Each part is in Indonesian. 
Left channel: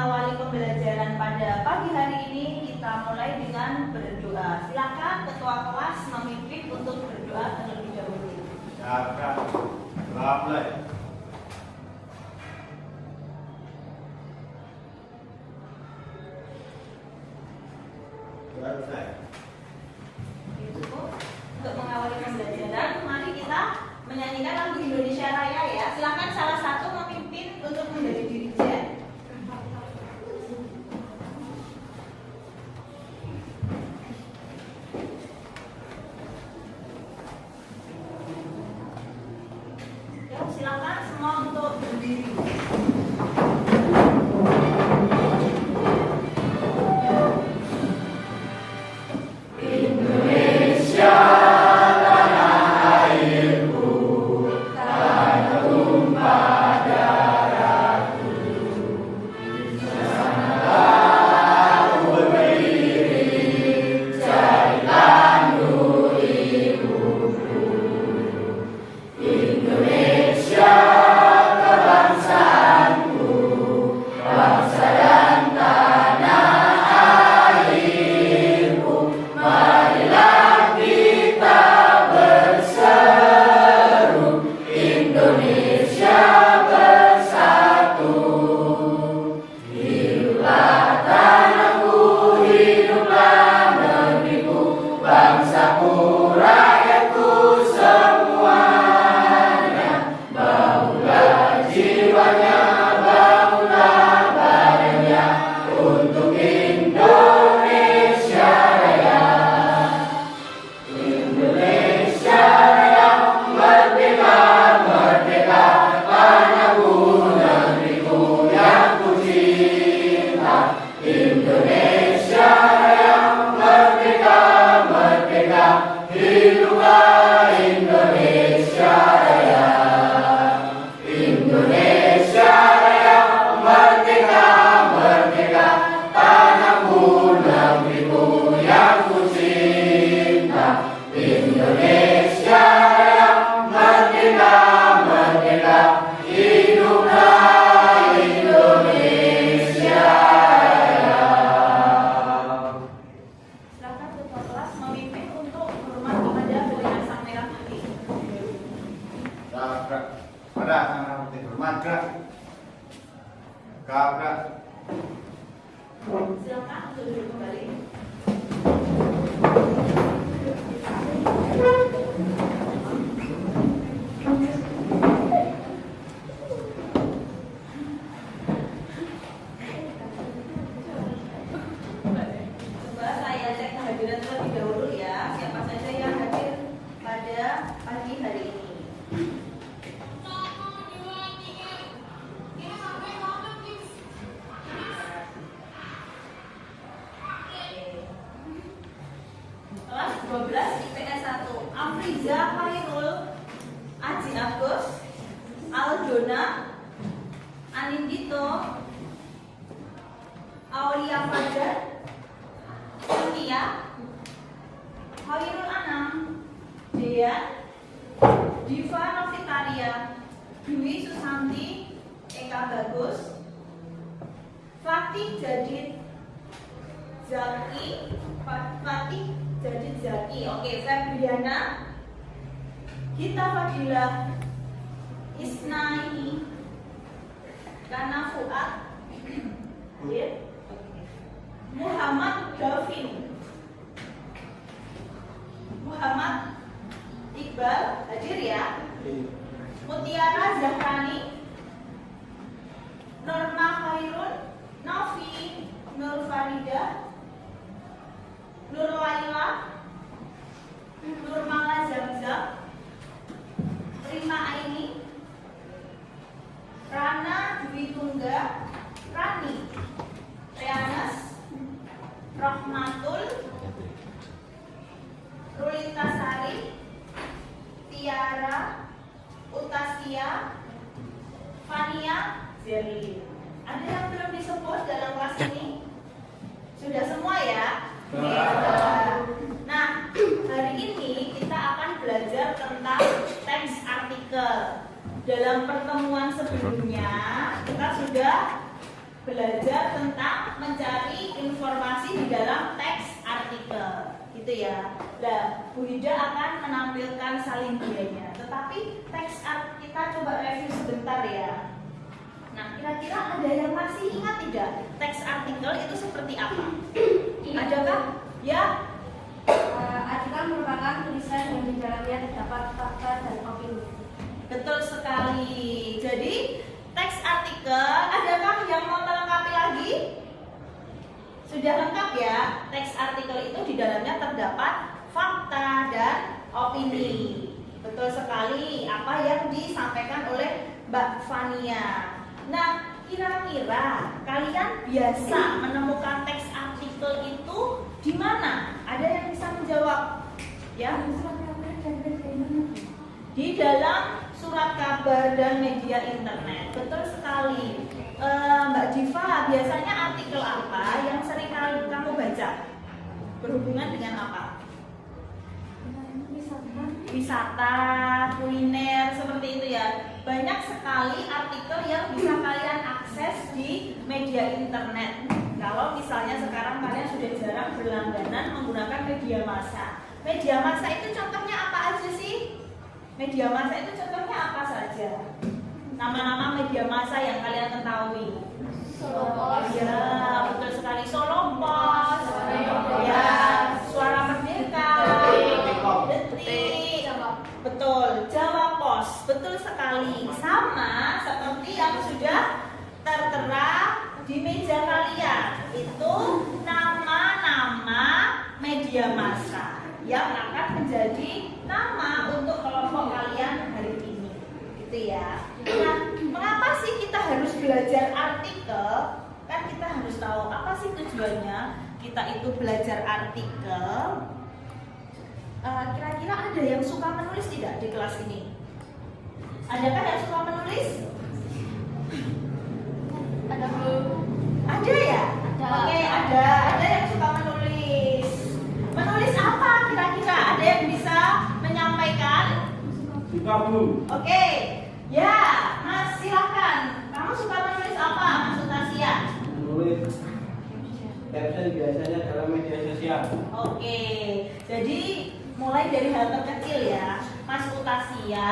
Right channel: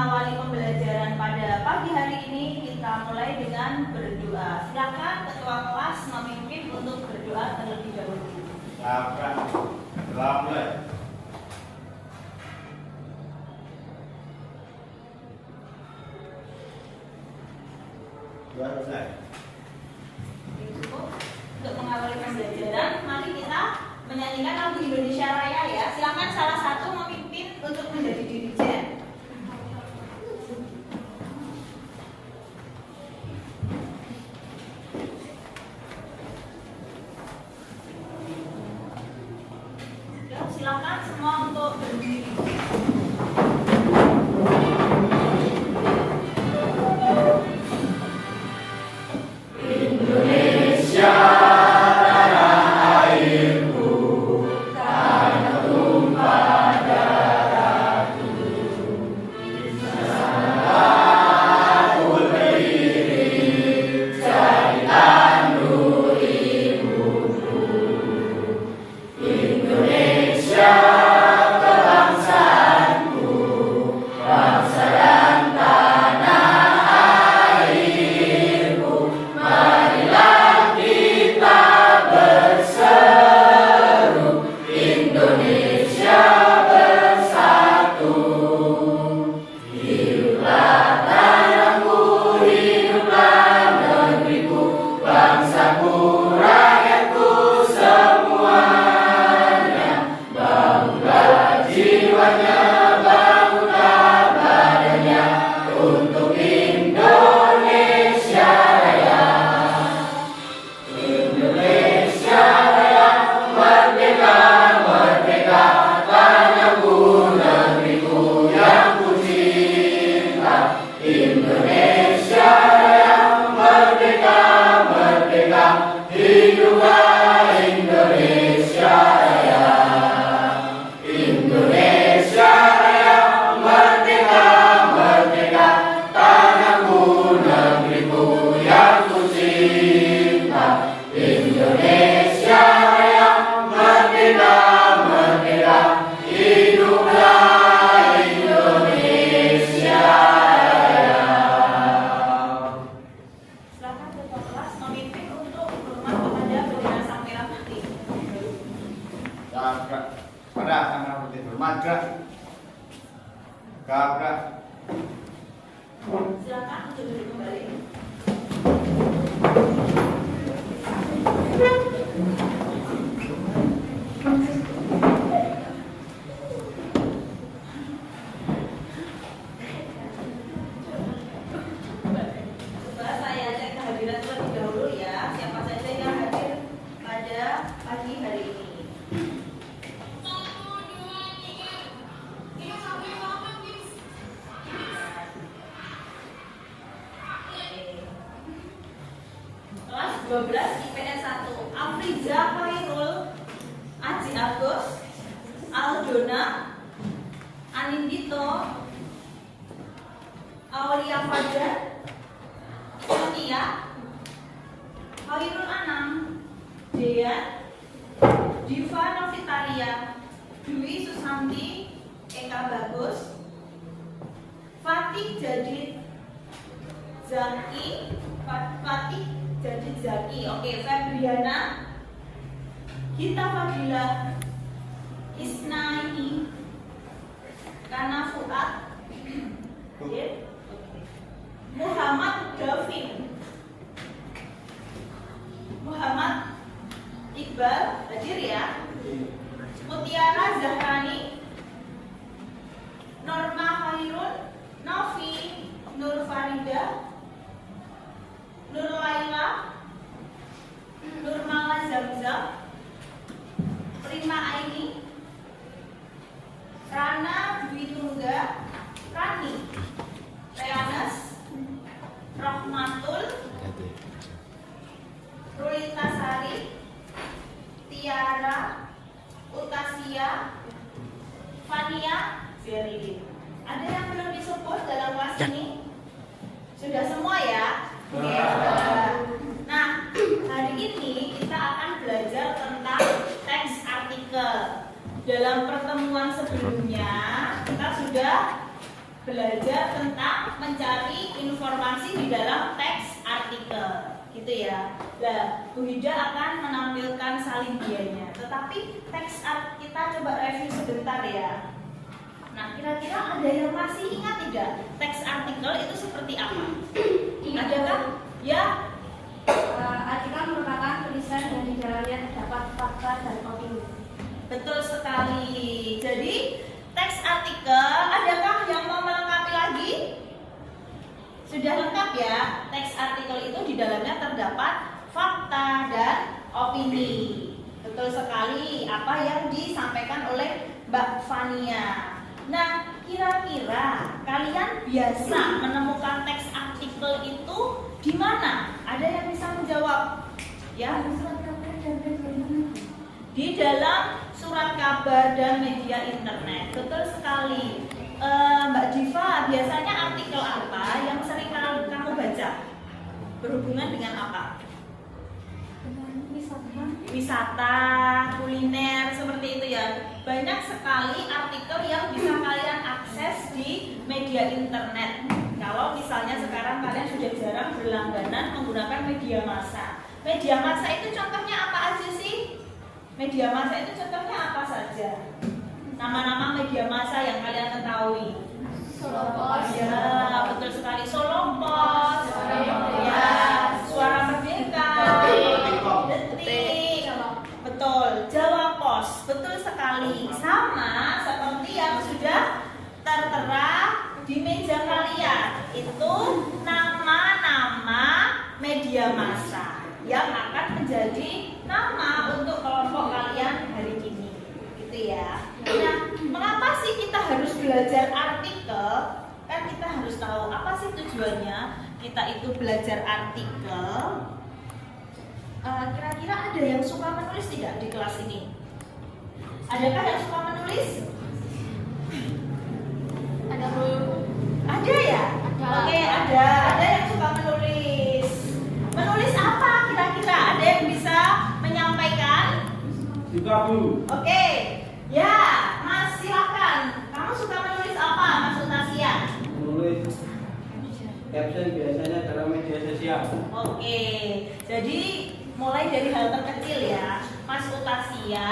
mengawali pembelajaran pada pagi hari ini, kita mulai dengan berdoa. Silakan ketua kelas memimpin untuk berdoa terlebih dahulu. Silakan. Mulai. Cukup untuk mengawali pembelajaran. Mari kita menyanyikan lagu Indonesia Raya ya. Silakan salah satu memimpin untuk menjadi dirijen. Silakan semua untuk berdiri. IPS 1 Afriza Khairul, Aji Agus, Aldona, Anindito, Aulia Fajar, Sonia, Khairul Anam, Dean, Diva Novitalia, Dwi Susanti, Eka Bagus, Fatih Jadid Zaki, oke, Febriana, Gita Fadila, Isnaini, Rana Fuad, Muhammad Davin, Muhammad Iqbal, hadir ya, Mutiara Zahrani, Norma Khairun, Novi, Nur Farida, Nur Laila, Nur Mala Zamzam, Rima Aini, Rana Dwi Tungga, Rani, Reanas, Rohmatul, Rulita Sari, Tiara, Utasia, Fania, Zerlin. Ada yang belum disebut dalam kelas ini? Sudah semua ya? Nah, hari ini kita akan belajar tentang teks artikel. Dalam pertemuan sebelumnya kita sudah belajar tentang mencari informasi di dalam teks artikel, gitu ya. Nah, Bu Hida akan menampilkan salindianya. Tetapi teks kita coba review sebentar ya. Nah, kira-kira ada yang masih ingat tidak teks artikel itu seperti apa? Adakah? Ya. Artikel merupakan tulisan yang di dalamnya terdapat fakta dan opini. Betul sekali. Jadi teks artikel, adakah yang mau melengkapi lagi? Sudah lengkap ya. Teks artikel itu di dalamnya terdapat fakta dan opini. Betul sekali apa yang disampaikan oleh Mbak Fania. Nah, kira-kira kalian biasa menemukan teks artikel itu di mana? Ada yang bisa menjawab? Ya. Di dalam surat kabar dan media internet. Betul sekali. Mbak Diva, biasanya artikel apa yang sering kamu baca? Berhubungan dengan apa? Wisata, kuliner, seperti itu ya. Banyak sekali artikel yang bisa kalian akses di media internet. Kalau misalnya sekarang kalian sudah jarang berlangganan menggunakan media massa. Media massa itu contohnya apa aja sih? Media massa itu contohnya apa saja? Nama-nama media massa yang kalian ketahui. Ya, betul sekali. Solo Pos, ya, Suara Merdeka, Detik, betul. Jawa Pos, betul sekali. Sama seperti yang sudah tertera di meja kalian. Itu nama-nama media massa yang akan menjadi nama untuk kelompok kalian hari ini, gitu ya. Nah, mengapa sih kita harus belajar artikel? Kan kita harus tahu apa sih tujuannya kita itu belajar artikel. Kira-kira ada yang suka menulis tidak di kelas ini? Adakah yang suka menulis? Ada dulu. Ada ya? Ada. Oke, ada yang suka menulis. Menulis apa kira-kira? Ada yang bisa menyampaikan? Suka Bu. Oke, ya, Mas silakan. Kamu suka menulis apa, Mas Utasia? Menulis caption biasanya dalam media sosial. Oke, jadi mulai dari hal terkecil ya, Mas Utasia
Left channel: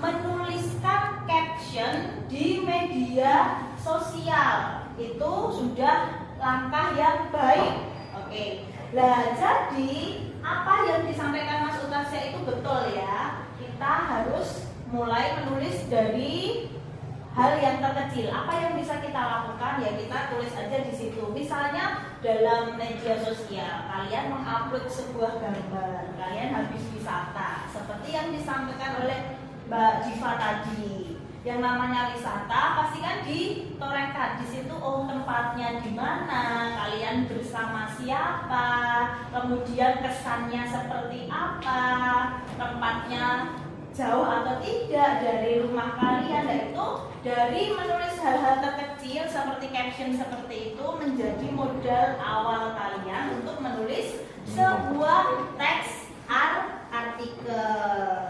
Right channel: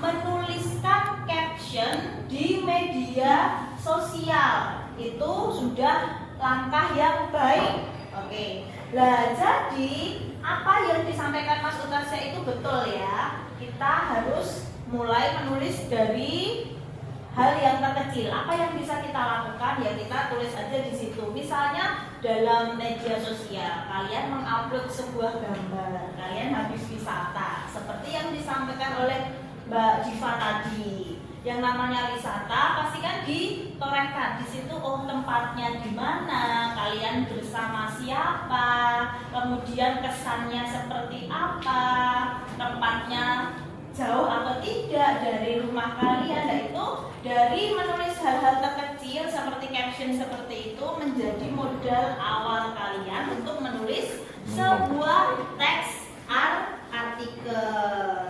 menuliskan caption di media sosial. Itu sudah langkah yang baik. Oke, nah jadi apa yang disampaikan Mas Utasia itu betul ya. Kita harus mulai menulis dari hal yang terkecil. Apa yang bisa kita lakukan ya kita tulis aja di situ. Misalnya dalam media sosial kalian mengupload sebuah gambar, kalian habis wisata seperti yang disampaikan oleh Mbak Diva tadi. Yang namanya wisata pasti kan ditorehkan di situ. Oh, tempatnya di mana, kalian bersama siapa, kemudian kesannya seperti apa, tempatnya jauh atau tidak dari rumah kalian. Dan itu dari menulis hal-hal terkecil seperti caption seperti itu menjadi modal awal kalian untuk menulis sebuah teks artikel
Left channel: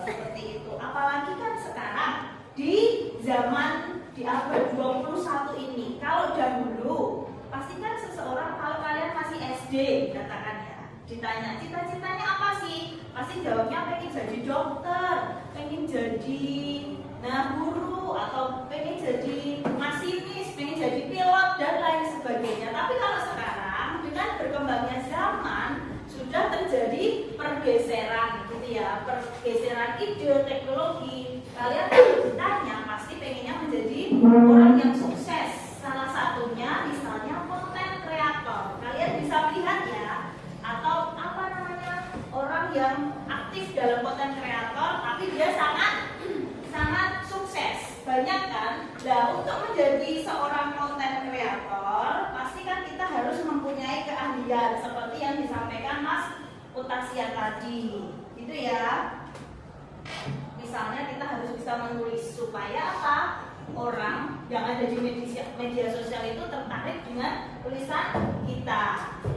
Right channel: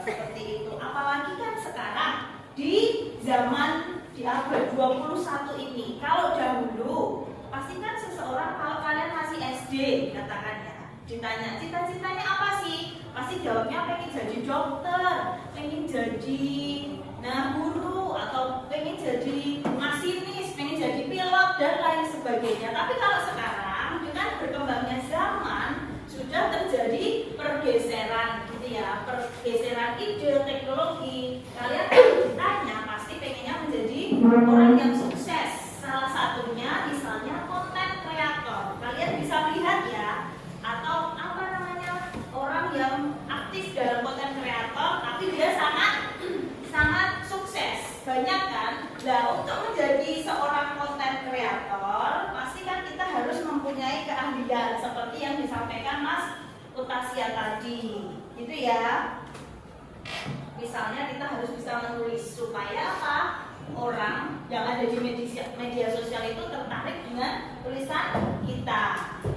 seperti itu. Apalagi kan sekarang di zaman di abad 21 ini, kalau dahulu pasti kan seseorang, kalau kalian masih SD katakan ya, ditanya cita-citanya apa sih, pasti jawabnya pengen jadi dokter, pengen jadi guru, atau pengen jadi masinis, pengen jadi pilot dan lain sebagainya. Tapi kalau sekarang dengan berkembangnya zaman sudah terjadi pergeseran gitu ya, pergeseran ide, teknologi. Kalian kalau ditanya pasti pengennya menjadi orang yang sukses. Salah satunya misalnya konten kreator. Kalian bisa lihat ya, atau apa namanya, orang yang aktif dalam konten kreator tapi dia sangat sukses. Banyak kan? Nah, untuk menjadi seorang konten kreator pasti kan kita harus mempunyai keahlian seperti yang disampaikan Mas Utasia tadi, gitu ya. Misalnya kita harus bisa menulis supaya apa? Orang yang ada di media sosial itu tertarik dengan tulisan kita,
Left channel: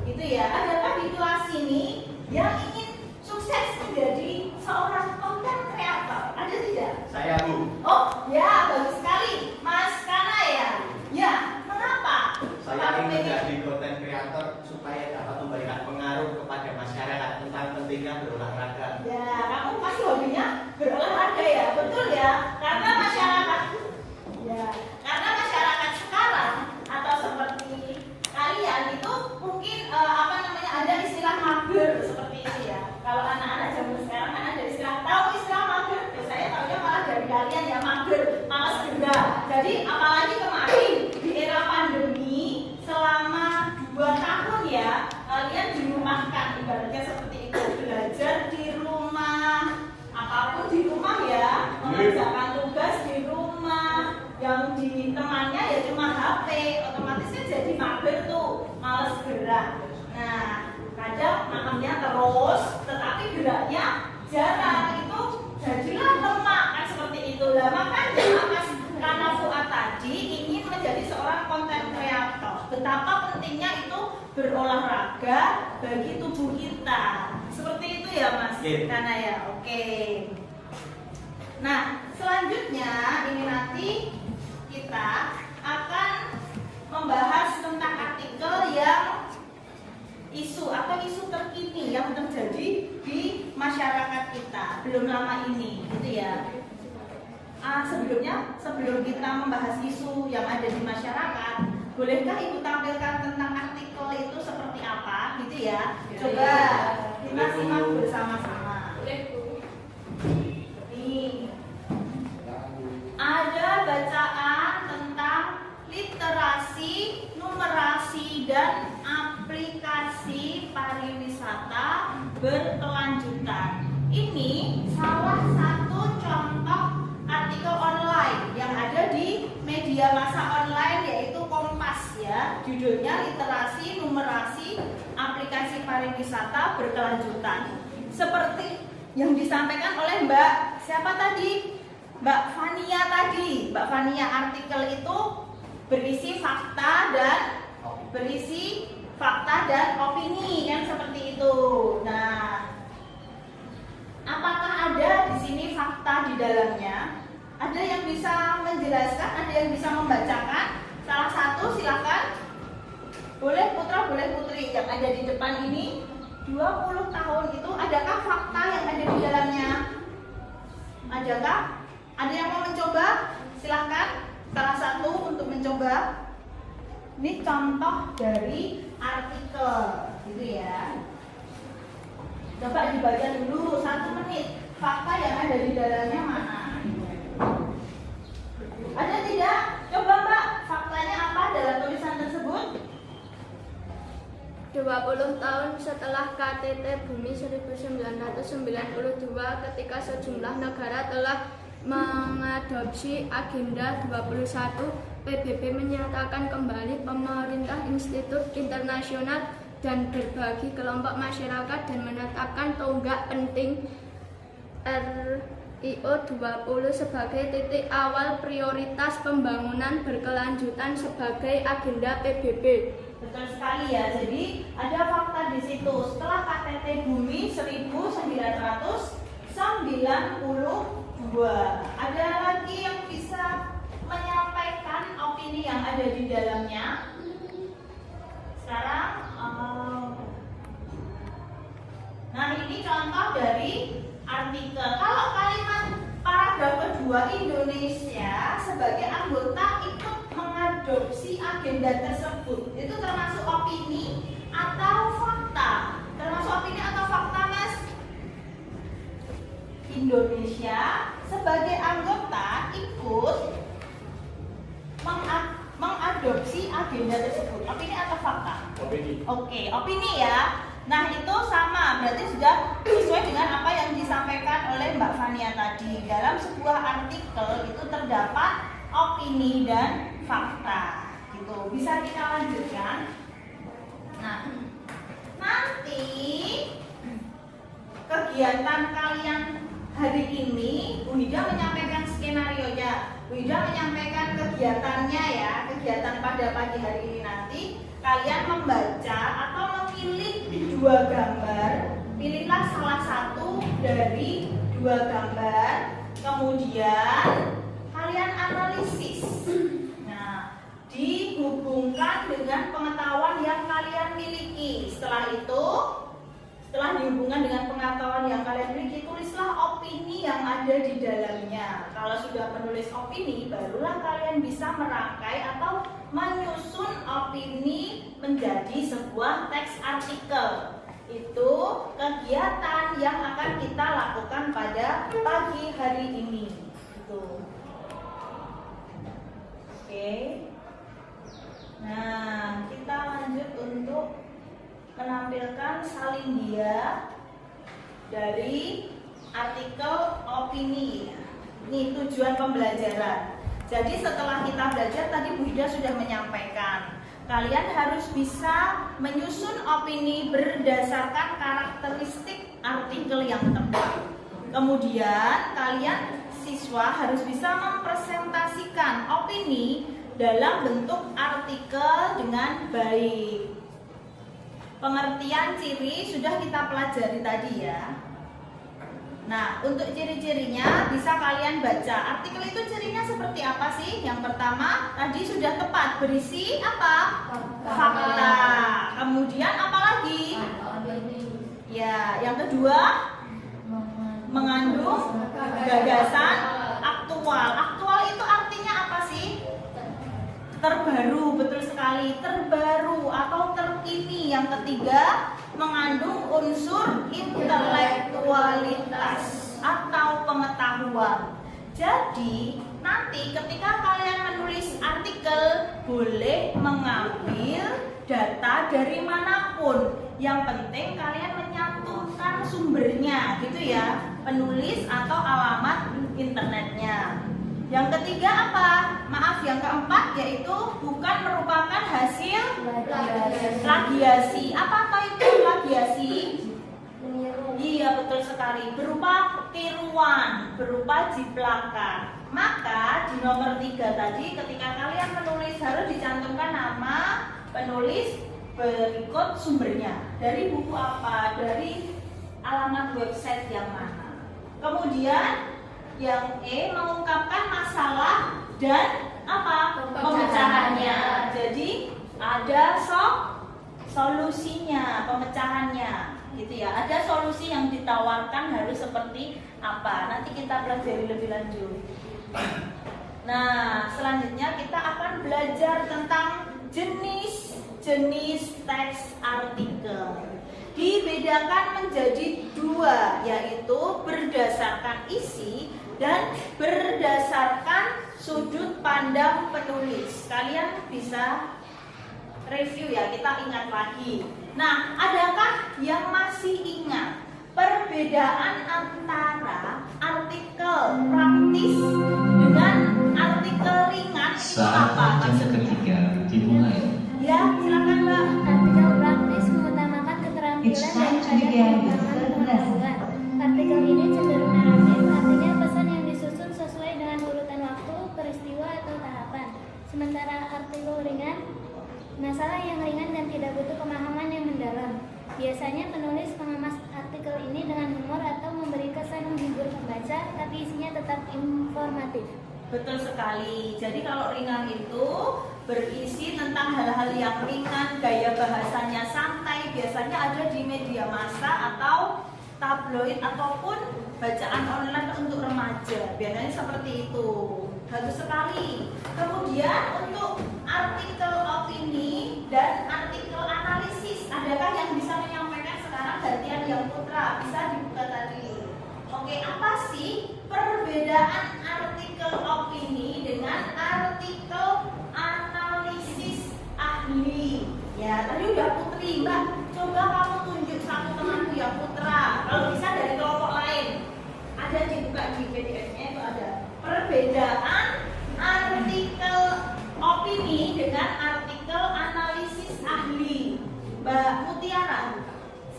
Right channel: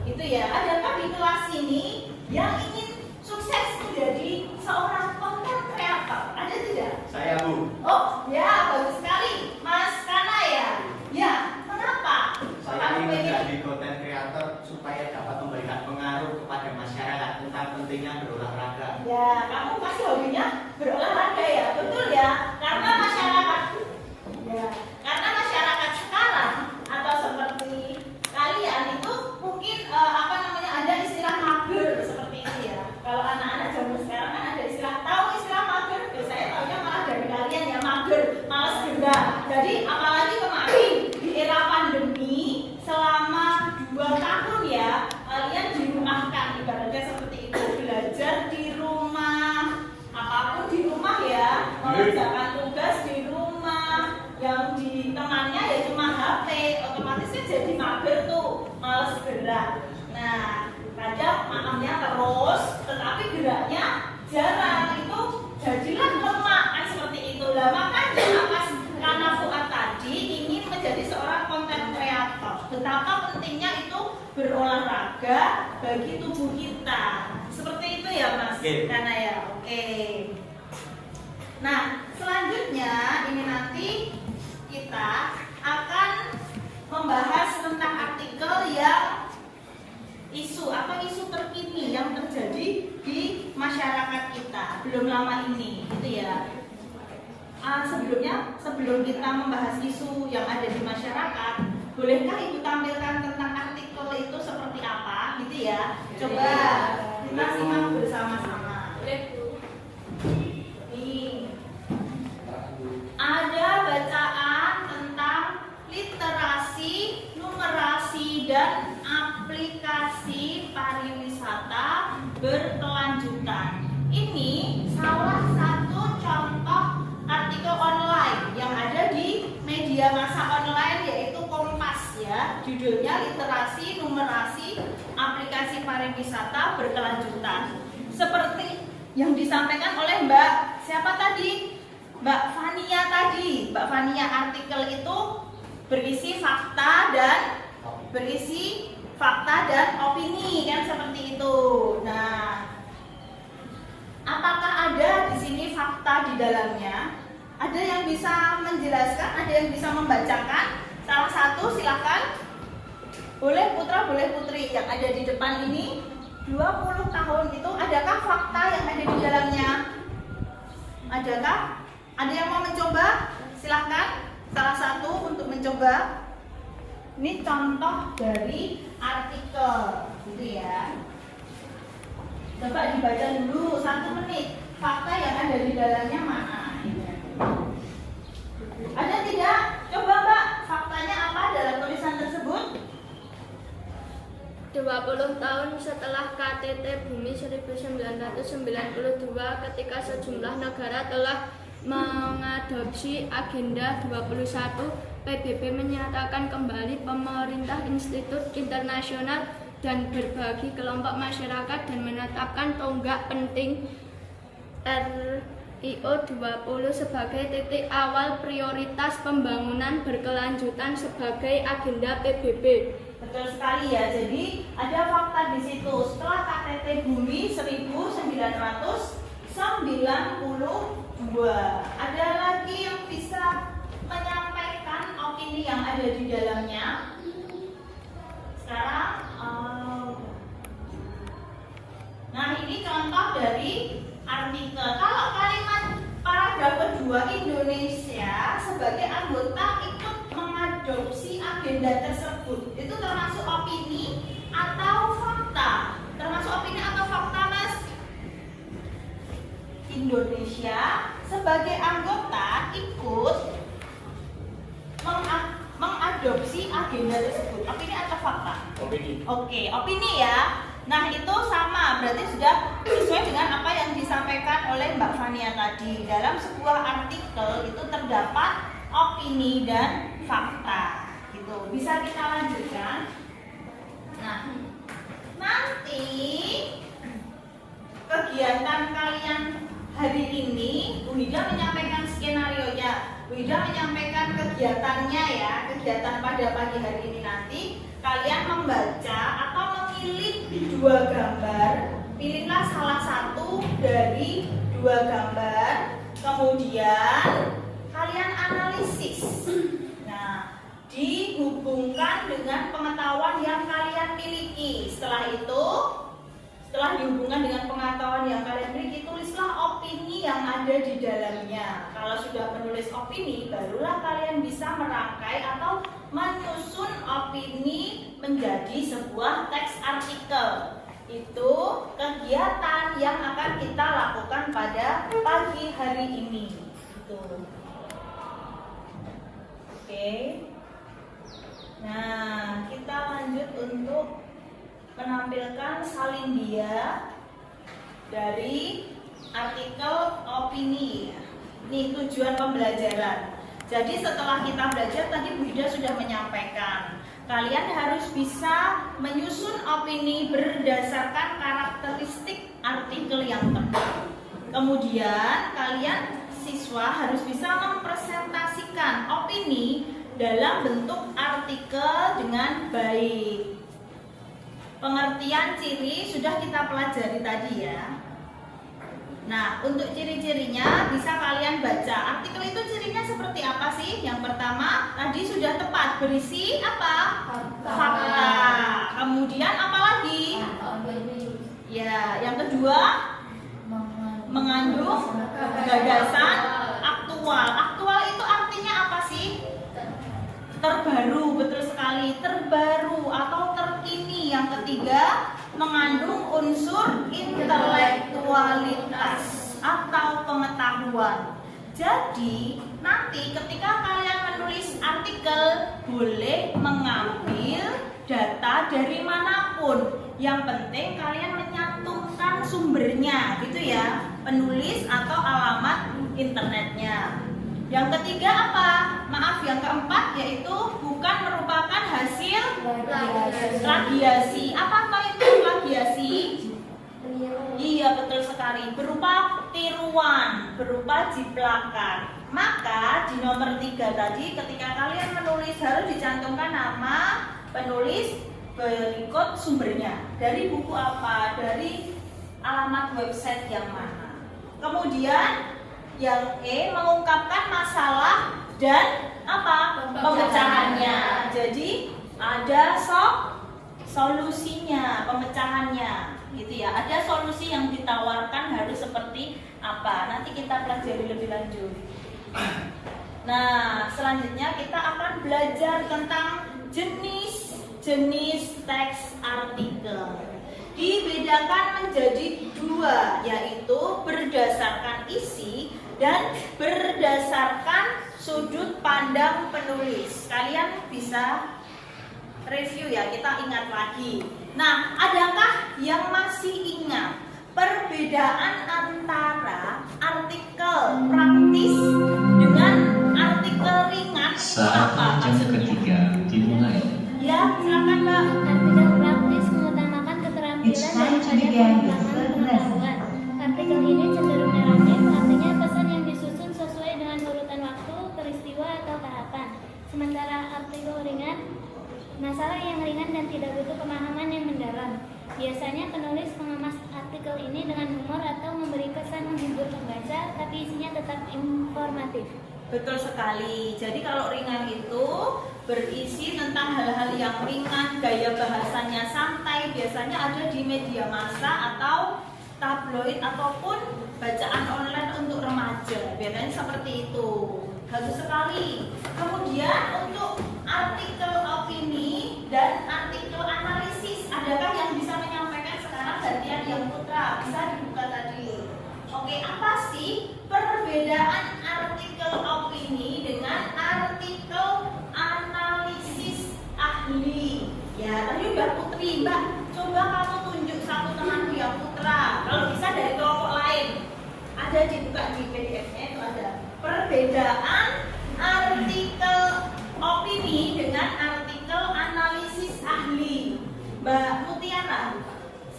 gitu ya. Adakah di kelas ini yang ingin sukses menjadi seorang konten kreator? Ada tidak? Saya Bu. Oh ya, bagus sekali, Mas Kana ya. Ya, mengapa Saya kamu ingin menjadi konten kreator supaya dapat memberikan pengaruh kepada masyarakat tentang pentingnya berolahraga. Ya, kamu pasti hobinya berolahraga ya, betul ya? Karena masyarakat sekarang atau seperti kalian itu mungkin ada istilah mager seperti itu ya. Kalau anak-anak zaman sekarang kan ada tahu istilah mager? Saya tahunya malah dari kalian ya, mager, malas gerak. Jadi apalagi kemarin di era pandemi selama 2 tahun ya, kalian dirumahkan, ibaratnya seperti itu, belajar di rumah, apapun di rumah ya, mengerjakan tugas di rumah, yang ditemannya ya cuma HP, otomatis kan jadi mager tuh, malas gerak. Nah, kadang makannya terus, tetapi geraknya jarang, itu jadilah lemak kan seperti itu. Lah makanya karena Fuad tadi ingin menjadi seorang konten kreator, betapa pentingnya itu berolahraga bagi tubuh kita. Seperti itu ya Mas Karena ya, oke. Nah, selanjutnya ini nanti kita akan membahas tentang artikel yang isu terkini yang terjadi di masyarakat kita belum lama ini, gitu ya. Sebelum kita membahas isu yang ada di masyarakat, bolehkah Ibu tampilkan tentang artikel itu seperti apa, gitu ya? Coba kita simak bersama-sama. Ini ada bacaan tentang literasi, numerasi, dan aplikasi pariwisata berkelanjutan. Ini salah satu contoh artikel online yang ada di media massa online, yaitu Kompas ya. Judulnya literasi, numerasi, aplikasi pariwisata berkelanjutan. Seperti yang disampaikan oleh Mbak siapa tadi? Mbak Fania tadi. Mbak Fania, artikel itu berisi fakta dan opini kan seperti itu. Nah, apakah ada di sini fakta di dalamnya? Ada yang bisa menjelaskan, ada yang bisa membacakan? Salah satu silakan. Boleh putra, boleh putri yang ada di depan ini. 20 tahun itu adakah fakta yang ada di dalamnya? Adakah? Ada yang mau mencoba? Silakan. Salah satu untuk mencoba. Ini contoh dari artikel, gitu ya. Coba dibaca dulu 1 menit. Fakta yang ada di dalamnya mana? Ada tidak? Coba Mbak, faktanya apa dalam tulisan tersebut? 20 tahun setelah KTT Bumi 1992, ketika sejumlah negara telah mengadopsi Agenda 21, PBB menyatakan kembali pemerintah institut internasional dan berbagi kelompok masyarakat dan menetapkan tonggak penting RIO 20 sebagai titik awal prioritas pembangunan berkelanjutan sebagai agenda PBB. Betul sekali ya. Jadi ada fakta di situ. Setelah KTT Bumi 1992, ada lagi yang bisa menyampaikan opini yang ada di dalamnya. Sekarang, nah ini contoh dari artikel. Kalau kalimat paragraf kedua, Indonesia sebagai anggota ikut mengadopsi agenda tersebut, itu termasuk opini atau fakta? Termasuk opini atau fakta, Mas? Indonesia sebagai anggota ikut mengadopsi agenda tersebut. Opini atau fakta? Opini. Oke, opini ya. Nah itu sama, berarti sudah sesuai dengan apa yang disampaikan oleh Mbak Fania tadi. Dalam sebuah artikel itu terdapat opini dan fakta, gitu. Bisa kita lanjutkan. Nah, nanti kegiatan kalian hari ini, Bu Hida menyampaikan skenario-nya. Bu Hida menyampaikan kegiatannya ya, kegiatan pada pagi hari ini nanti kalian membaca atau memilih 2 gambar. Pilihlah salah satu dari 2 gambar, kemudian kalian analisis. Nah, dihubungkan dengan pengetahuan Setelah dihubungkan dengan pengetahuan yang kalian miliki, tulislah opini yang ada di dalamnya. Kalau sudah menulis opini, barulah kalian bisa merangkai atau menyusun opini menjadi sebuah teks artikel. Itu kegiatan yang akan kita lakukan pada pagi hari ini. Itu. Oke. Nah, kita lanjut untuk menampilkan salindia dari artikel opini. Ini tujuan pembelajaran. Jadi setelah kita belajar tadi Bu Ida sudah menyampaikan, kalian harus bisa menyusun opini berdasarkan karakteristik artikel yang tepat. Kemudian kalian siswa harus bisa mempresentasikan opini dalam bentuk artikel dengan baik. Pengertian ciri sudah kita pelajari tadi ya. Nah, untuk ciri-cirinya bisa kalian baca. Artikel itu cirinya seperti apa sih? Yang pertama, tadi sudah tepat, berisi apa? Fakta. Kemudian apa lagi? Ya, yang kedua, mengandung gagasan aktual. Aktual itu artinya apa sih? Terbaru, betul sekali, terbaru atau terkini. Yang ketiga, mengandung unsur intelektualitas atau pengetahuan. Jadi, nanti ketika kalian menulis artikel, boleh mengambil data dari manapun. Yang penting kalian menyantumkan sumbernya, gitu ya, penulis atau alamat internetnya. Yang ketiga apa? Maaf, yang keempat yaitu bukan merupakan hasil plagiasi. Apakah itu plagiasi? Iya, betul sekali. Berupa tiruan, berupa jiplakan. Maka di nomor 3 tadi ketika kalian menulis harus dicantumkan nama penulis berikut sumbernya. Dari buku apa? Dari alamat website yang mana? Kemudian yang E, mengungkapkan masalah dan apa? Pemecahannya. Jadi ada solusinya, pemecahannya, gitu ya. Ada solusi yang ditawarkan harus seperti apa? Nanti kita pelajari lebih lanjut. Nah, selanjutnya kita akan belajar tentang jenis teks artikel. Dibedakan menjadi 2, yaitu berdasarkan isi dan berdasarkan sudut pandang penulis. Kalian bisa review ya, kita ingat lagi. Nah, adakah yang masih ingat perbedaan antara artikel praktis dengan artikel ringan itu apa maksudnya? Dimulai. Ya, silakan Mbak. Artikel praktis mengutamakan keterampilan daripada pengembangan pengetahuan. Artikel ini cenderung naratif, artinya pesan yang disusun sesuai dengan urutan waktu, peristiwa, atau tahapan. Sementara artikel ringan, masalah yang ringan dan tidak butuh pemahaman yang mendalam. Biasanya penulis mengemas artikel ini dengan humor atau memberi kesan menghibur pembaca, tapi isinya tetap informatif. Betul sekali. Jadi kalau ringan itu berisi tentang hal-hal yang ringan, gaya bahasanya santai, biasanya ada di media massa atau tabloid ataupun bacaan online untuk remaja. Biasanya seperti itu. Bagus sekali. Kemudian untuk artikel opini dan artikel analisis, adakah yang bisa menyampaikan sekarang? Bagian yang putra bisa dibuka tadi. Oke, apa sih perbedaan artikel opini dengan artikel analisis ahli? Ya, tadi Mbak Putri, Mbak, coba kamu tunjuk satu temanku yang putra. Kalau bisa dari kelompok lain. Ada dibuka di PDF-nya itu ada. Perbedaan artikel opini dengan artikel analisis ahli. Mbak Mutiara,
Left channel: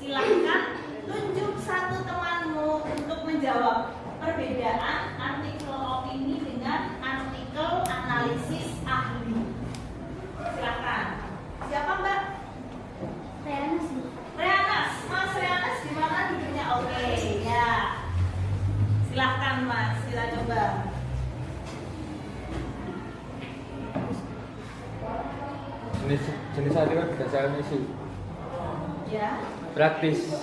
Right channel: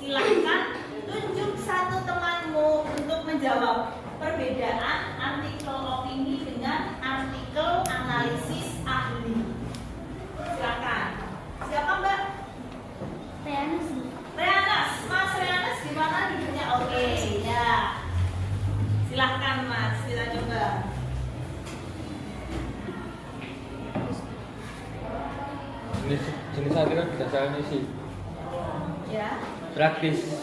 silahkan tunjuk satu temanmu untuk menjawab perbedaan artikel opini dengan artikel analisis ahli. Silakan. Siapa Mbak? Reanus. Reanus, Mas Reanus gimana duduknya? Oke, ya. Silakan Mas, kita coba. Jenis artikel berdasarkan isi. Ya. Praktis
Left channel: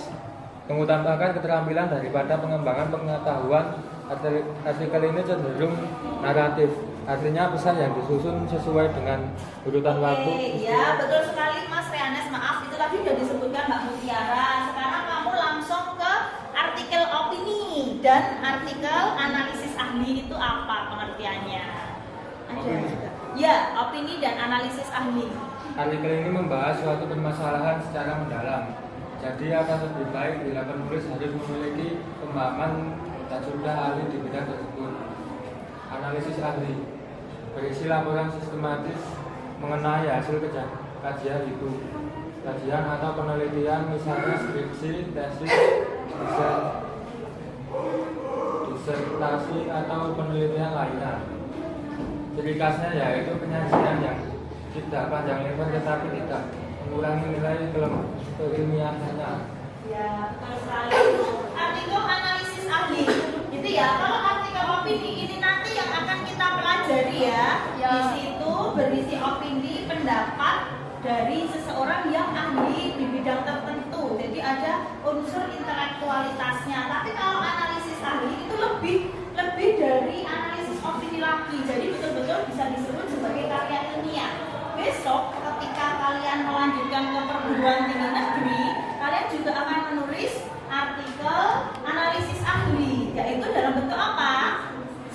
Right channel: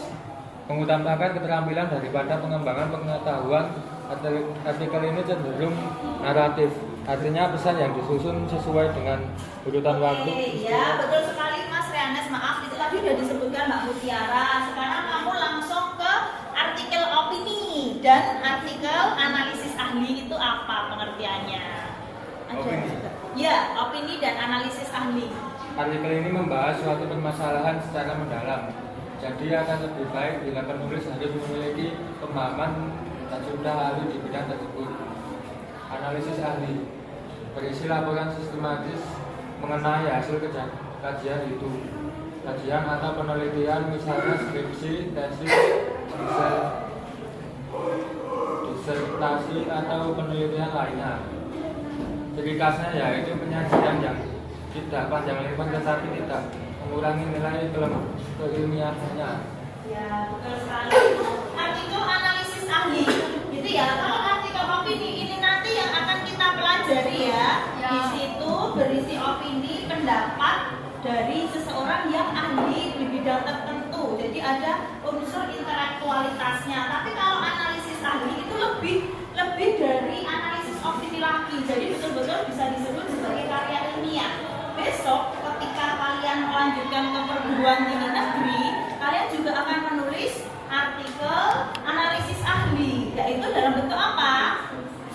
mengutamakan keterampilan daripada pengembangan pengetahuan. Artikel ini cenderung naratif, artinya pesan yang disusun sesuai dengan urutan waktu. Oke, ya betul sekali Mas Reanes. Maaf, itu tadi sudah disebutkan Mbak Mutiara. Sekarang kamu langsung ke artikel opini dan artikel analisis ahli itu apa pengertiannya? Ada Opini. juga. Ya, opini dan analisis ahli. Artikel ini membahas suatu permasalahan secara mendalam. Jadi akan lebih baik bila penulis harus memiliki pemahaman dan sudah ahli di bidang tersebut. Analisis ahli berisi laporan sistematis mengenai hasil kajian itu. Kajian atau penelitian misalnya skripsi, tesis, disertasi atau penelitian lainnya. Ciri khasnya yaitu penyajian yang tidak panjang lebar tetapi tidak mengurangi nilai keilmiahannya. Ya, betul sekali. Artikel analisis ahli. Gitu ya. Kalau artikel opini ini nanti yang akan kita pelajari ya. Ya. Di situ berisi opini, pendapat dari seseorang yang ahli di bidang tertentu. Jadi ada unsur intelektualitasnya. Tapi kalau analisis ahli itu lebih dari analisis opini lagi. Jadi betul-betul bisa disebut sebagai karya ilmiah. Besok ketika kalian melanjutkan ke perguruan tinggi negeri, kalian juga akan menulis artikel analisis ahli, yaitu dalam bentuk apa?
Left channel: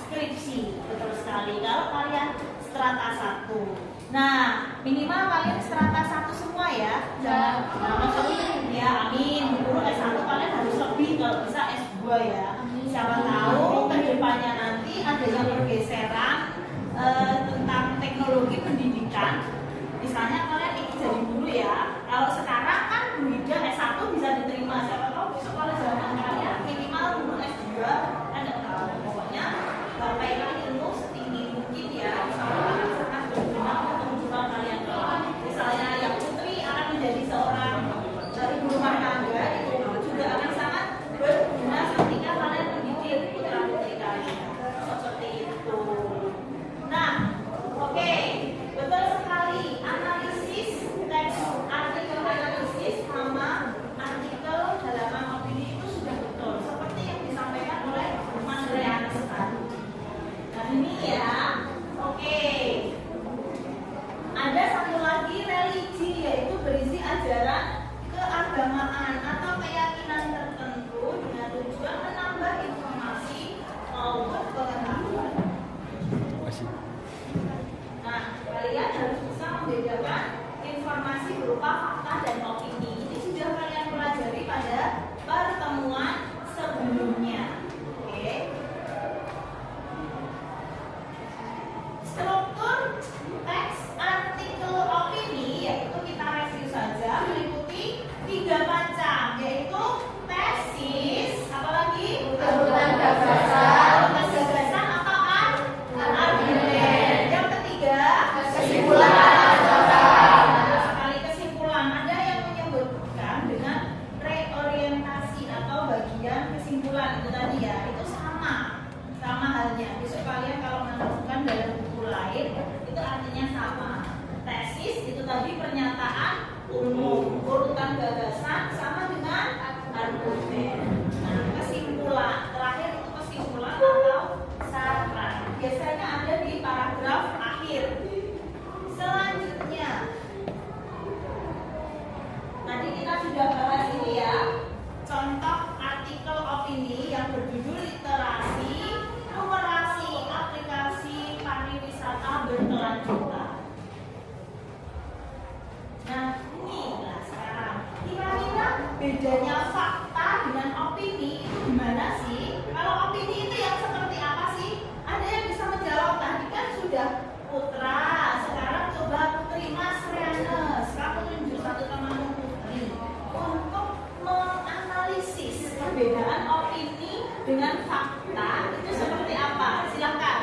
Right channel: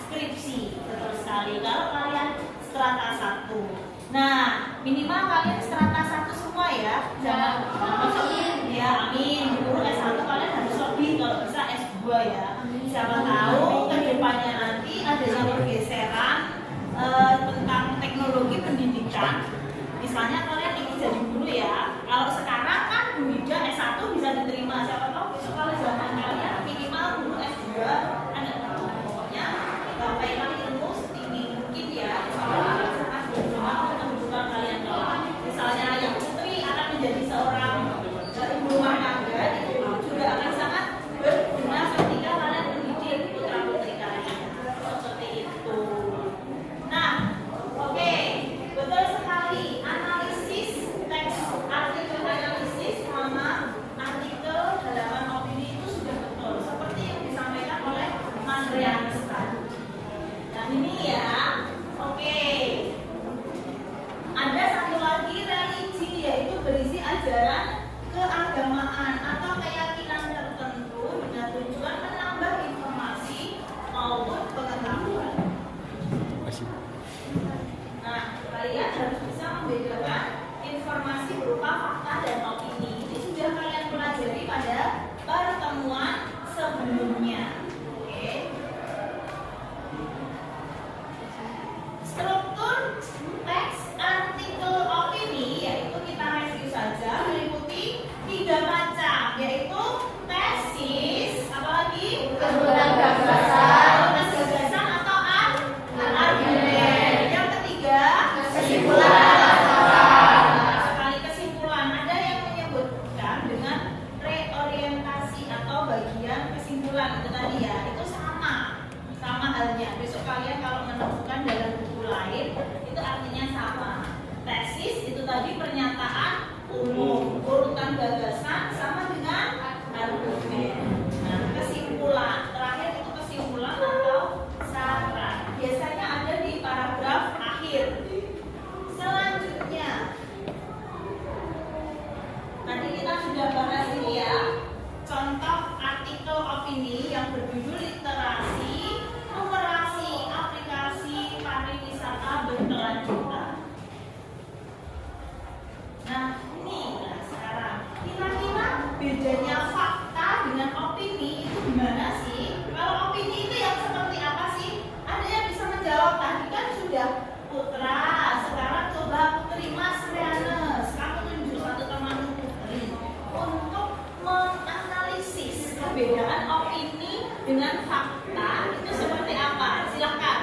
Skripsi. Betul sekali. Kalau kalian strata 1. Nah, minimal kalian strata 1 semua ya. Jangan masuk ya, amin. Guru S1 kalian harus lebih, kalau bisa S2 ya. Siapa tahu kedepannya nanti ada yang pergeseran tentang teknologi pendidikan. Misalnya kalian ingin jadi guru ya. Kalau sekarang kan Bu Ida S1 bisa diterima. Siapa tahu besok kalau zaman kalian minimal guru S2 kan nggak tahu. Pokoknya pegang ilmu setinggi mungkin ya. Misalnya akan sangat berguna untuk kehidupan kalian kelak. Misalnya yang putri akan menjadi seorang ibu rumah tangga, itu juga akan sangat berguna ketika kalian mendidik putra putri kalian. Seperti itu. Nah, oke, betul sekali. Analisis teks, artikel analisis sama artikel halaman opini itu sudah betul, seperti yang disampaikan oleh Mas Rianes tadi. Nah ini ya, oke. Ada satu lagi religi, yaitu berisi ajaran keagamaan atau keyakinan tertentu dengan tujuan menambah informasi maupun pengetahuan. Nah, kalian harus bisa membedakan informasi berupa fakta dan opini. Ini sudah kalian pelajari pada pertemuan sebelumnya. Oke. Struktur teks artikel opini, yaitu kita review saja, meliputi 3 macam, yaitu tesis, apalagi Urutan gagasan. gagasan atau argumen. Yang ketiga, Kesimpulan sekali kesimpulan. Ada yang menyebutkan dengan reorientasi atau bagian kesimpulan itu tadi ya. Itu sama halnya. Besok kalian kalau menemukan dalam buku lain itu artinya sama. Tesis itu tadi pernyataan umum. Urutan gagasan sama dengan argumen. Nah, kesimpulan terakhir itu kesimpulan atau saran. Biasanya ada di paragraf akhir. Selanjutnya, tadi kita sudah bahas ini ya, contoh artikel opini yang berjudul literasi, numerasi, aplikasi pariwisata berkelanjutan. Nah, ini ya sekarang kira-kira bedanya fakta dengan opini itu gimana sih? Kalau opini itu yang seperti apa sih? Ada yang bisa menjawab? Tadi kan sudah Putra, sekarang coba Putri Mas Rianes, kamu tunjuk satu temanmu Putri untuk menganalisis perbedaan opini dengan fakta itu seperti apa? Silahkan.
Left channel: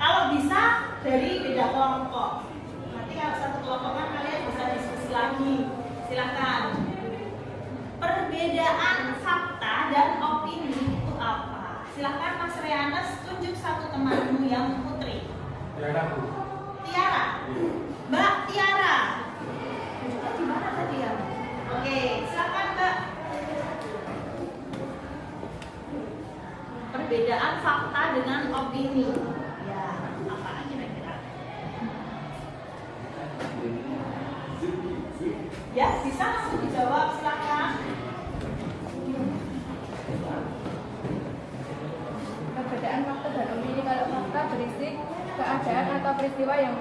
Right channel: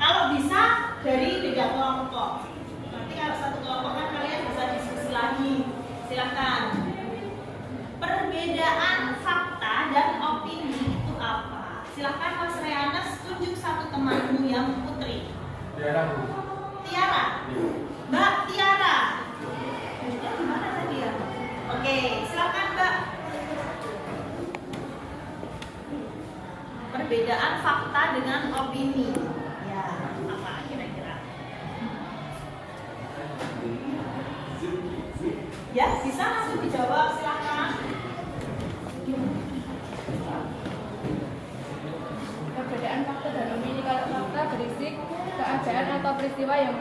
Kalau bisa dari beda kelompok. Nanti kalau satu kelompok kan kalian bisa diskusi lagi. Silahkan. Perbedaan fakta dan opini itu apa? Silahkan Mas Rianes tunjuk satu temanmu yang Putri. Tiara, Bu. Tiara, Mbak Tiara. Tunjuknya gimana tadi ya? Oke, opini. Ya, apa kira-kira? Ya, bisa langsung dijawab, silahkan. Perbedaan fakta dan opini. Kalau fakta berisi keadaan atau peristiwa yang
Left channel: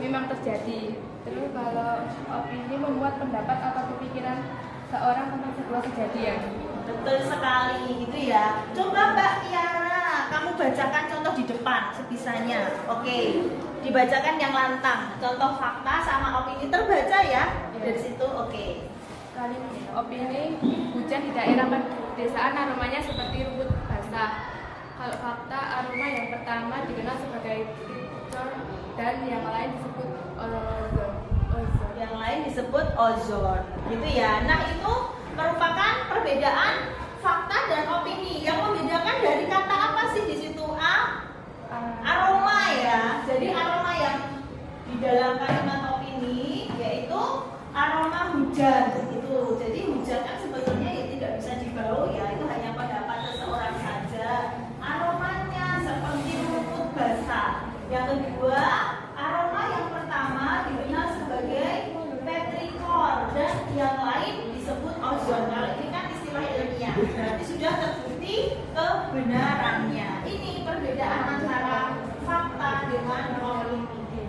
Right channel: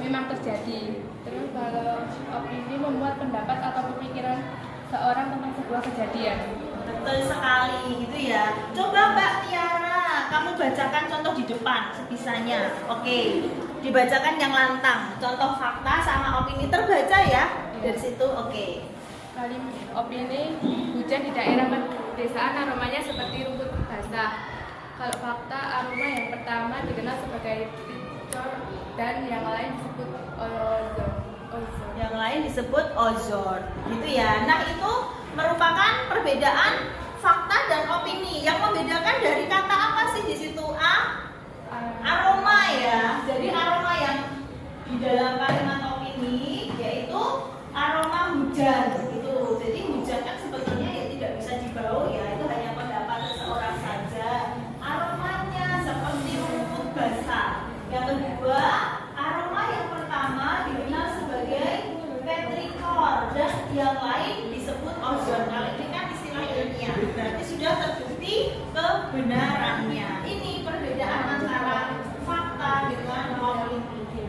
memang terjadi. Terus kalau opini memuat pendapat atau pemikiran seorang tentang sebuah kejadian. Betul sekali gitu ya. Coba Mbak Tiara, kamu bacakan contoh di depan sebisanya. Oke, dibacakan yang lantang. Contoh fakta sama opini terbaca ya. Dari situ oke. Kali opini, hujan di daerah pedesaan aromanya seperti rumput basah. Kalau fakta, aroma yang pertama dikenal sebagai picor dan yang lain disebut ozon. Yang lain disebut ozon, gitu ya. Nah itu merupakan perbedaan fakta dan opini. Yang membedakan dari kata apa sih di situ? Aroma ya. Jadi aroma yang di dalam kalimat opini yaitu aroma hujan, gitu. Jadi hujan kan sebetulnya ya tidak bisa dibau ya. Itu hanya pendapat seseorang saja. Aromanya seperti rumput basah. Yang kedua, aroma yang pertama dikenal sebagai petrikor dan yang lain disebut ozon. Kalau ini kan istilah ilmiah, berarti sudah terbukti kebenarannya. Ini perbedaan antara fakta dengan opini.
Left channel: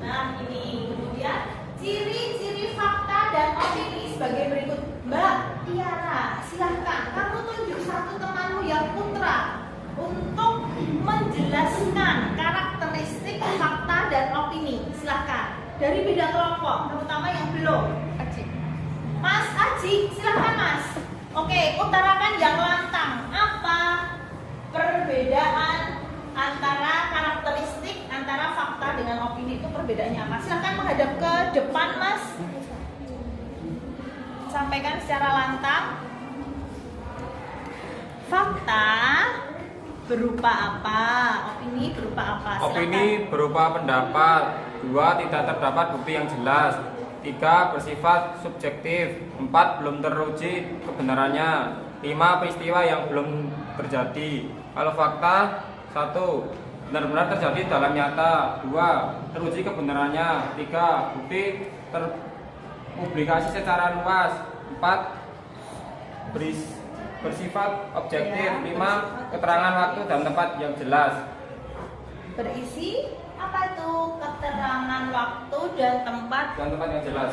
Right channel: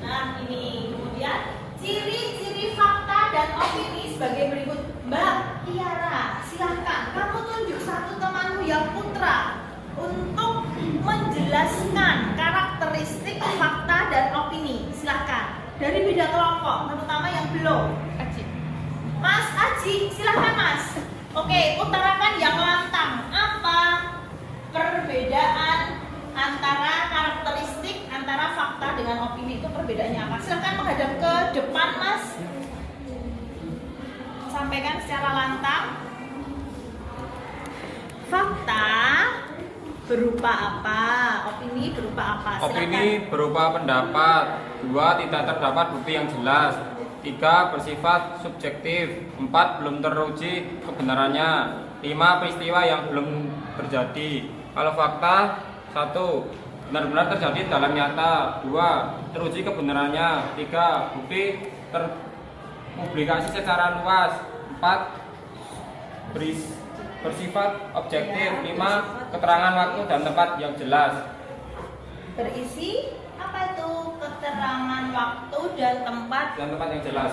Nah ini kemudian ciri-ciri fakta dan opini sebagai berikut. Mbak Tiara, silahkan kamu tunjuk satu temanmu yang putra untuk menjelaskan karakteristik fakta dan opini. Silahkan dari beda kelompok, terutama yang belum. Aji. Mas Aji, silahkan Mas. Oke, utarakan yang lantang. Apa perbedaan antara karakteristik antara fakta dengan opini itu perbedaannya apa? Silahkan menghadap ke depan Mas. Sampaikan secara lantang. Fakta berupa apa? Opini berupa apa? Silahkan. Opini berupa pendapat. 2. Tidak terdapat bukti yang jelas. 3. Bersifat subjektif. 4. Belum teruji kebenarannya. 5. Peristiwa yang belum terjadi. Kalau fakta, 1. Benar-benar terjadi dalam nyata. 2. Teruji kebenarannya. 3. Bukti terpublikasi secara luas. 4. Bersifat objektif. 5. Keterangan waktu dan tempat yang jelas. Berisi apa tuh? Keterangan waktu dan tempat yang jelas.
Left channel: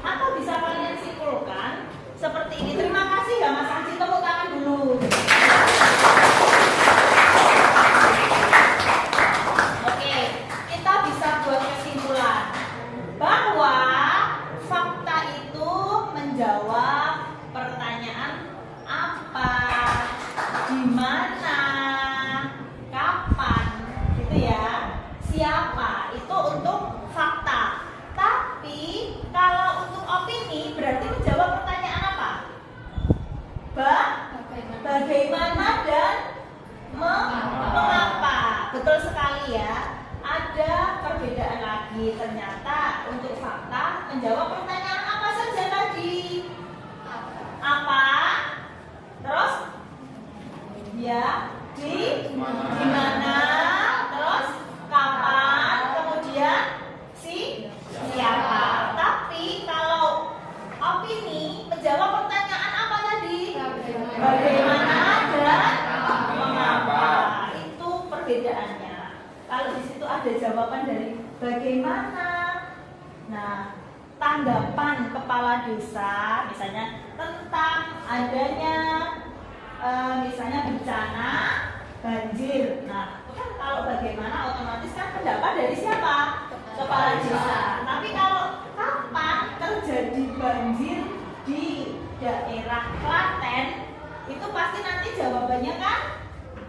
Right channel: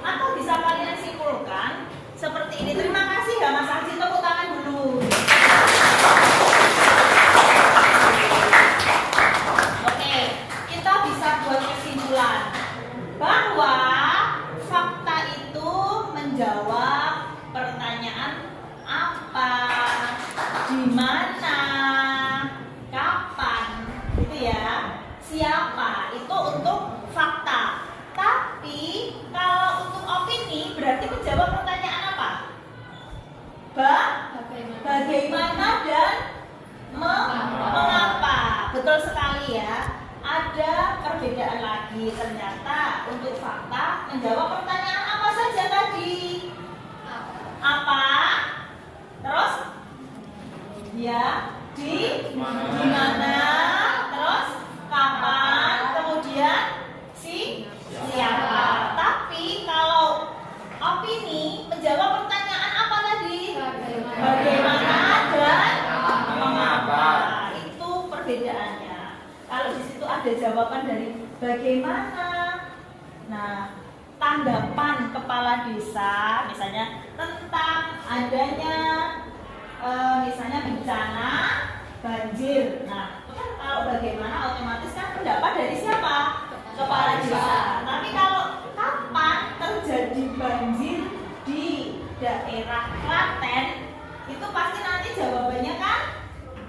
Atau bisa kalian simpulkan seperti ini. Terima kasih ya Mas Aji, tepuk tangan dulu. Oke, kita bisa buat kesimpulan bahwa fakta itu menjawab pertanyaan apa, di mana, kapan, gitu ya. Siapa itu untuk fakta. Tapi kalau untuk opini berarti menjawab pertanyaan apa? Bagaimana dan mengapa. Betul sekali ya. Ada perbedaan lagi. Ternyata untuk fakta menjawab pertanyaan apa saja tadi? Apa? Terus? Ya, di mana? Terus kapan? Kemudian siapa? Tapi kalau opini menjawab pertanyaan apa tadi? Bagaimana dan mengapa. Itu perbedaannya. Kalau di situ ada jawaban dari bagaimana. Nah, tanggapan kepala desa misalnya tentang adanya misalnya bencana banjir. Nah, itu kan kalau bagaimana otomatis kan pendapat dari siapa? Kepala desa. Tapi kalau kapan terjadi banjir di daerah Klaten, itu pasti nanti jawabannya kan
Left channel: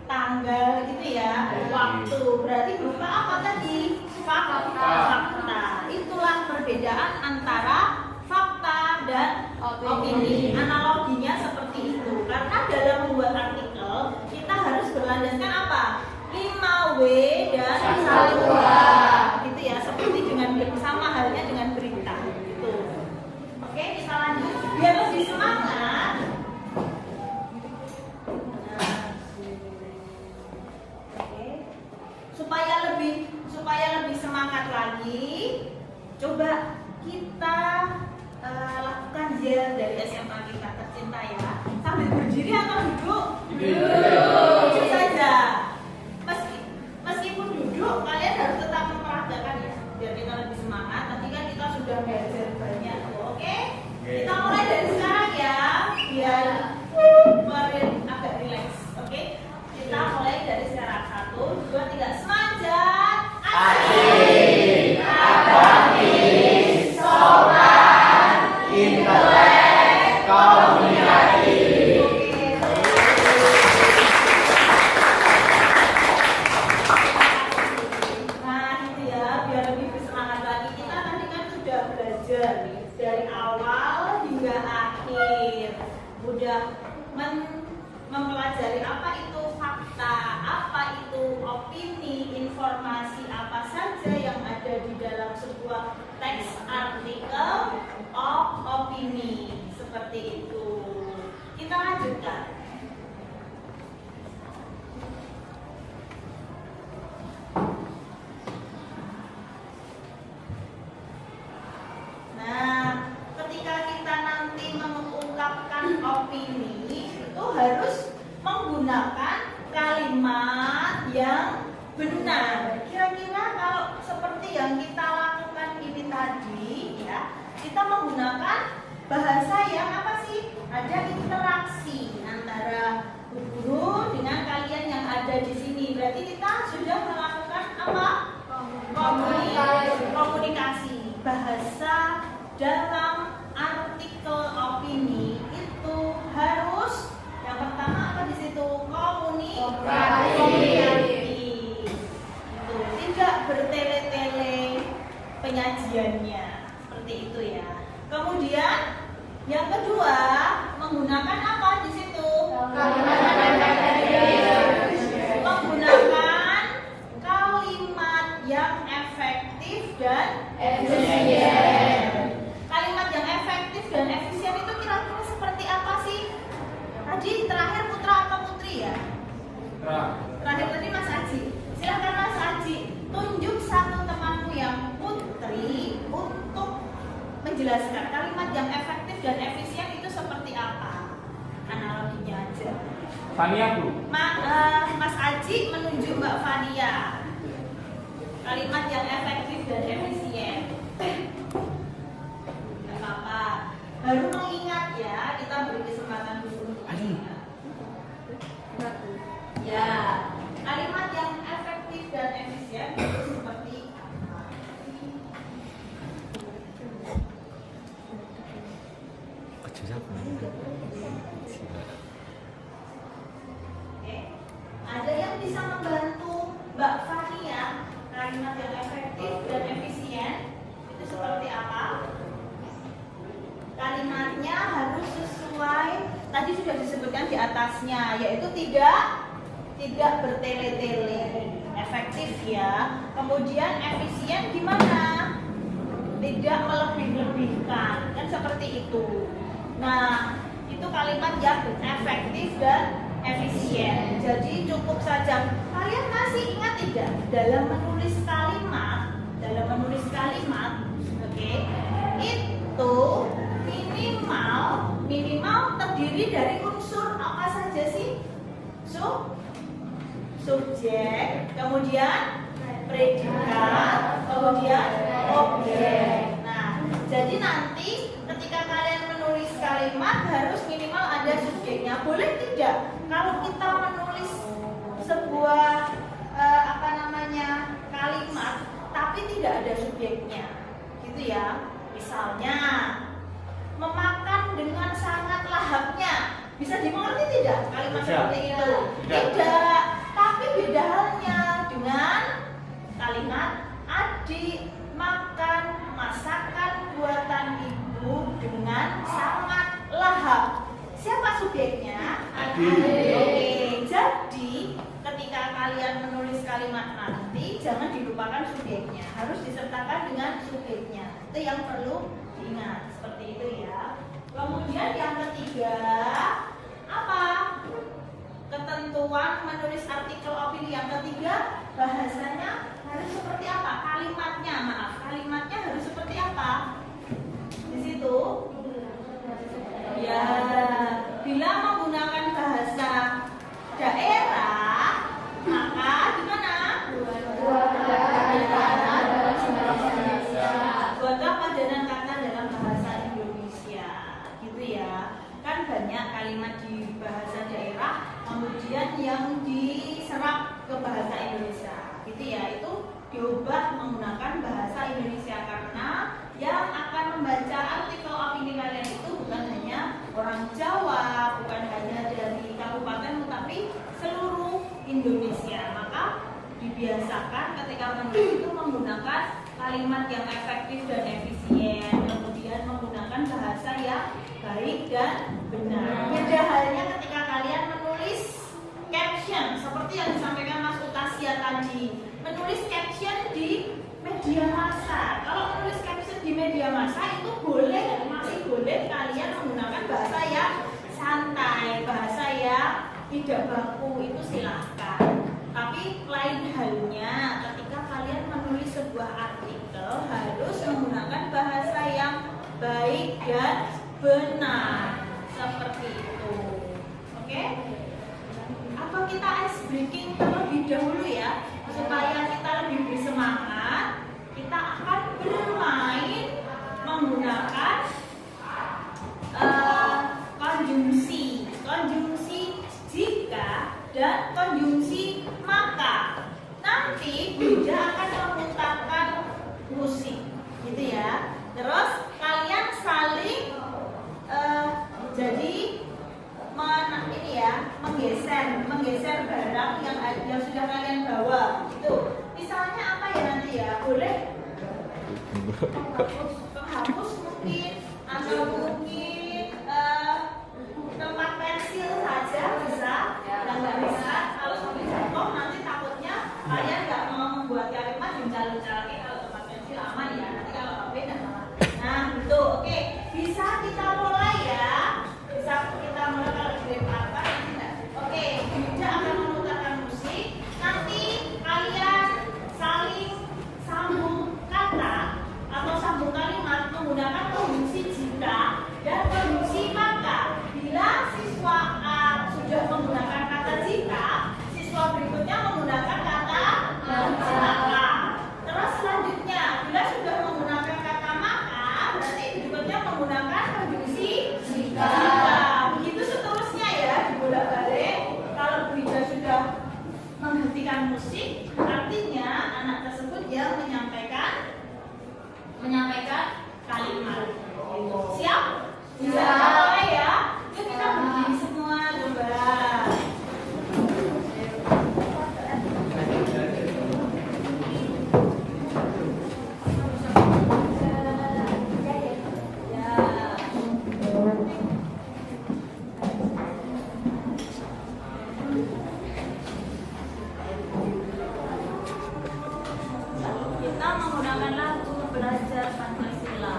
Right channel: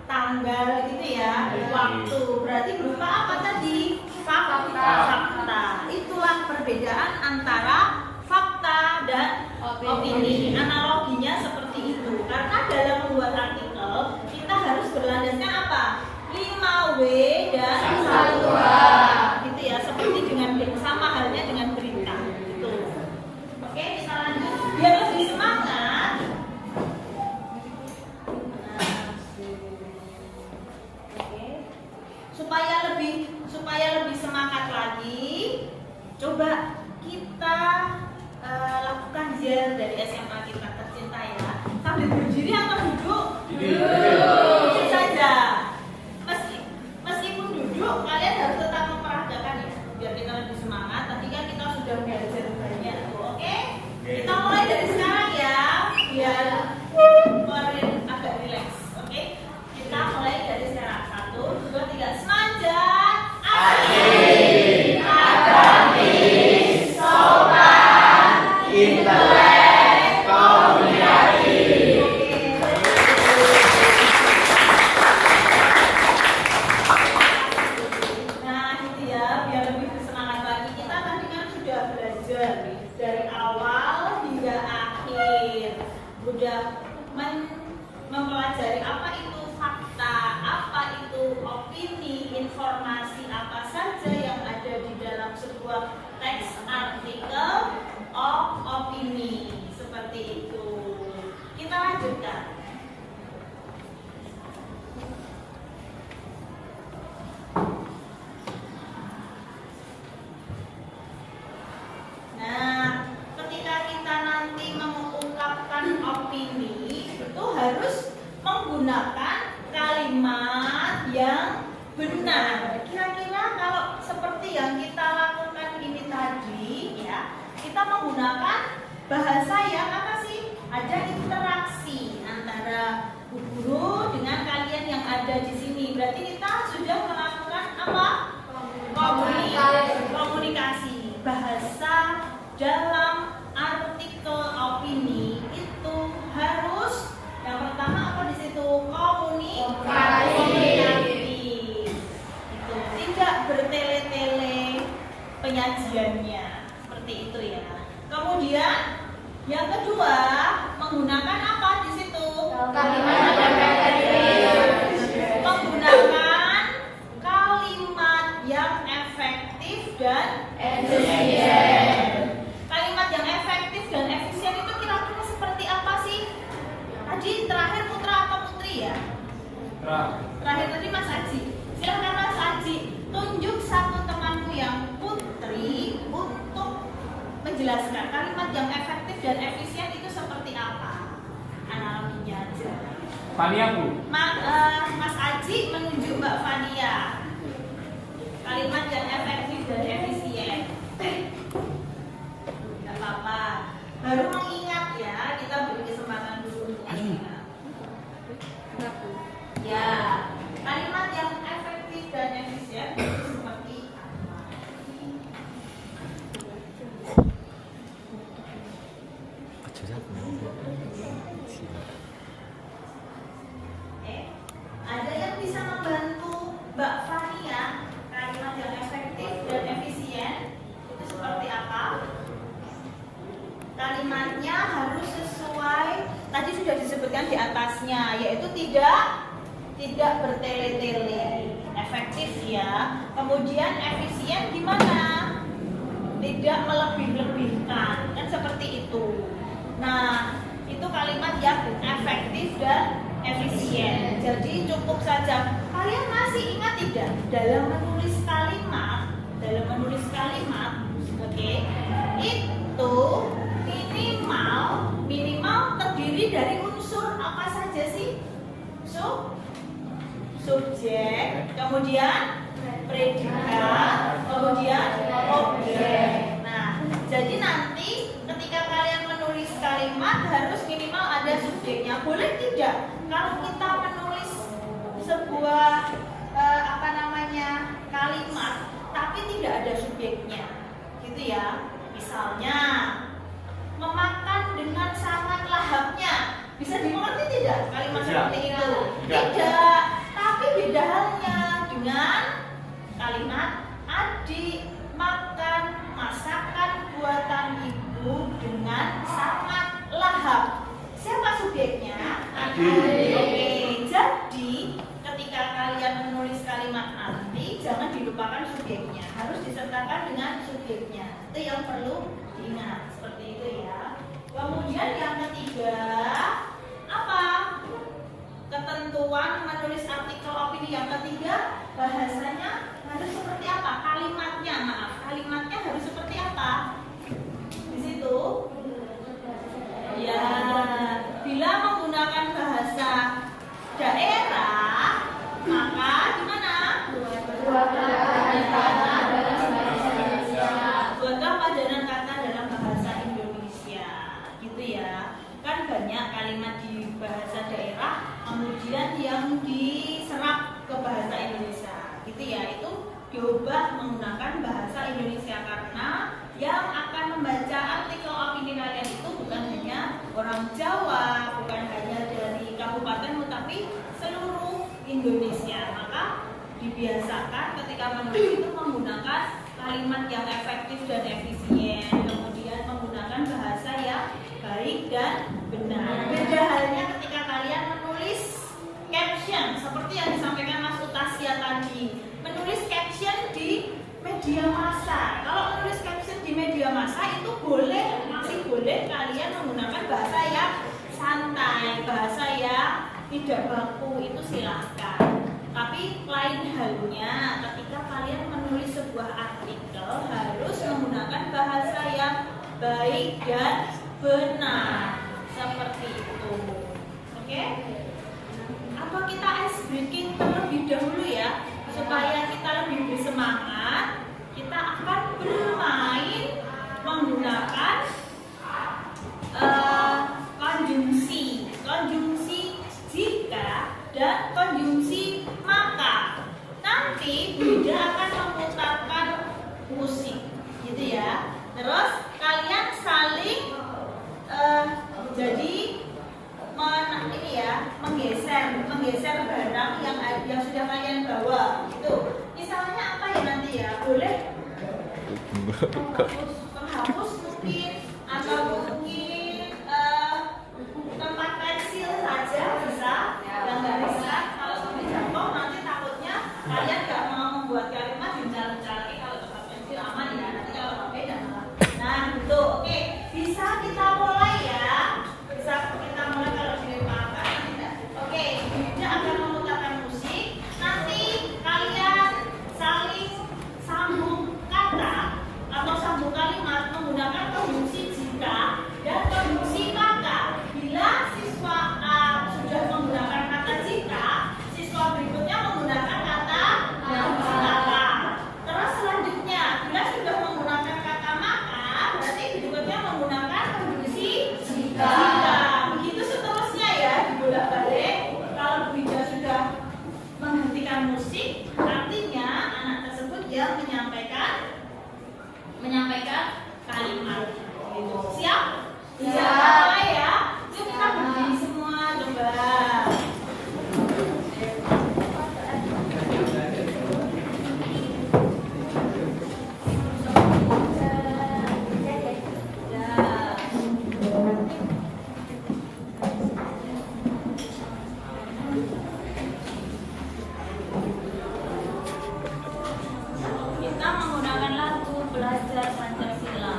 tanggal gitu ya, waktu. Berarti berupa apa tadi? Fakta. Itulah perbedaan antara fakta dan opini. Analoginya seperti itu. Karena dalam membuat artikel kita harus berlandaskan apa? 5W dan 1H. Gitu ya, seperti dengan sama halnya dengan berita. Gitu. Oke, kita lanjut. Biar lebih semangat. lagi. Coba kita lakukan ziarah dari SMA kita tercinta ya. Sambil berdiri atau duduk? Duduk saja. Meskipun duduk, kalian harus tetap memperagakan ya, biar kita lebih semangat. Tadi kan kita sudah belajar banyak, oke? Kita mulai dari sekarang ya, biar kemarin agak rileks, oke? Kita mulai dari sekarang. 1, 2, 3, semangat. Asik, agamis, sopan, intelek, komunikatif. Nah, gitu ya, biar lebih bersemangat lagi. Kita tadi kan sudah belajar nih, dari awal hingga akhir. Udah mempelajari apa itu fakta, apa itu opini, informasi apa saja yang ada di dalam sebuah teks artikel opini. Seperti itu. Kita lanjutkan. Nah, ketika kita nanti mengungkapkan opini, itu harus menggunakan kalimat yang benar. Kira-kira kalau seperti yang kita lakukan ini tadi, ya, kita menggunakan bahasa yang apa sih? Ada interaksi antara guru dengan kalian yang ada di sini. Berarti kita sudah melakukan apa? Komunikasi. Bahasa dalam artikel opini itu harus yang pertama apa di situ? Komunikatif. Itu tidak bertele-tele penyajiannya, seperti itu ya. Kemudian yang kedua menggunakan apa di situ? Menggunakan kalimat yang efektif dan efisien. Kalimat yang efektif dan efisien itu kira-kira seperti apa sih? Tadi terakhir Putra atau Putri ya? Terakhir tadi Mas Aji. Silahkan Mas Aji, tunjuk satu temanmu yang Putri untuk menjelaskan kalimat yang efektif dan efisien itu seperti apa? Analoginya aja. Fania, Bu. Mas Aji menunjuk Mbak Fania. Kalimat yang efektif dan efisien. Tidak apa-apa. Baru mengingat ya, kita beri kesempatan dulu untuk mengingat. Ya, kalimat yang efektif dan efisien itu seperti apa? Ada yang bisa membantu Mbak Fania kalimat yang efektif dan efisien itu seperti apa? Kalimatnya harus sesuai tadi sudah disebutkan di atasnya, yaitu tidak bertele-tele, efektif ya. Kemudian efisien gimana? Tidak melebih-lebihkan, kan seperti itu. Nah, itu kalimat yang efektif dan efisien. Jadi cukup saja. Kalian masih ingat tidak dalam menulis kalimat, oke, itu minimal terdiri dari unsur apa saja sih? Subjek, kemudian predikat, kemudian objek. Nah, jadi nanti ketika kalian menulis kalimat harus minimal ada subjeknya. Boleh tidak kalau kita menulis sebuah kalimat tapi tidak ada subjeknya, gitu ya? Misalnya memakan dengan sangat lahapnya, bisa dimengerti tidak kalimat seperti itu? Tidak. Tapi beda halnya dengan kalimat adik makan masakan buatan ibu dengan sangat lahap. Siapa subjeknya? Adik. Oke, jadi ketika kalian menulis kalimat nanti jangan dilupakan subjeknya, harus disertakan dengan subjeknya. Itu yang perlu diingat, seperti itu ya. Kemudian yang ketiga apa? Ketentuan menulis artikel opini yang ketiga, bahasanya harus seperti apa? Kalimatnya maaf, kalimatnya harus seperti apa? Di situ. Ya, bila menggunakan bahasa daerah, maka gimana? Buatlah padanan kata dalam bahasa Indonesia, gitu ya. Kan banyak kalimat di bahasa daerah, kemudian yang diserap ke bahasa Indonesia, gitu ya. Itu diubah menggunakan bahasa Indonesia karena yang akan membaca artikel opini kalian itu bukan hanya orang Jawa, bukan hanya dari kabupaten, tapi seluruh Indonesia. Maka dibiasakan ketika menulis itu menggunakan kalimat yang efektif dan efisien, kemudian menggunakan bahasa yang baik dan benar. Beda halnya ketika kalian menulis caption seperti yang disampaikan Mas Utasia tadi, menulis caption di media massa. Kalau menulis caption di media massa itu masih boleh kalian menggunakan bahasa yang santai, bahasa yang tidak baku, itu silahkan. Tapi lain halnya ketika kalian menulis sebuah artikel harus menggunakan bahasa yang baik dan benar, seperti itu. Oke? Atau kita ice breaking terlebih dahulu ya, supaya kita lebih bersemangat. Kita akan bermain menggunakan konjungsi jika dan konjungsi maka. Nanti Bunda akan memutarkan musik, gitu ya. Terus kalian saling menggeser barang yang sudah kalian bawa. Itu misalnya apa ya nanti ya? Boleh penghapus mungkin, atau mungkin tempat pensil saja bisa. Yang nggak bisa, kalau sampai jatuh nanti takutnya kalian nggak mau membuat kalimat gencal-gencal lagi. Kalau tempat pensil aman ya, nanti kalau HP dan nah gitu. Oke, bisa kita mulai ya. Bisa kita mulai kalau dilempar. Oke, Bunda akan memutarkan musik. Nanti kalian saling sambung kata atau sambung kalimat menggunakan konjungsi jika dan konjungsi maka. Bila siswa A sudah menggunakan kata jika, siswa berikutnya menggunakan kata maka. Terus selanjutnya, bila sudah menggunakan kata maka, berarti berikutnya menggunakan konjungsi jika. Begitu seterusnya ya, dibolak-balik. Kalau Bu Ida sudah menghentikan musik, artinya anak tersebut yang menyampaikan kalimat. Gitu. Siap? Bisa mulai ya. Yuk kita berdiri semua coba. Kita menggunakan lagu Belajar Pancasila.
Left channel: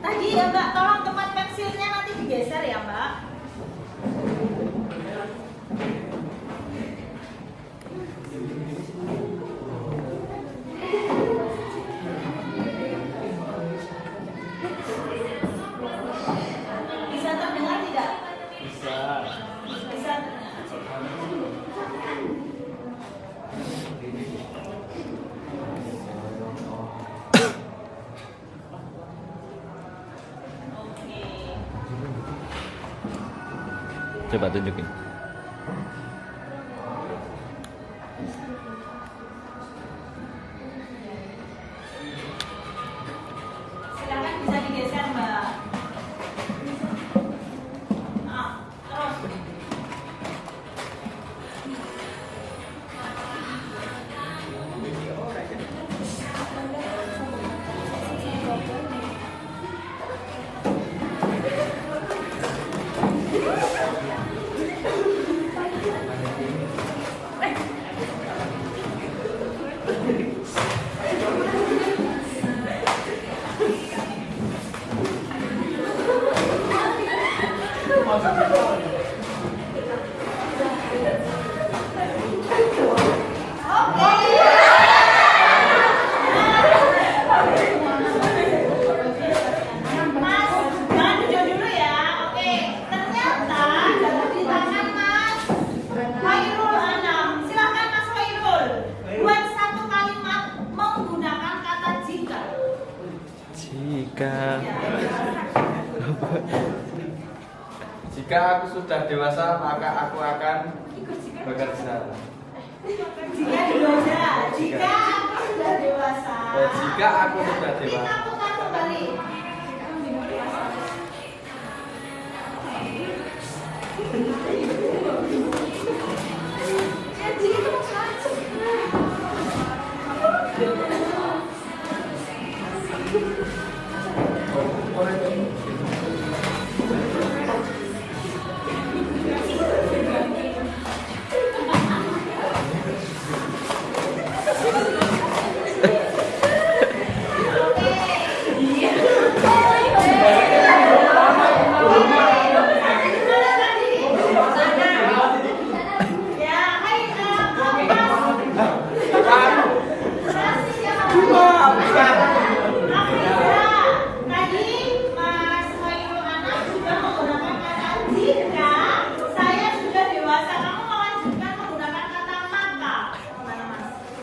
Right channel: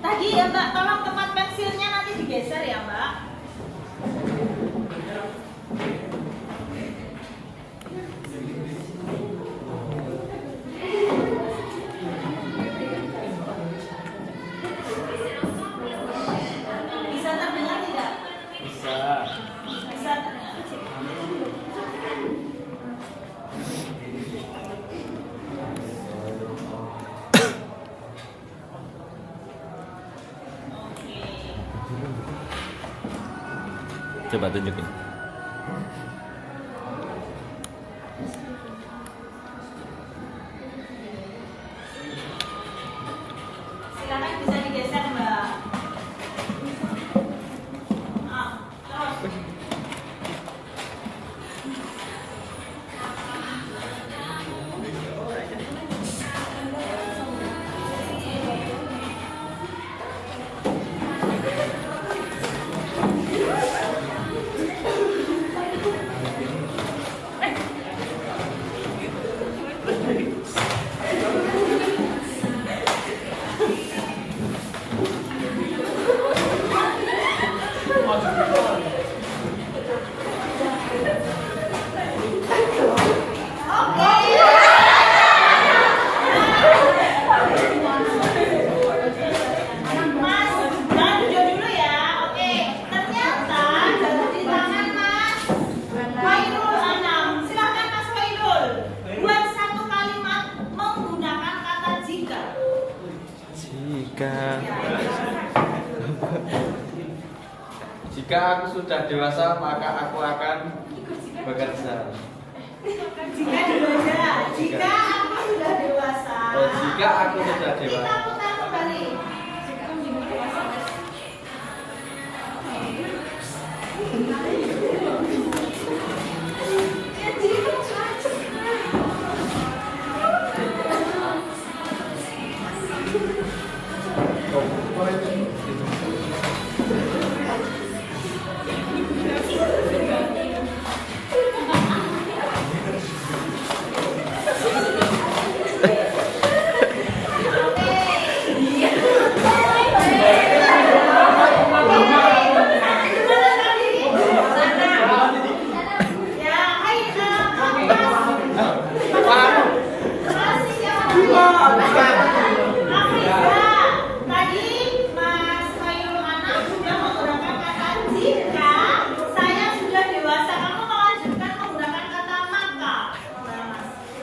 Tadi ya Mbak, tolong tempat pensilnya nanti digeser ya Mbak. Bisa terdengar tidak? Bisa. Bisa. Coba tunjukin. Silakan bisa digeser Mbak. Terus. Jika aku sudah dewasa, maka aku akan bekerja. Jika dewasa, jika aku sudah dewasa. Oh, jika aku sudah dewasa. Kita putar kembali.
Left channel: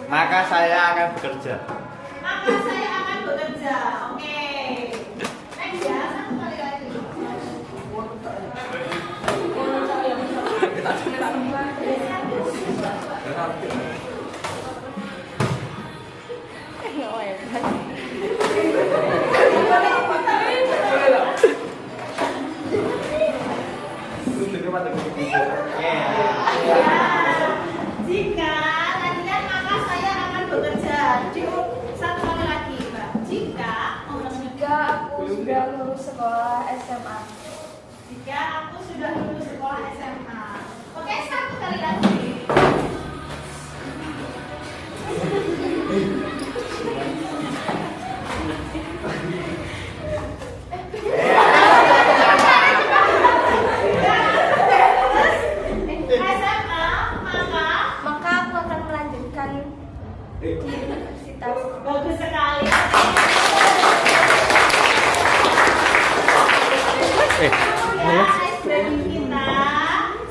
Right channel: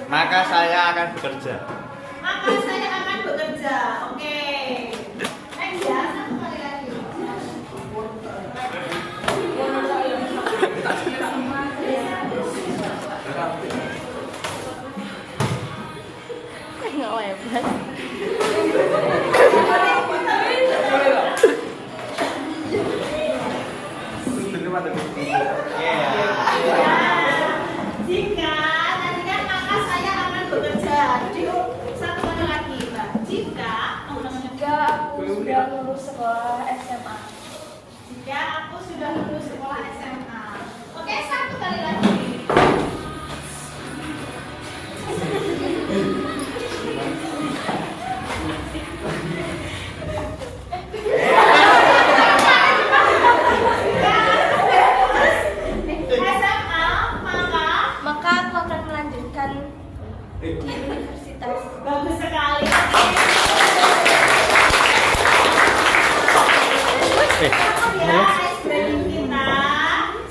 Maka saya akan bekerja. Maka saya akan bekerja. Oke. Next ya, satu kali lagi. Jika tadi kan maka saya akan bekerja. Jadi satu kali lagi, Mbak. Jika Jika aku sudah lulus sekolah SMA. jika aku sudah lulus sekolah SMA. Oke, satu kali lagi. SMA, Maka aku akan melanjutkan di universitas. bagus sekali. Ya, ice cream kita.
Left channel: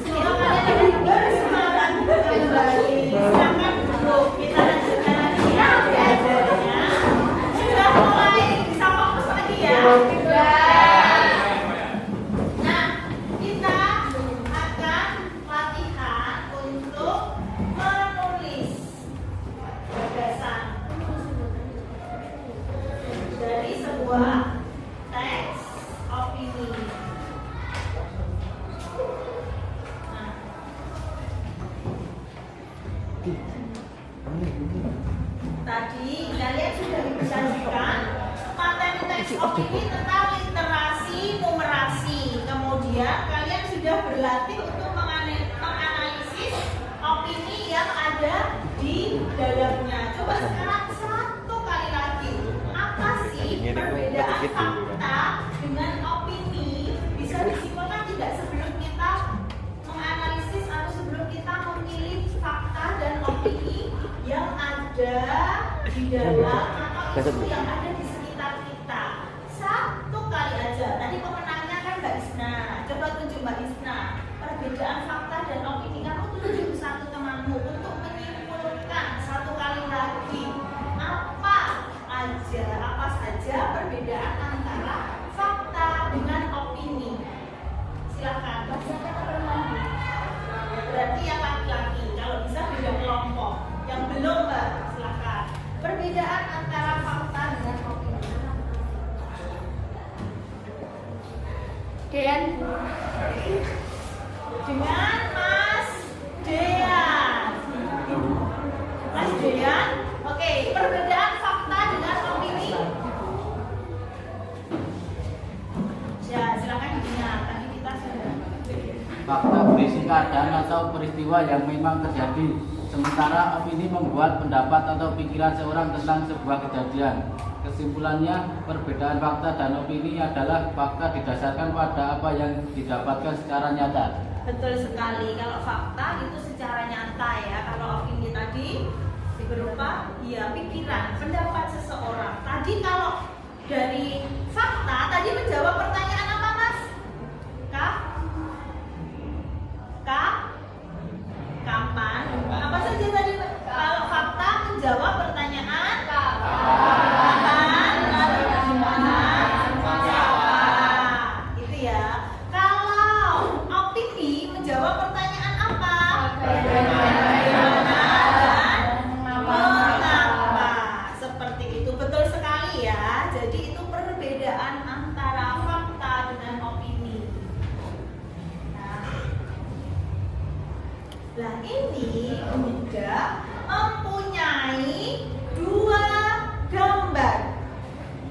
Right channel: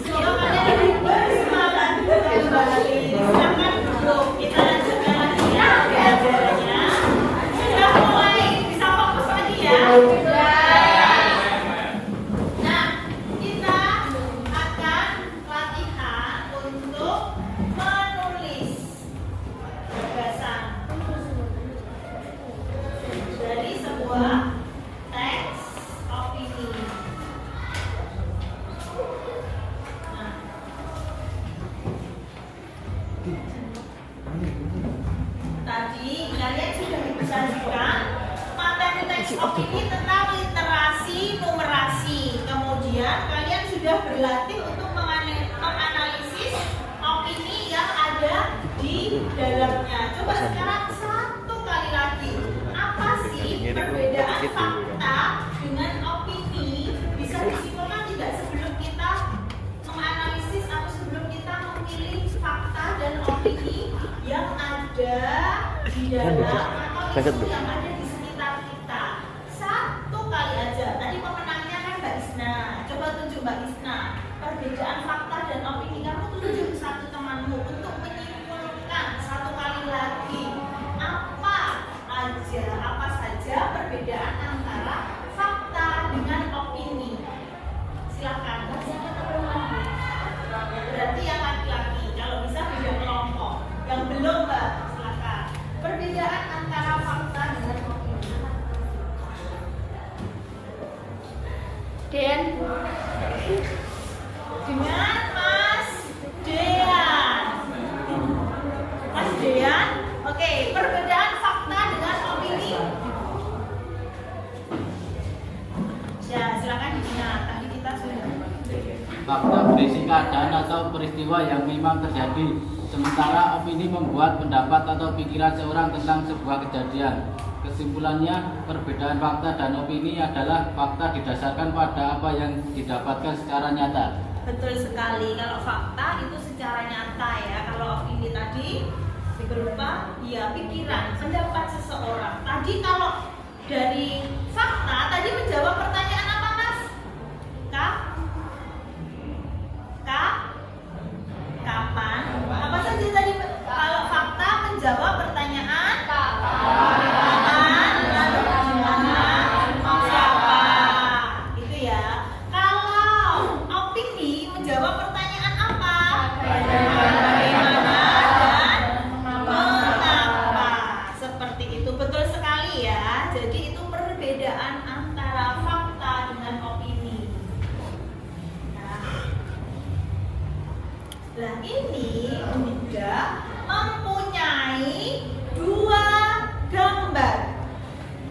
Semoga kalian bersemangat kembali. Silakan duduk. Kita lanjutkan lagi ya pelajarannya. Sudah mulai bisa fokus lagi ya. Nah, kita akan latihan untuk menulis gagasan dari sebuah teks opini. Nah, tadi kalian sudah disajikan materi teks opini tentang literasi numerasi. Kemudian kalian sudah berlatih untuk menganalisis opini yang ada di dalamnya. Coba sekarang satu kali lagi. Apa sih perbedaan fakta dengan opini? Bisa disimpulkan tidak sebelum kita menganalisis atau sebelum kita memilih fakta dan opini yang ada di dalam atau isu yang ada di sekitar kita. Satu kali aja. Tadi pemenangnya kan Mbak Isna. Coba tunjuk Mbak Isna. Perbedaan fakta dan opini, kamu tunjuk satu temanmu untuk menyimpulkan satu kali lagi apa saja perbedaan antara fakta dengan opini. Silakan. Berarti yang laki-laki, kalau bisa beda kelompok. Yang belum, Mbak, silakan. Perbedaan antara fakta dengan opini. Dean. Dengan Mas Dean. Mas Dean, oke, perbedaan fakta dengan opini. Ya, silakan didengar. Tadi kita sudah. Fakta berisi keadaan atau peristiwa yang memang terjadi, sementara opini membuat pendapat atau pikiran seorang tentang sebuah kejadian. Kesimpulannya, perbedaan fakta dan opini adalah fakta didasarkan pada apa yang didapatkan secara nyata. Betul sekali. Kalau fakta itu secara nyata ya. Kalau opini tadi berupa ya pikiran, pendapat seseorang. Tadi kalau dari fakta tadi menjawab pertanyaan apa, Mas? Kapan? Apa saja tadi? Kalau fakta menjawab pertanyaan kapan, lalu di mana, siapa. Itu ya. Kalau ini Bunda mempunyai 2 gambar.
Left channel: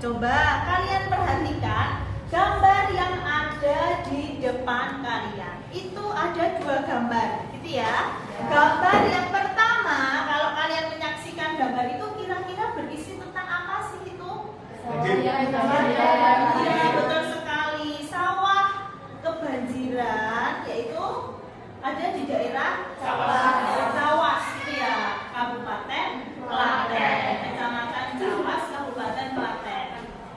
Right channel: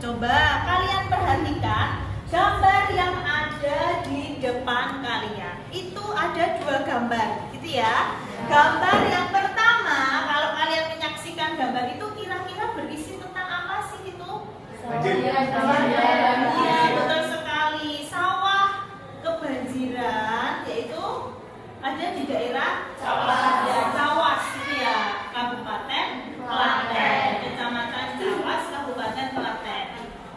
Coba kalian perhatikan gambar yang ada di depan kalian. Itu ada 2 gambar, gitu ya. Gambar yang pertama, kalau kalian menyaksikan gambar itu kira-kira berisi tentang apa sih itu? Iya, betul sekali. Sawah kebanjiran, yaitu ada di daerah Cawas, gitu ya, Kabupaten Klaten, Kecamatan Cawas, Kabupaten Klaten.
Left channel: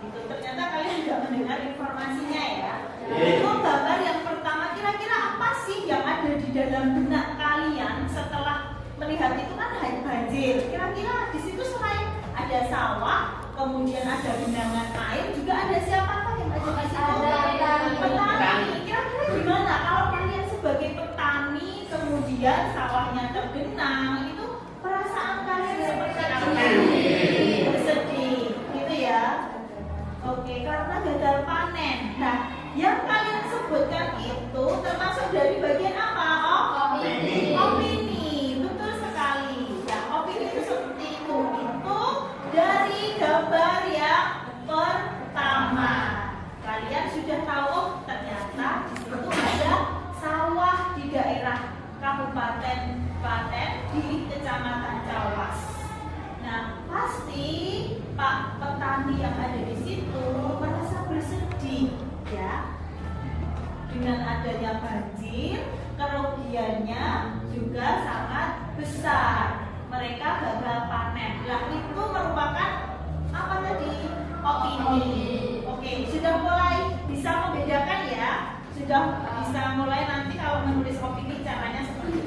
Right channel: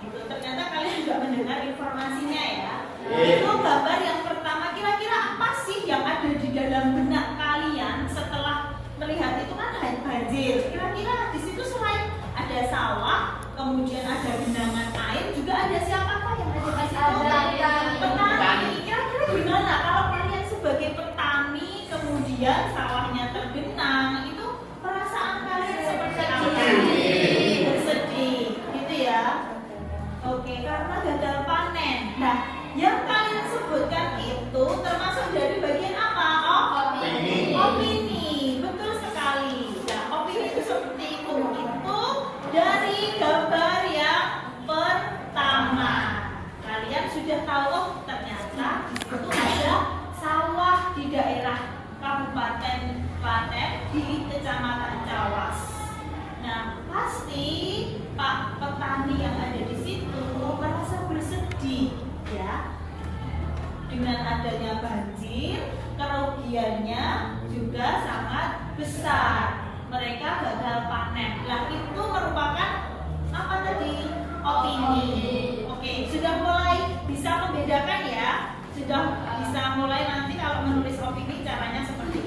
Gitu. Ternyata kalian juga mendengar informasinya ya. Itu gambar yang pertama, kira-kira apa sih yang ada di dalam benak kalian setelah melihat itu kan banjir. Kira-kira di situ selain ada sawah, kemudian ada genangan air, juga ada siapakah yang ada di situ? Petani. Kira-kira gimana kalau kalian sebagai petani kemudian sawahnya tergenang, itu perasaan kalian seperti apa? Bersedih, gitu ya. Oke, karena gagal panen. Nah, yang kalian sebutkan itu termasuk dari bagian apa? Opini. Betul sekali. Nah, opini itu seperti itu. Itu dari gambar yang pertama. Kalian sudah tahu, ternyata itu ada sawah di daerah Kabupaten Klaten di Kecamatan Cawas. Nah, pasti Pak petani yang ada di situ merasa bersedih, ya. Dengan adanya banjir, kerugiannya juga sangat besar. Mereka gagal panen. Nah, itu merupakan apa tadi? Opini. Oke, sudah mulai bisa membedakan ya. Sudah bisa mulai nanti kalau menulis opini caranya seperti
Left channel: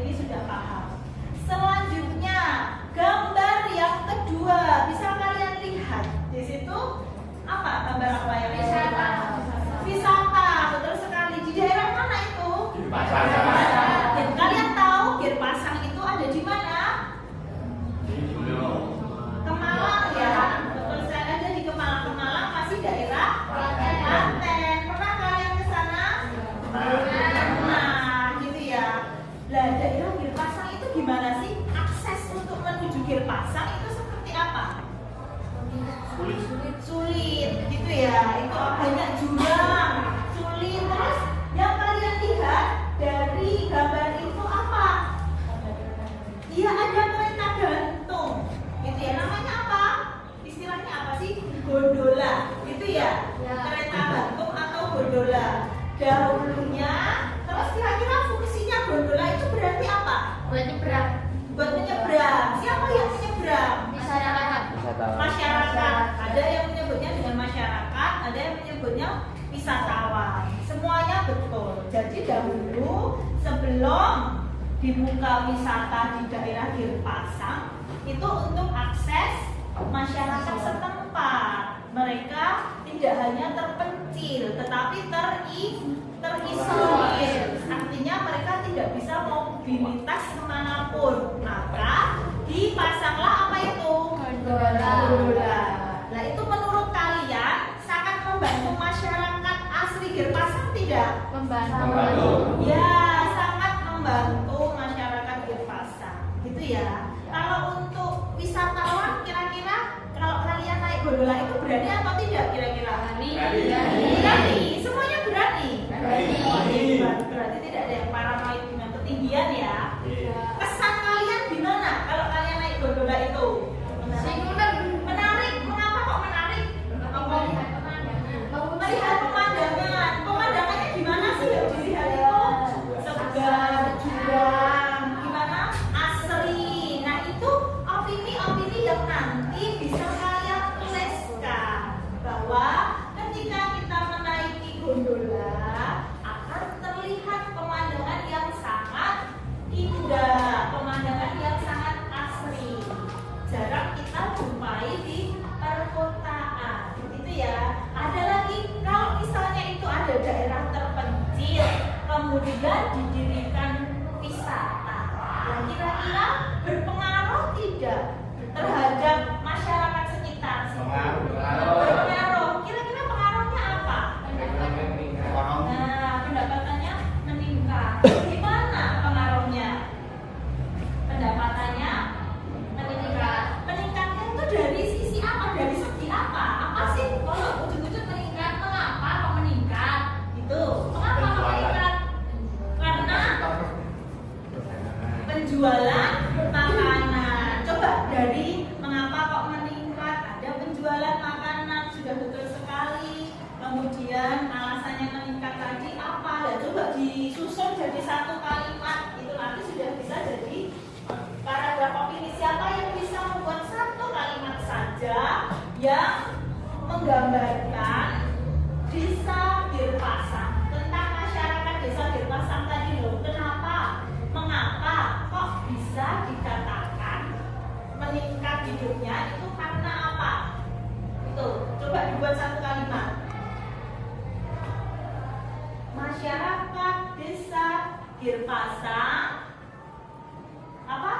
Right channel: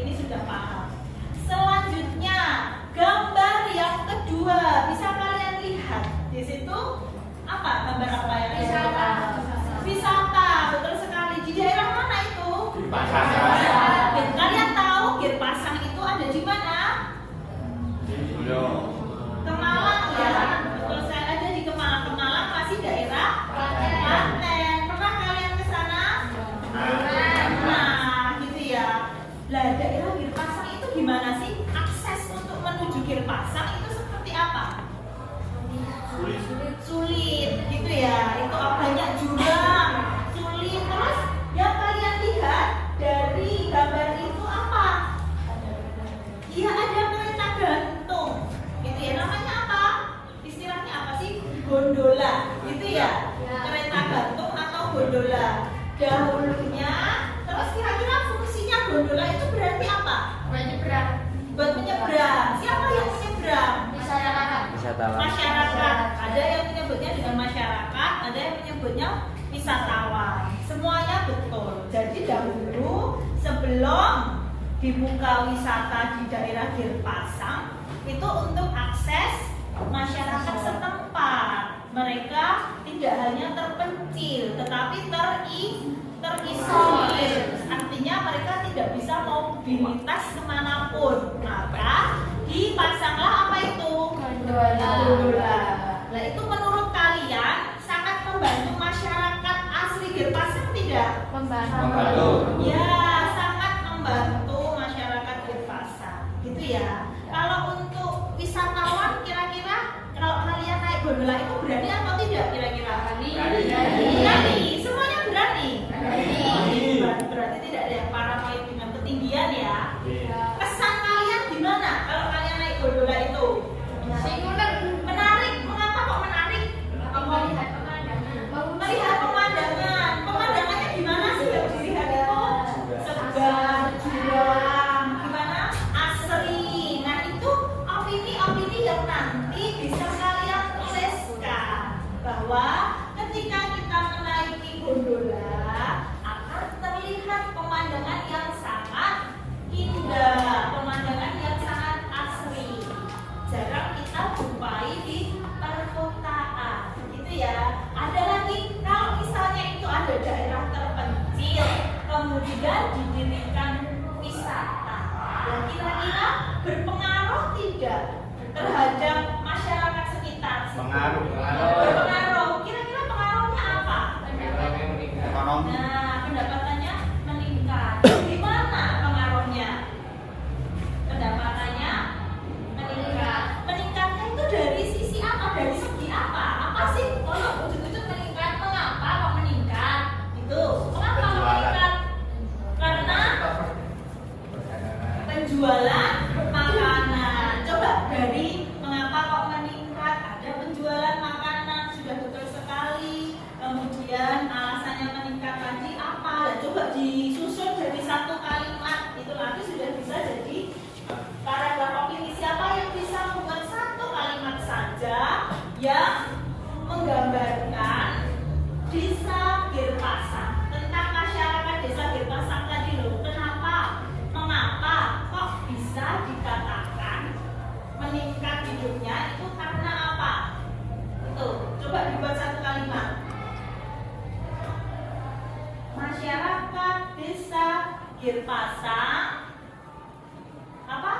ini sudah paham. Selanjutnya, gambar yang kedua, bisa kalian lihat di situ apa? Gambar apa yang wisata, betul sekali. Di daerah mana itu? Kalian tahu Girpasang itu ada di mana? Kemalang ya, betul saya ada di Kemalang. Kemalang masih daerah Klaten. Pernah kalian ke sana? Nah, gitu ya. Lah, daerah Girpasang itu gimana sih? Akses untuk menuju Girpasang itu seperti apa? Sulit, gitu ya. Itu banyak jurang, sulit. Terus yang kalian lihat dari gambar itu apa? Iya, ada kereta gantung. Gitu ya. Namanya apa? Istilahnya apa sih? Gondola, gitu ya. Kereta gantung atau gondola. Dahulunya, terus kira-kira fungsinya gondola itu berarti apa? Buat menyeberang. Siapa yang menyeberang? Masyarakat. Ada yang menyebutnya dengan masyarakat, ada yang menyebutnya wisatawan. Semuanya betul. Jadi dahulu sebelum dibuka wisata di daerah Girpasang itu untuk akses masyarakat setempat. Mereka tidak hanya terpencil, tetapi terisolir. Artinya mereka tidak bisa mobilitas kemanapun. Maka dipasanglah apa itu? Gondola. Nah, itu menurut kalian sangat membantu masyarakat asli Girpasang tidak? Membantu. Ya, sangat membantu masyarakat Girpasang. Gitu ya. Kalau untuk wisatawan kira-kira kalau kalian naik gondola itu berani atau tidak kira-kira? Berani. Semuanya berani. Berarti tidak ada yang paranoid dengan ketinggian ya. Kesan kalian gimana kalau kalian naik gondola itu? Menarik. Mengapa kok menarik? Melihat pemandangan. Pemandangannya gimana sih yang dilihat itu? Segar, jurang, gimana? Asri. Nah, itu opini-opini yang nanti bisa kalian tuliskan bahwa ketika kita menaiki gondola akan terlihat pemandangan yang sangat indah, pemandangan yang sangat asri. Jarang kita jumpai di perkotaan, gitu ya. Ada lagi kalau misalnya itu ada daerah terpencil, kemudian didirikan wisata. Nah, kira-kira berpengaruh tidak terhadap masyarakat sekitar? Berpengaruh. Kira-kira pengaruhnya apa? Nah, pendapatannya meningkat. Gimana pengaruhnya? penjualan makanan. Coba dari mengapa kok meningkat? Ada penjualan makanan, sudah betul sekali. Kemudian alasannya meningkat tadi apa? Dan coba disusun dari satu kalimat, itu nanti sudah bisa jadi paragraf opini. Siapa yang bisa membuat satu kalimat saja yang menggambarkan Desa Girpasang, tentang masyarakat Desa Girpasang tadi loh. Kenapa? Mengapa kok bisa dikatakan meningkat hidupnya itu karena apa? Itu coba dibuat satu kalimat. Masyarakat Desa Girpasang apa?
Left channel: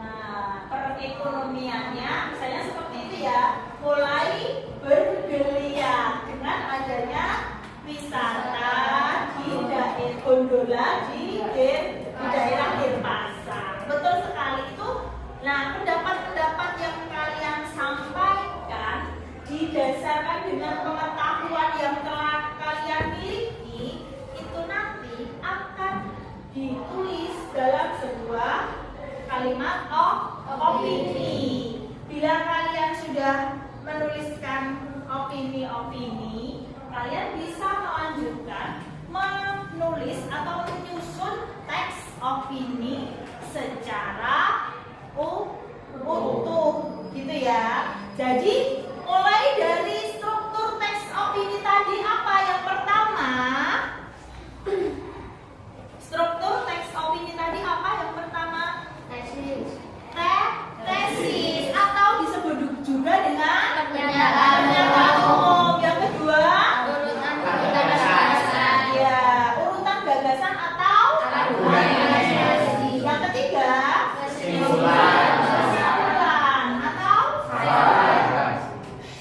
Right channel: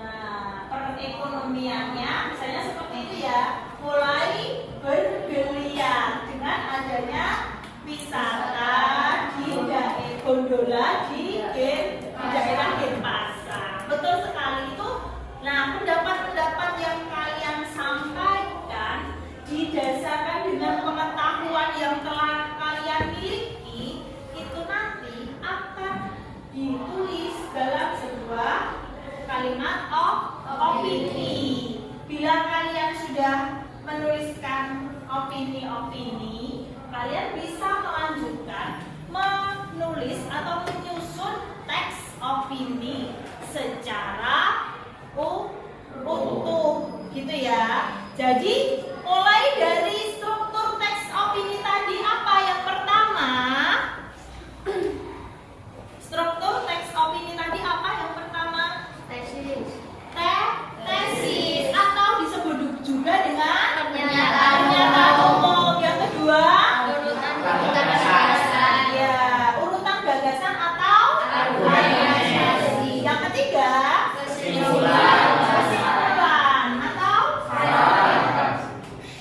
Nah, perekonomiannya misalnya seperti itu ya, mulai bergeliat dengan adanya wisata di daerah gondola di daerah Girpasang. Betul sekali itu. Nah, pendapat-pendapat yang kalian sampaikan didasarkan dengan pengetahuan yang telah kalian miliki, itu nanti akan ditulis dalam sebuah kalimat opini. Bila kalian sudah menuliskan opini-opini, kalian bisa melanjutkan menulis atau menyusun teks opini secara utuh gitu ya. Jadi mulai dari struktur teks opini tadi apa? Yang pertama, struktur teks opini tadi apa? Yang pertama, tesis atau disebut juga dengan pernyataan umum. Yang kedua, ya, urutan gagasan atau argumentasi. Yang ketiga, kesimpulan atau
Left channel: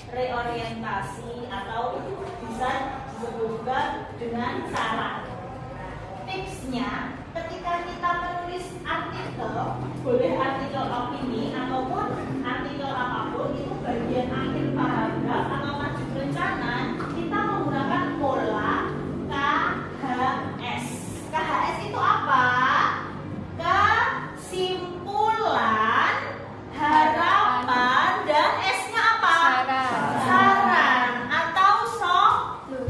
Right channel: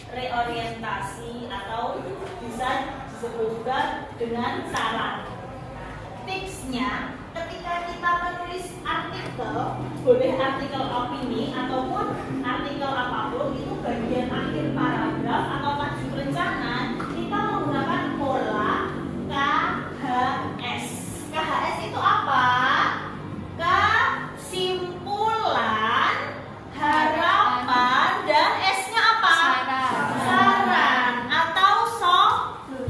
reorientasi atau bisa disebutkan dengan saran. Tipsnya, ketika kita menulis artikel, boleh artikel opini ataupun artikel apapun, itu bagian akhir paragraf atau tajuk rencana kita menggunakan pola KHS. KHS itu apa? Kesimpulan, harapan, dan S-nya apa? Saran atau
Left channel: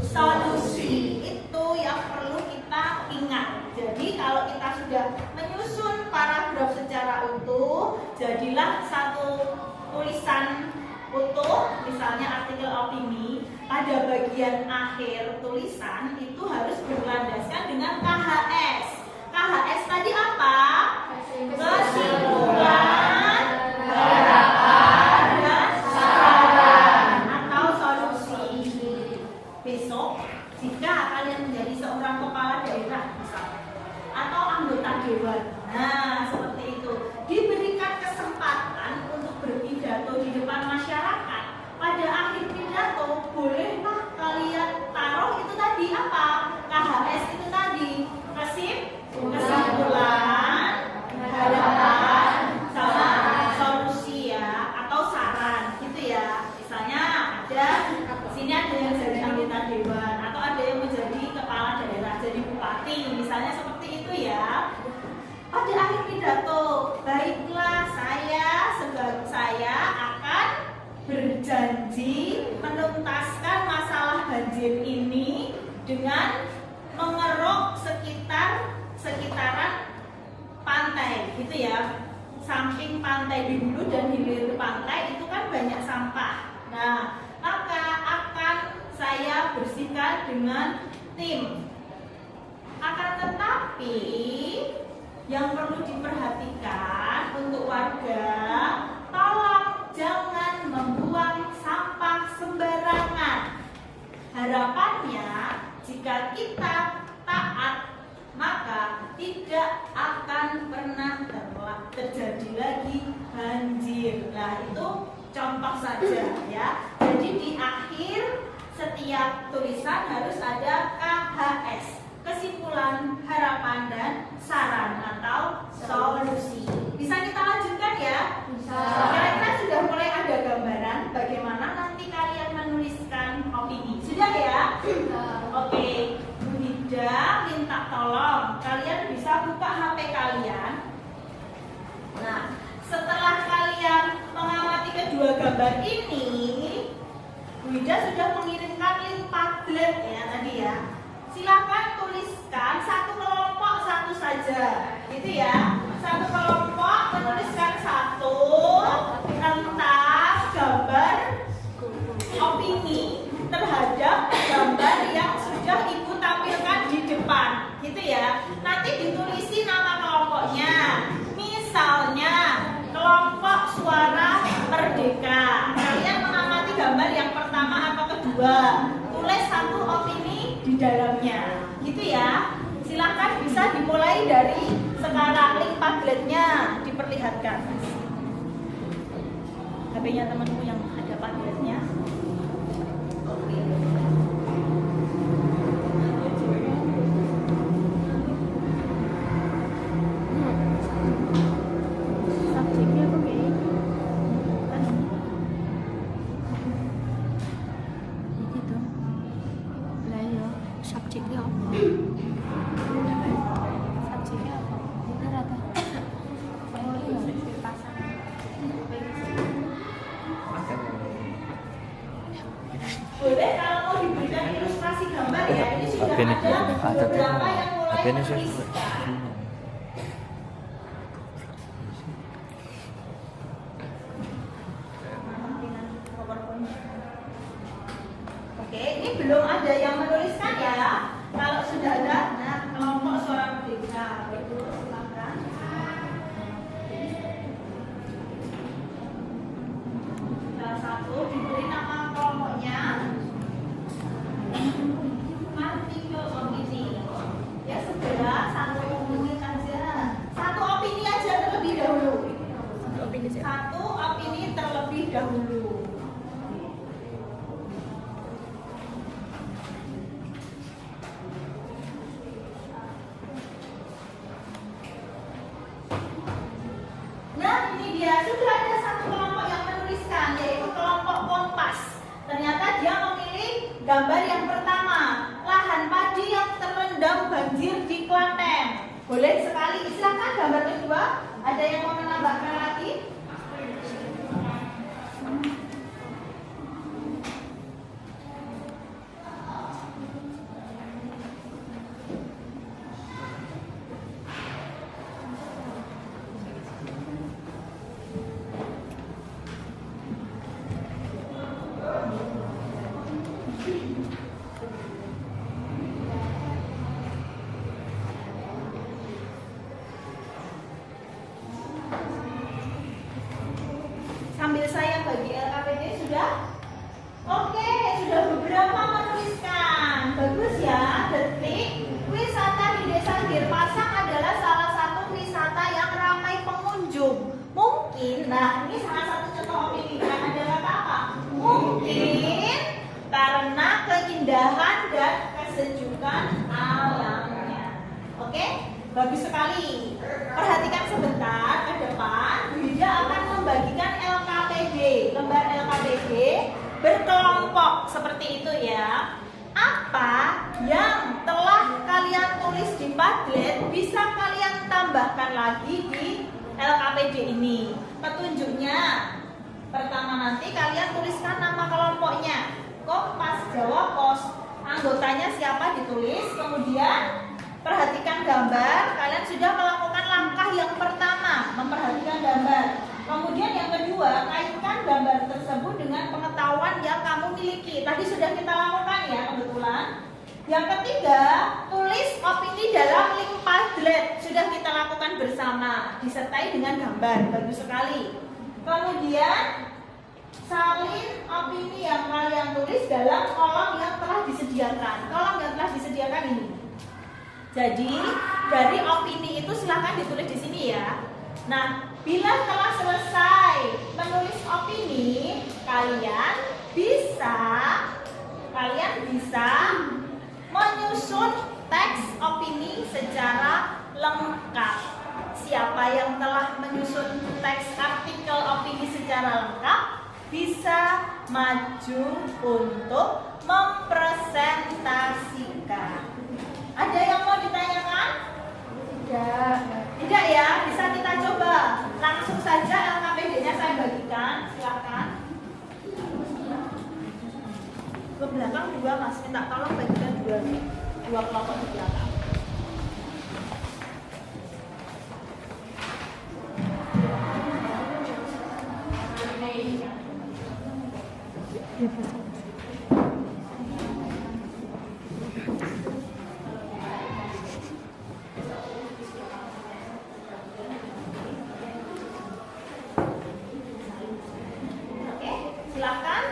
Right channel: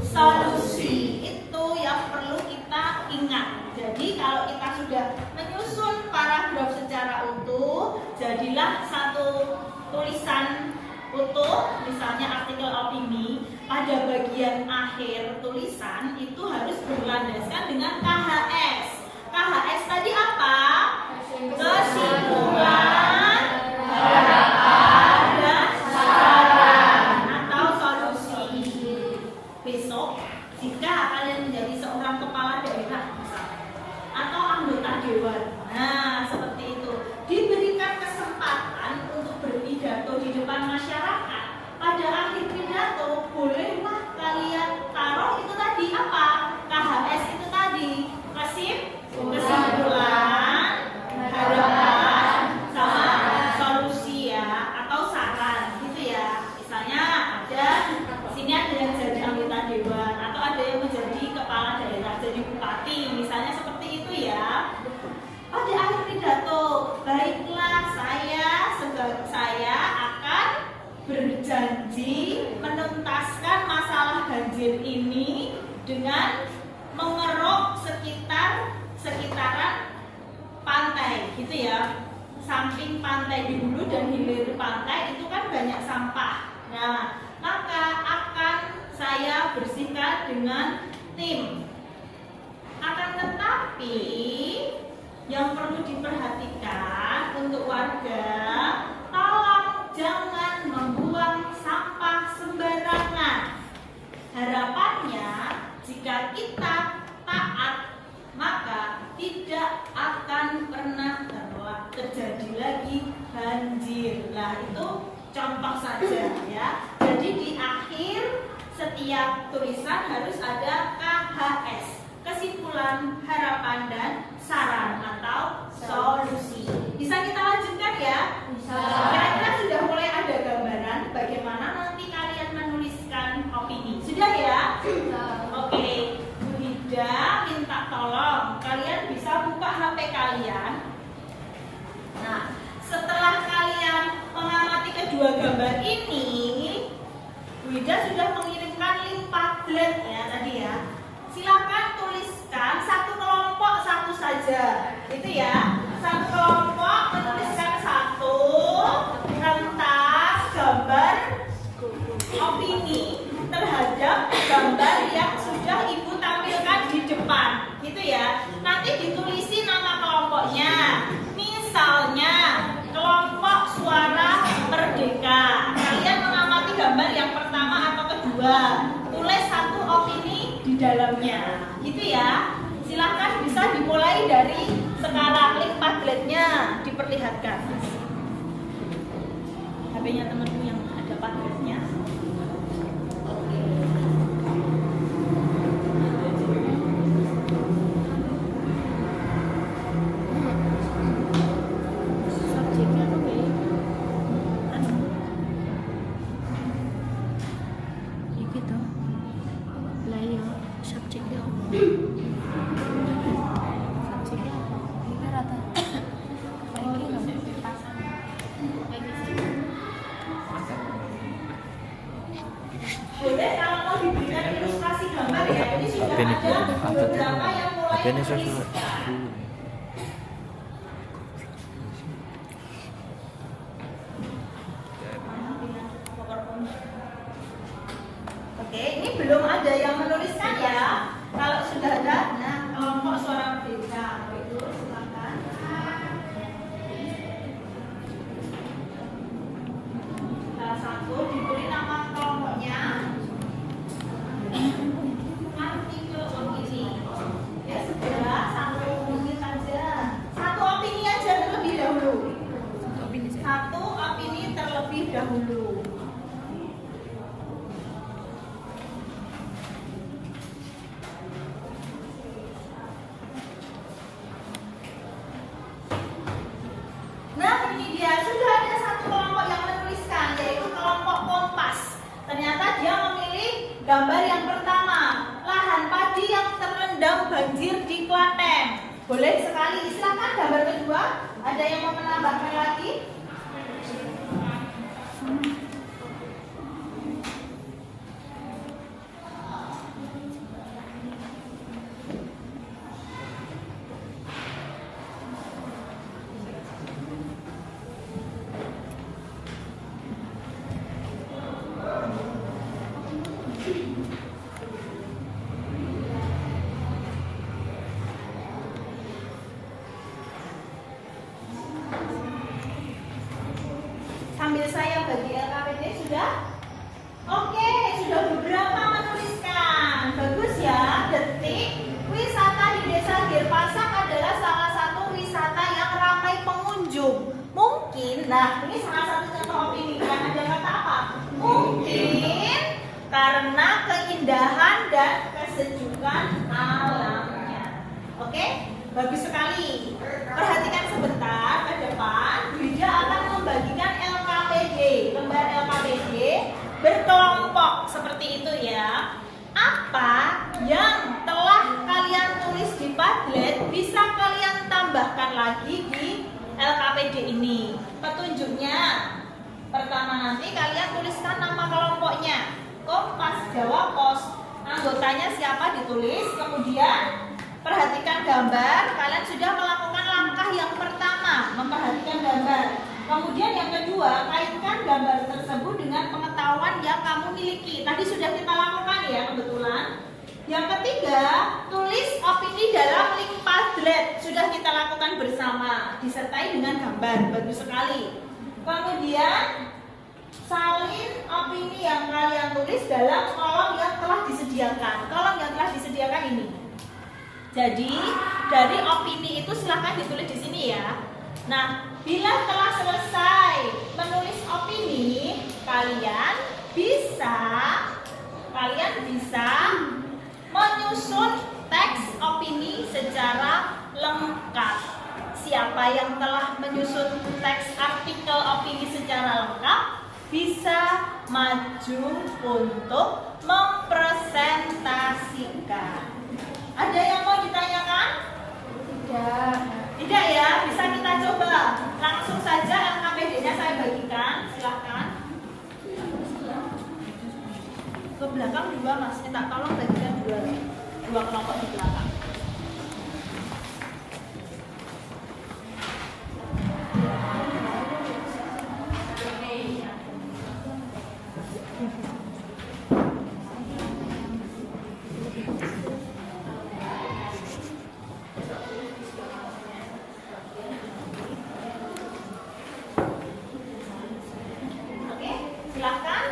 solusi. Itu yang perlu kita ingat. Jadi kalau kita sudah menyusun paragraf secara utuh, jadilah satu tulisan utuh, misalnya artikel opini, pada bagian akhir tulisan itu harus berlandaskan dengan KHS. KHS tadi apa? Kesimpulan, harapan, dan saran atau solusi. Besok, jika kalian menjadi seorang kepala daerah misalnya, atau anggota dewan, nah seperti itu, diberikan kesempatan untuk berpidato di depan masyarakat. Pada akhir pidato, bolehlah kalian taruh itu tadi apa? KHS itu tadi, kesimpulan, harapan, sama solusi ya, atau saran gitu ya. Misalnya ada sini ada yang jadi anggota dewan atau ada yang menjadi kepala daerah, jadi bupati, misalnya seperti itu ya. Pada akhir pidato, baiklah saya akan berjanji menuntaskan masalah banjir ini dengan mengeruk sekitaran pantai gitu ya. Samping pantai di hulu dan hilir pantai itu kan banyak sampah. Nah, maka akan saya bersihkan dengan tim. Akan tetapi yang perlu diperhatikan untuk warga, tolong jangan membuang sampah sembarangan. Harapannya jika kita taat, maka tidak akan pernah terjadi lagi banjir. Nah, itu contoh saja ya. Jadi di akhir setiap tulisan harus ada KHS, kesimpulan, harapan, dan saran atau solusi. Bisa kita lanjutkan ya? Bisa. Kira-kira sudah mulai ada gambaran bagaimana nanti kalian menuliskan opini. Sudah ya? Sudah. Oke, Bu Hida minta tolong kalian bisa buka HP kalian Nah, setelah kalian mengamati kedua gambar ini, Bu Ida sudah mengirimkan link Padlet ya tadi ya. Silakan tuliskan satu kelompok satu saja, gitu ya. Satu kelompok menuliskan satu kertas gambar opini terhadap gambar yang sudah Ibu tampilkan di depan, gitu ya. Nanti ditulisi nama kelompoknya. Misalnya kelompok Suara Merdeka. Kalian mengamati gambar yang pertama atau kedua, tulis satu opini di dalamnya, gitu ya. Silakan bisa dimulai dari sekarang. Link Padletnya diperlihatkan. HP-nya temanmu yang ada Padletnya. Subjeknya apa ya? Iki tuh. Lah ya, subjeknya apa? Subjeknya apa? Ini rata. Oh iya, pasang. Apa ini sih? Boleh kalau mau diberikan ilustrasi gambar ya. Ini sudah ada beberapa yang mulai menuliskan. Oke, ini belum ada yang menuliskan ya. Kalau sudah ada, nah kelompok Suara Merdeka, itu silakan. Salah satu diberi nama kelompoknya. Artikel opini. Ya segera satu opini saja. Satu opini aja terlebih dahulu. Satu opini terlebih dahulu. Nah ini dia, sudah ada satu kelompok yang menuliskan, yaitu kelompok Kompas. Ternyata dia memilih gambar yang pertama, lahan padi yang terendam banjir di Klaten. Boleh sekali, silakan gambar kedua. Ada yang mau menambahkan lagi? Sambil saya bagi LKPD sudah? Oke, sudah beberapa menuliskan. Bagus ya, detik. Wisata di Desa Girpasang adalah salah satu wisata yang ramai pengunjung. Mungkin, nah ini salah satu contoh opini. Nah, ada kata apa? Mungkin karena keindahan dan kesejukan alamnya. Oke, bagus sekali. Perhatikan sebentar ke depan. Bida akan membagikan LKPD, lembar LKPD berkelompok seperti itu ya. Apa yang telah kalian tulis di Padlet bisa kalian tambahkan lagi di LKPD ini. Petunjuknya, pertama nanti kalian tuliskan nama kelompoknya. Kompas Jawa Pos, anggotanya siapa ditulis. Kemudian perhatikan gambar. Kalian sudah melakukan langkah yang pertama, memperhatikan gambar. Kemudian yang kedua, kaitkan gambar tersebut dengan pengetahuan yang kamu miliki. Tadi sudah kita lakukan ya kebetulan. Yang ketiga, tulis opini dalam link Padlet. Sudah kita lakukan bersama, disertai dengan gambar. Bagus sekali. Kemudian salin opini yang kalian tulis dalam kolom yang telah disediakan. Kolom yang telah disediakan ini. Jadi dari opini itu silahkan ditulis di sini ya. Nah, bila telah selesai menulis opini, kalian bisa menyusun teks opini secara lengkap. Siapa yang telah menyusun teks artikel opini secara lengkap bisa maju untuk mempresentasikan. Ada yang mau ditanyakan? Tidak ya, bisa kita coba ke belakang 2 Mas, minta tolong bagikan 2 kelompok di belakang. Silakan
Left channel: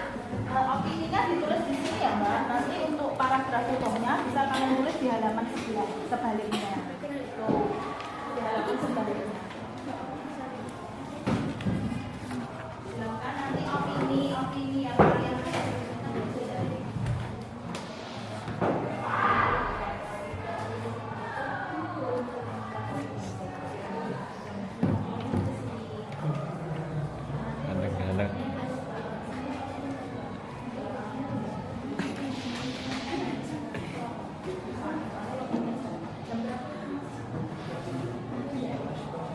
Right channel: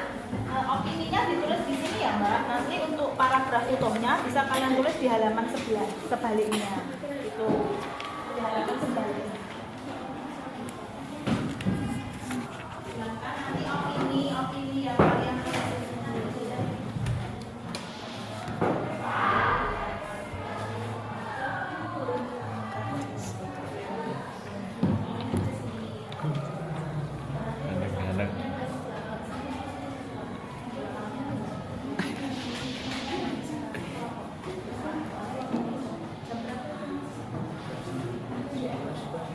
opininya ditulis di sini ya Mbak. Nanti untuk paragraf utuhnya bisa kalian tulis di halaman sebaliknya. Itu di halaman sebaliknya. Silakan nanti opini yang kalian tulis.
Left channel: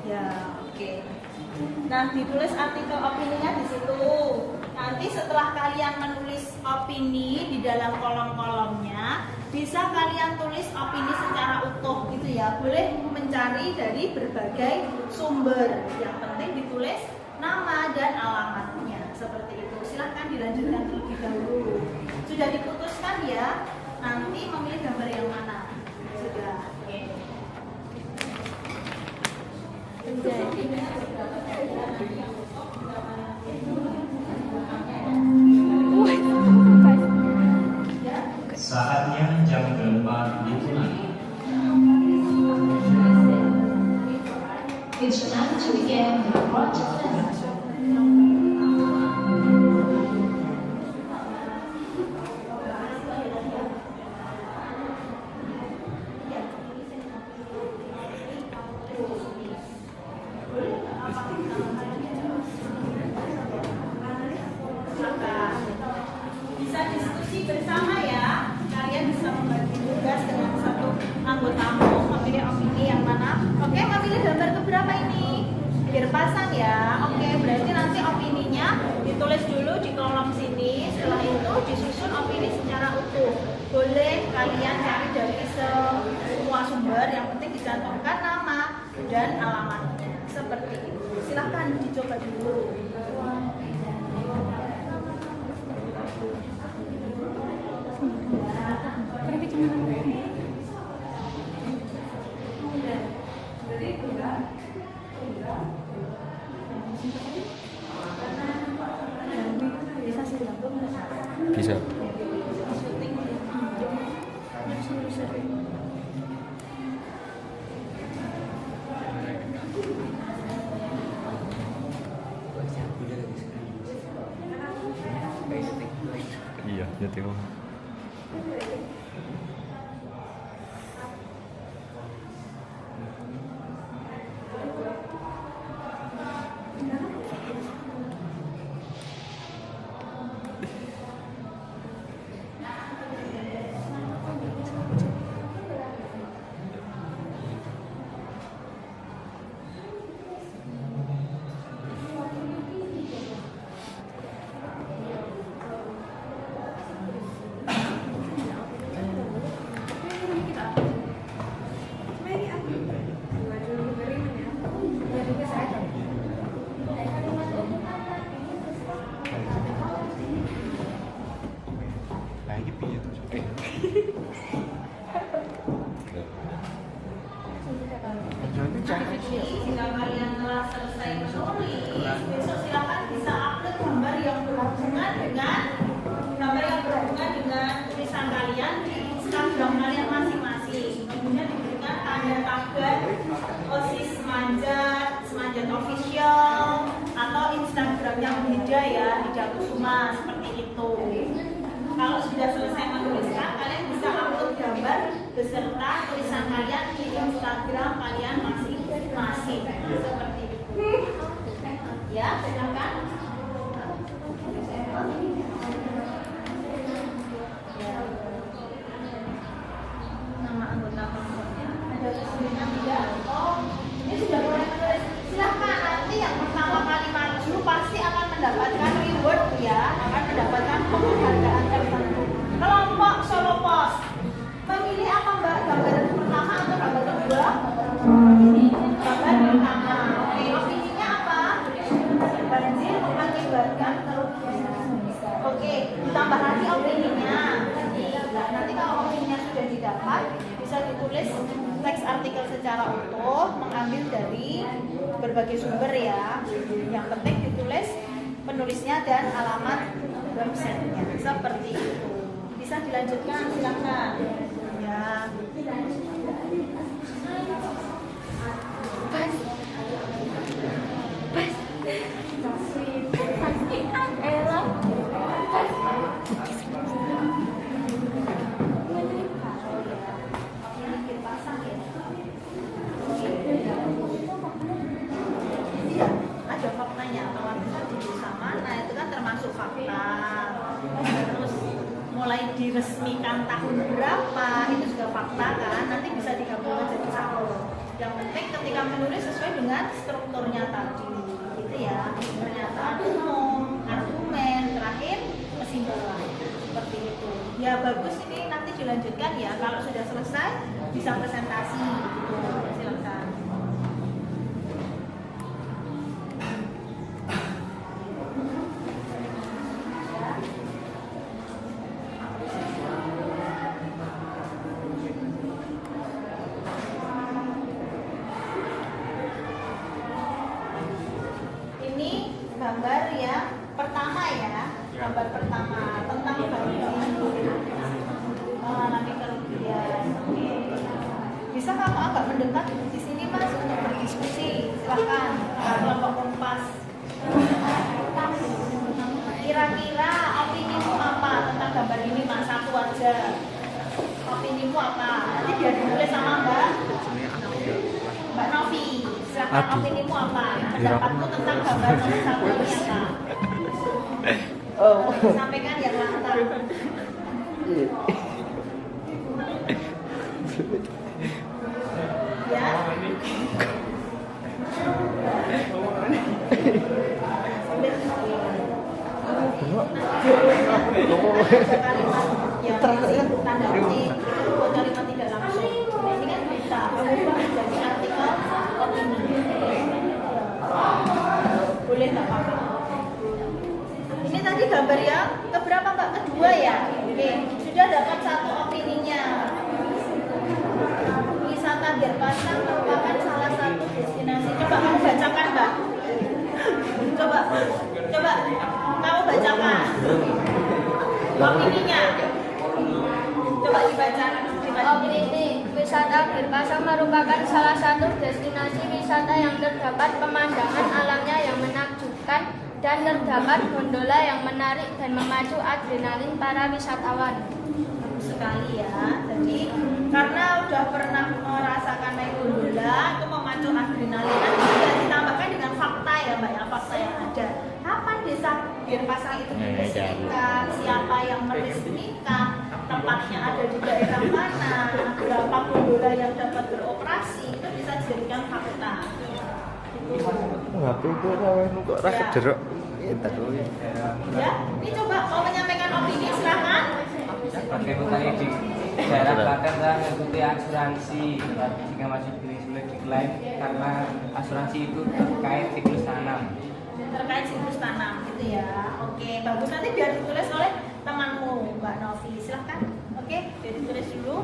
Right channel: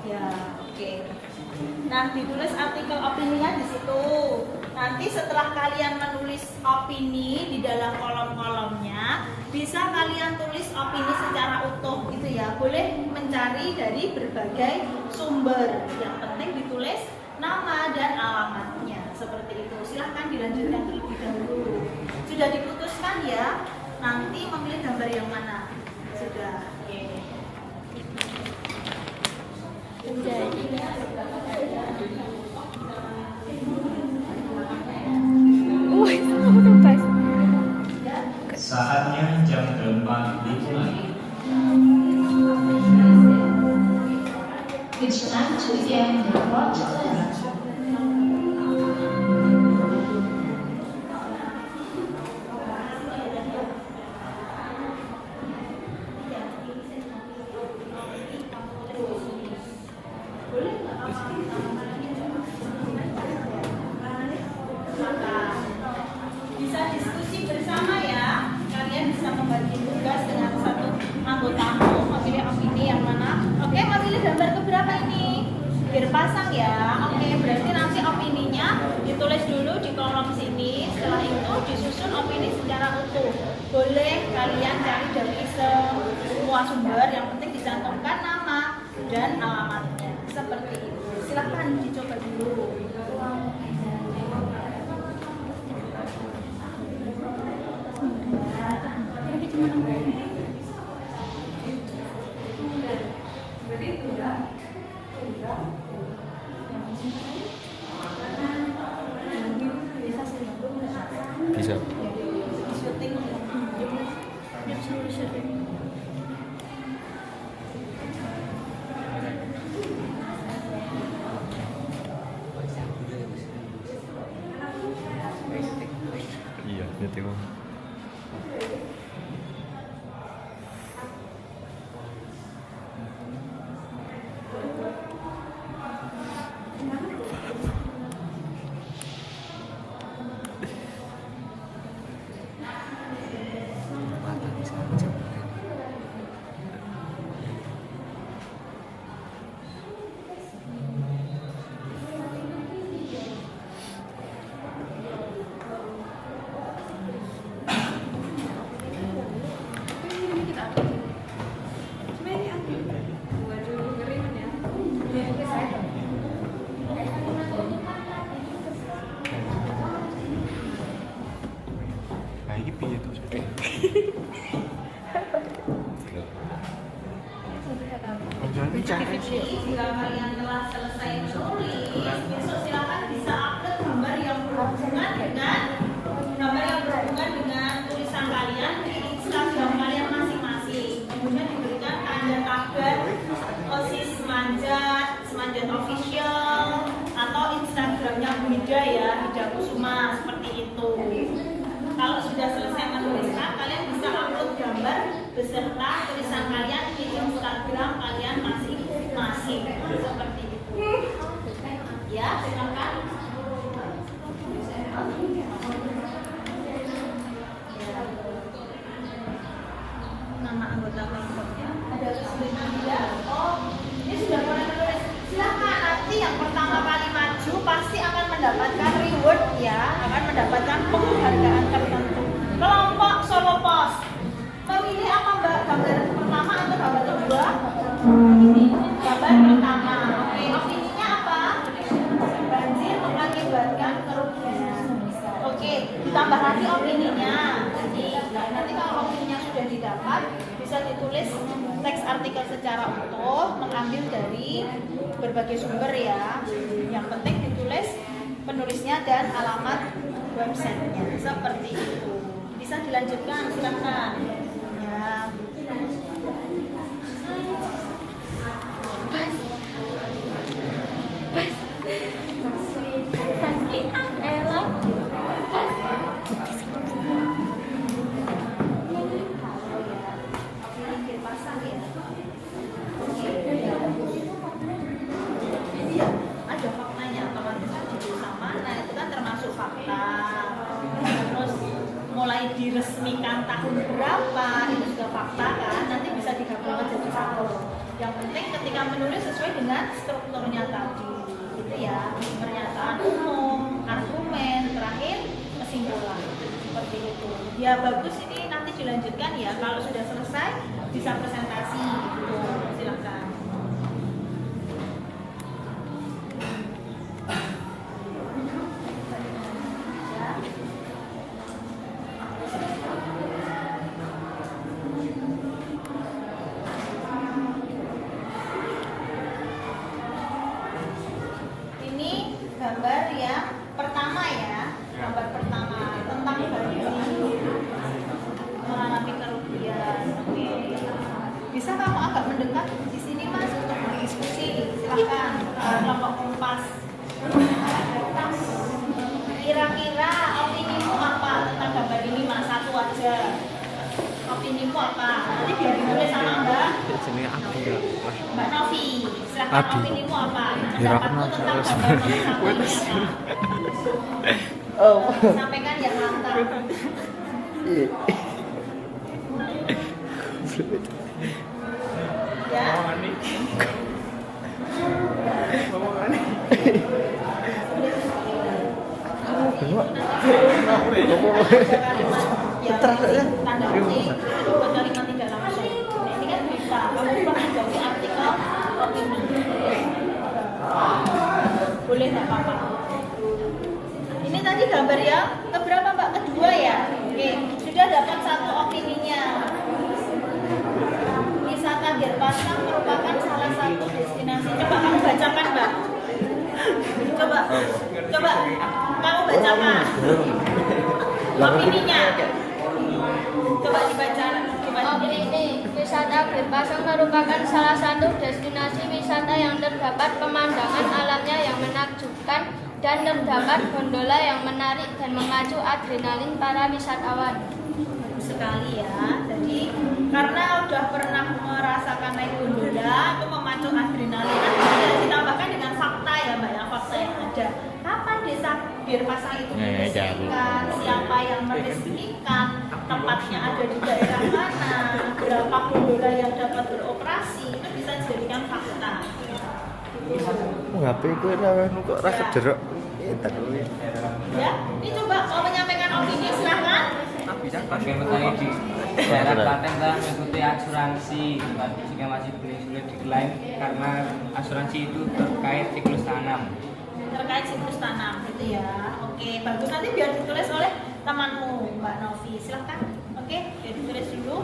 Ya, oke. Nah, ditulis artikel opininya di situ. Nanti setelah kalian menulis opini di dalam kolom-kolomnya, bisa kalian tulis opini secara utuh gitu ya. Boleh mencari dari berbagai sumber. Yang penting ditulis nama dan alamatnya seperti itu. Silahkan dilanjutkan terlebih dahulu. Sudah diputuskan ya. Nanti memilih gambar yang mana? Sudah. Oke. Saatnya jam 8 dimulai. It's time to begin the project lesson. Bisa diskusi bersama ya. Kalian bisa membagi tugas dengan satu anggotamu memilih opini yang mana. Oke, memilih gambar keberapa ini? Biar pasang ya. Oke, berarti nanti opininya ditulis dulu di kolom sini. Setelah itu disusun opini secara utuh. Boleh kalian cari dari semua sumber, yang penting dicantumkan nama dan alamatnya. Seperti itu. Silahkan dicoba dulu. Bisa. Iya, dia tengok. Jika kalian telah selesai menulis, besok silakan bisa upload gambar yang berhubungan dengan tulisan kalian di Instagram kalian masing-masing. Kemudian diberikan tanda tagar OSIS Semanjat Official atau Instagramnya Bida ya, Bida Kusuma, seperti itu. Kalau sudah selesai menuliskan, kalian bisa upload gambar beserta tulisan kalian di Instagram kalian masing-masing. Seperti itu. Ya, silakan. Nama anggota kelompoknya ada kesulitan tidak? Oh, ini sudah mulai menulis. Silakan, nanti yang pertama kali maju pasti akan mendapatkan reward ya, akan mendapatkan penghargaan tertentu. ditambah lagi opininya. Jadi nanti kalau opininya sudah didapat, bisa ditulis teks artikel secara utuh, mengambil dari berbagai sumber ya. Yang penting ditulis penulisnya dan alamat websitenya, seperti itu. Bisa dilanjutkan, silahkan. Ya. Ada faktanya, otomatis kan di sama, nah itu kan termasuk fakta. Terus mulai diresmikan tahun berapa, itu juga fakta kan, nanti bisa digabungkan jadi satu. Yang penting ketika menulis sesuai dengan strukturnya tadi, gitu ya, pernyataan umum, argumen, terakhir kesimpulan, seperti itu. Ya bagus, ini nanti dilanjutkan ya, kalau sudah selesai bisa presentasi, gitu. Silakan. Gambar yang pertama ya, gambar pertama tentang banding mengalami kerugian. Bisa kamu agak mendekat di sini Mas untuk berdiskusi, silakan. Kelompok Kompas. Kira-kira opinimu apa tentang gambar ini Mas? Satu aja. Opinimu apa? Nanti biar ditulis sama Mbak Novi. Silakan, opinimu apa? Pendapatmu tentang gambar nomor satu ini apa? Sampaikan yang lantang. Ya. Kalimat yang tanda kutip itu buat kalimat tidak langsung. Ini kan bisa mengubah dari artikel opini. Boleh nggak apa-apa. Ini tadi gambar yang keberapa Mbak? Kedua ya. Oke, sudah dapat satu opininya. Wisata Denpasar merupakan salah satu destinasi. Coba kamu bacakan Mbak. Coba kamu bacakan opininya. Coba dibaca. Opini, wisata Denpasar merupakan salah satu destinasi wisata yang terdapat pemandangan alamnya yang menakjubkan dan terdapat gondola yang menarik dan memacu adrenalin para wisatawan. Sekali ya, jadi karena udah pernah merasakan naik gondola itu memacu adrenalin, nanti bisa ditambahkan dengan fakta ya Mbak ya, fakta yang ada. Kapan desa Denpasar itu diresmikan, siapa yang meresmikan, tempatnya ada di daerah mana, berapa gondola yang dapat beroperasi, itu bisa dijadikan fakta. HP gue kok ra kederok. Ya, ini coba mau menyampaikan opini silahkan. Bagaimana di daerah Klaten telah mengikuti asuransi jika masih sulit diklaim karena asuransi itu terkait siklus tanam. Terkait siklus tanam gitu ya. Oke, bagus, nanti biar ditulis oleh temanmu Mbak Novi, silahkan. Oke, biar ditulis dulu.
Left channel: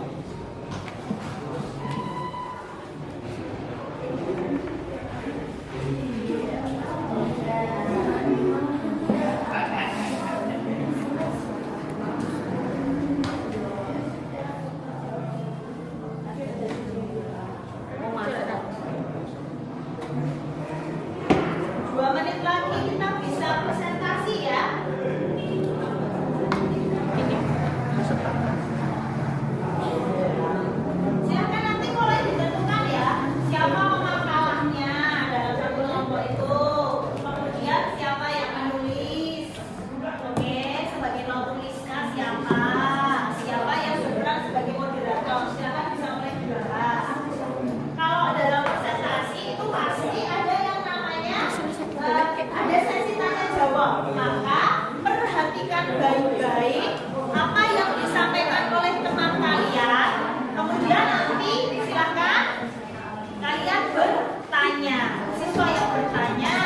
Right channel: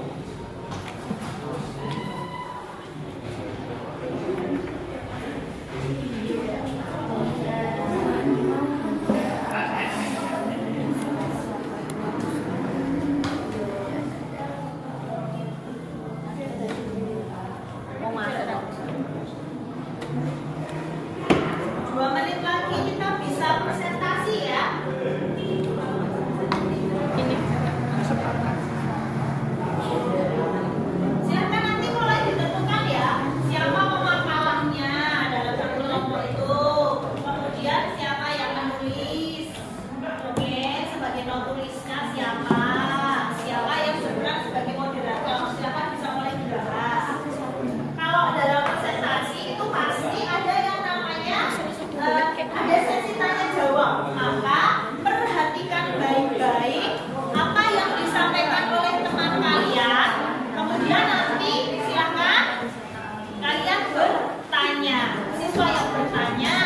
Maka perhatikan baik-baik apa yang disampaikan oleh teman kalian. Kemudian nanti silakan kalian bertanya. Siswa yang bertanya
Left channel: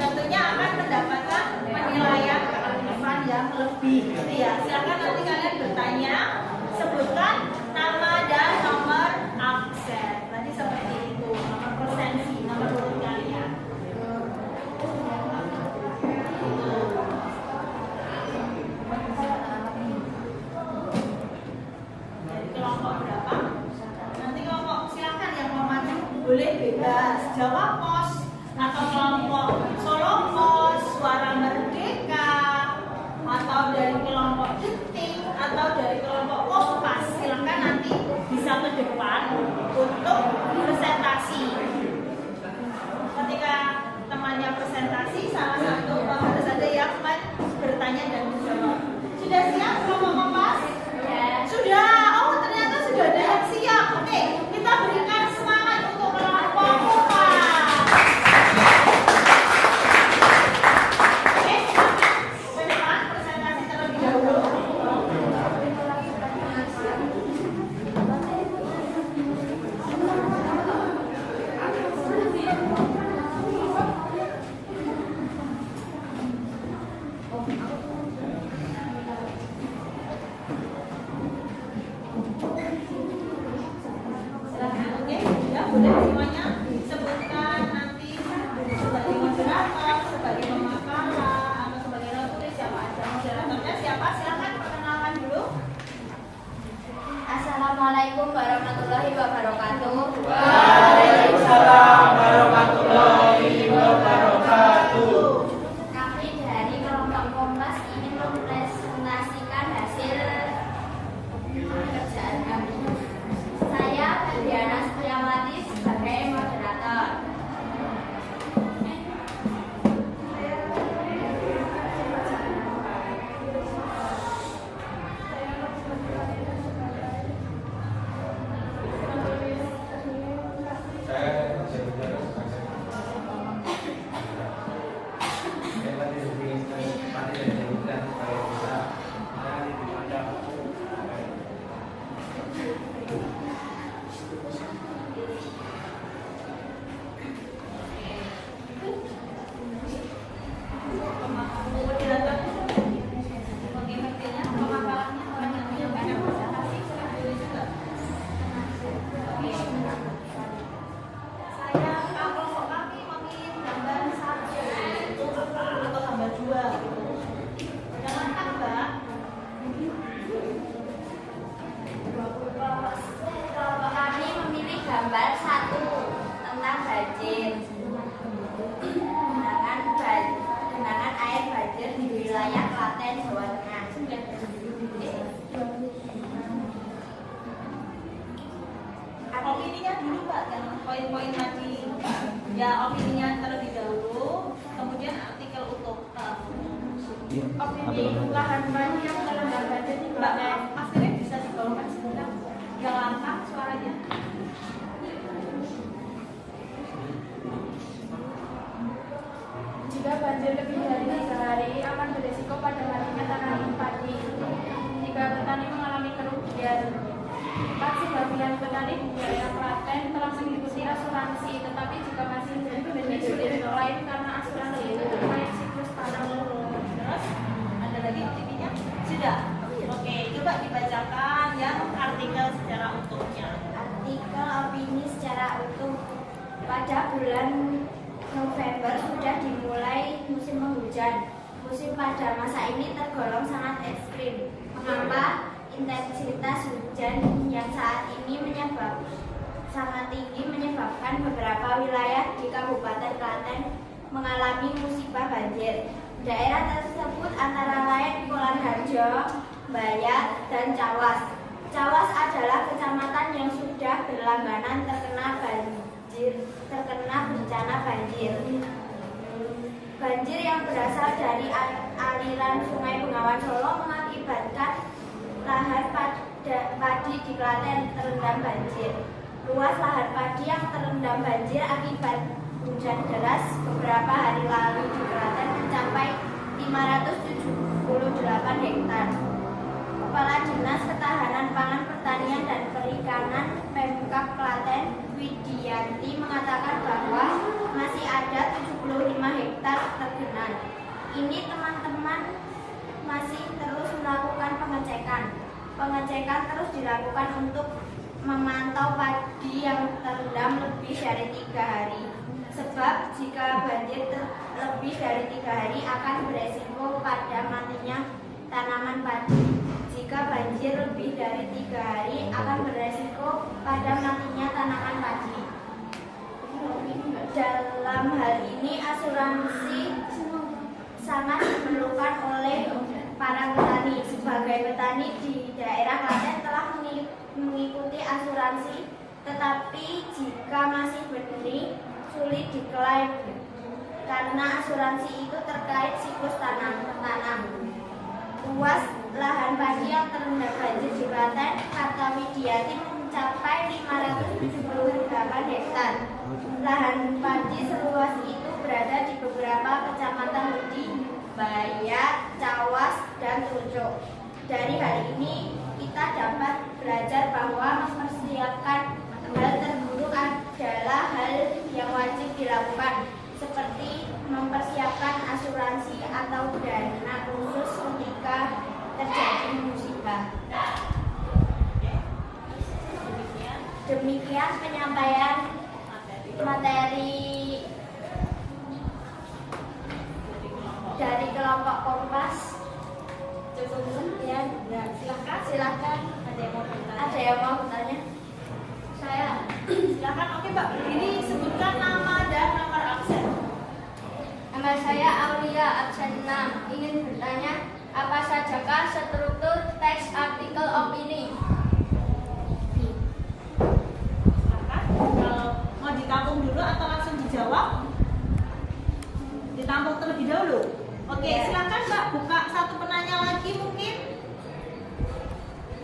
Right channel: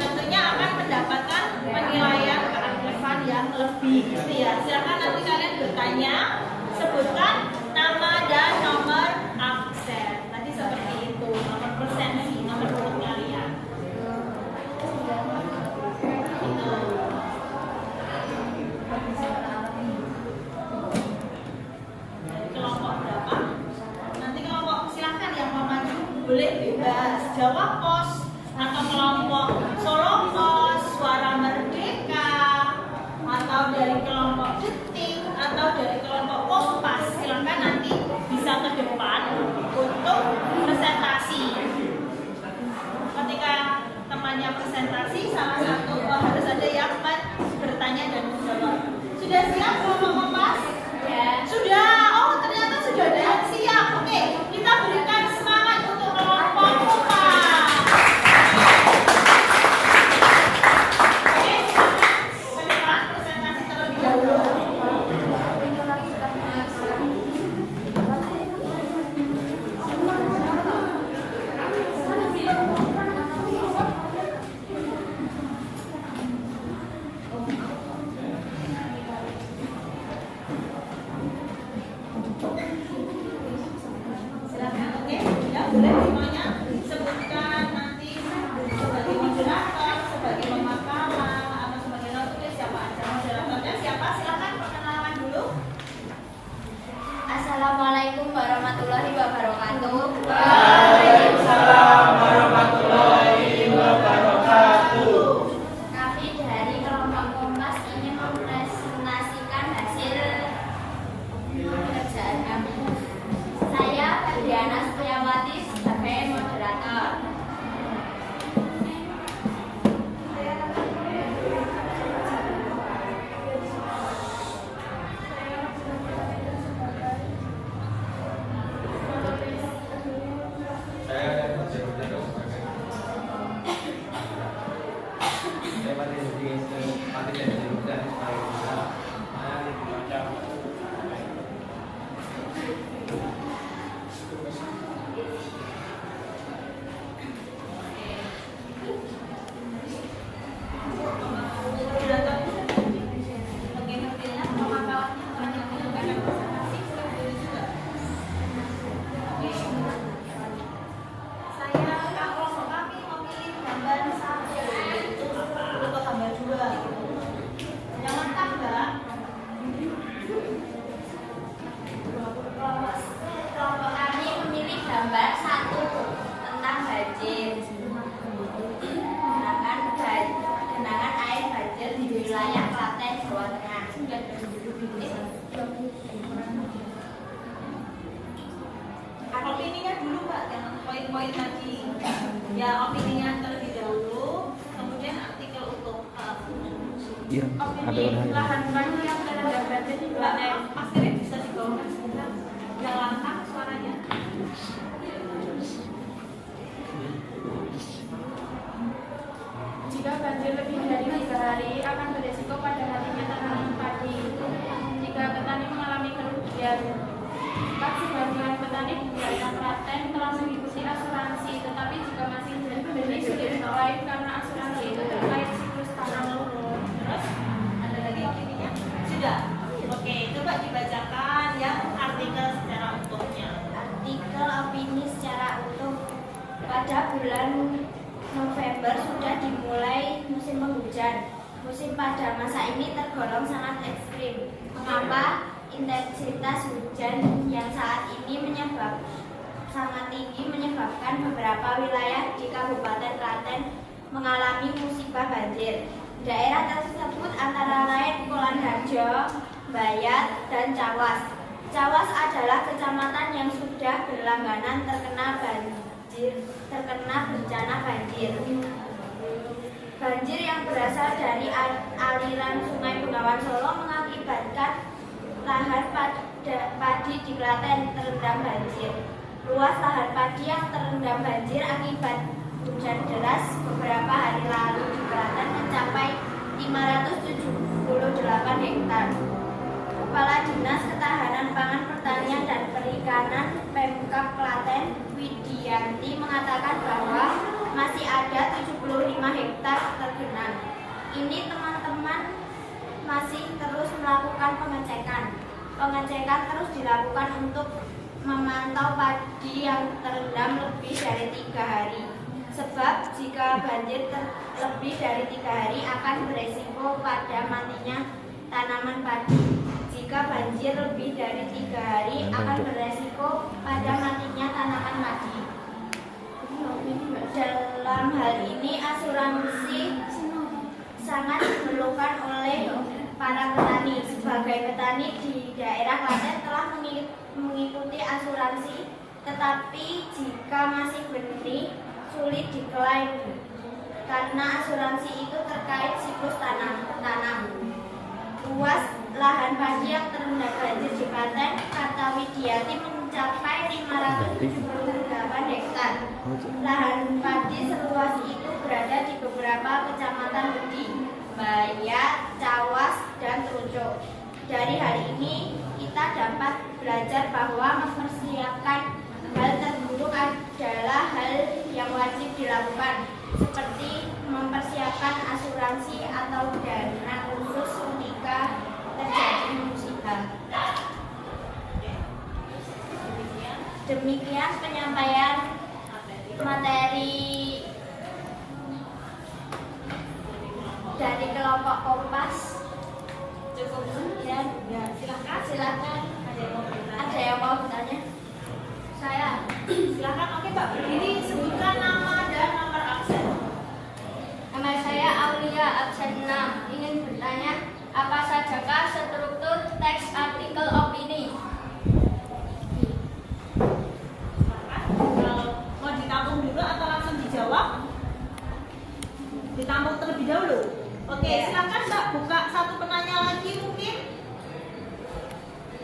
tentunya akan mendapatkan penilaian keaktifan yang lebih. lebih gitu ya. Silakan nanti kalian bertanya, sebutkan nama dan nomor absen. Nanti seperti itu, nomor presensi, nomor urut kalian. Dari kelompok berapa? Nanti kelompok silakan yang mau maju boleh bebas jawab pos atau kelompok Solo Pos, Suara Merdeka, atau dari kelompok Detik, atau dari kelompok Kompas. Silakan nanti bisa ke depan untuk presentasi. Ketika temannya presentasi, salah satu harus ada yang bertanya dan menjawab. Sudah siap kelompok Kompas? Ya. Sudah. Oh, ternyata sudah ada yang siap. Oke, kita berikan semangat untuk kelompok Kompas. Assalamualaikum warahmatullahi wabarakatuh. Waalaikumsalam warahmatullahi wabarakatuh. Kami dari kelompok Kompas ingin mempresentasikan hasil pekerjaan kami. Saya Febriana Suryawati sebagai moderator. Genangan air banjir di wilayah Klaten, Jawa Tengah. Opininya dulu Pak, yang poin-poin tadi. Ya, opininya terlebih dahulu, kemudian artikel untuk Opini lahan banjir yang terendam banjir di Klaten. akhirnya bisa dibawakan sebentar. Yang lantang suaranya. Jika banjir lebih dari 3 hari akan beresiko pada matinya tanaman padi. Jika petani mengalami kerugian, 4 sebagian petani di wilayah Klaten telah mengikuti asuransi, tetapi jika masih benih sulit diklaim karena asuransi itu terkait siklus tanam. Terus ada lagi opininya? Sudah. Oke, coba dibacakan yang artikel secara utuhnya. Artikel opini secara utuh. Pada bulan November sudah dimulai musim penghujan. Musim pada masa ini tergolong sangat ekstrim. Mengapa? Intensitas hujan yang saat ini sangat tinggi menyebabkan beberapa wilayah di Kabupaten Klaten mengalami musibah banjir. Daerah tersebut antara lain Kulon Harjo, Bayat, dan Cawas. Cawas adalah kecamatan yang sudah berlangganan terkena bencana banjir. Banjir yang berasal dari aliran Sungai Bengawan Solo mengakibatkan lahan padi di Klaten terendam banjir. Luas lahan padi yang terendam banjir akibat hujan deras beberapa hari lalu di Klaten mencapai 578 hektar. Kepala Dinas Ketahanan Pangan, Pertanian dan Perikanan Pemkab Klaten, Widianti, mengatakan bahwa masih ada 75 hektar tergenang. Ini teman-teman masih terus melakukan pengecekan. Pengecekan terus dilakukan untuk memantau padi yang terendam lebih dari 3 hari. Sebab jika banjir lebih dari 3 hari akan beresiko pada matinya tanaman padi. Jika banjir lebih dari 3 hari akan beresiko pada matinya tanaman padi. Dalam hal ini asuransi sangat diperlukan oleh para petani. Sebagai petani di daerah Klaten telah mengikuti asuransi, tetapi jika masih benih sulit diklaim karena asuransi itu terkait siklus tanam. Luas lahan padi yang terendam banjir di Klaten kata Widiati mencapai 578 hektar. Lahan padi seluas itu berada di beberapa kecamatan di Bayat, Cawas, dan Trucuk. Dari hal ini kita dapat belajar bahwa mempersiapkan hal terburuk adalah hal yang wajib dilakukan, seperti mempersiapkan asuransi atau dana khusus ketika terjadi musibah. Demikian penyampaian materi dari kelompok Kompas. Cukup sekian. Silakan. Ada yang mau bertanya? Saya. Silakan. Oke Mbak, ini sebutkan nama dan nomor absen. Nama saya Aulia, absen 6. Ingin bertanya, apa sajakah struktur teks artikel opini? Mau ditampung dulu atau langsung dijawab? Ditampung terlebih dahulu. Oke, silakan Mbak buka satu penanya lagi mungkin.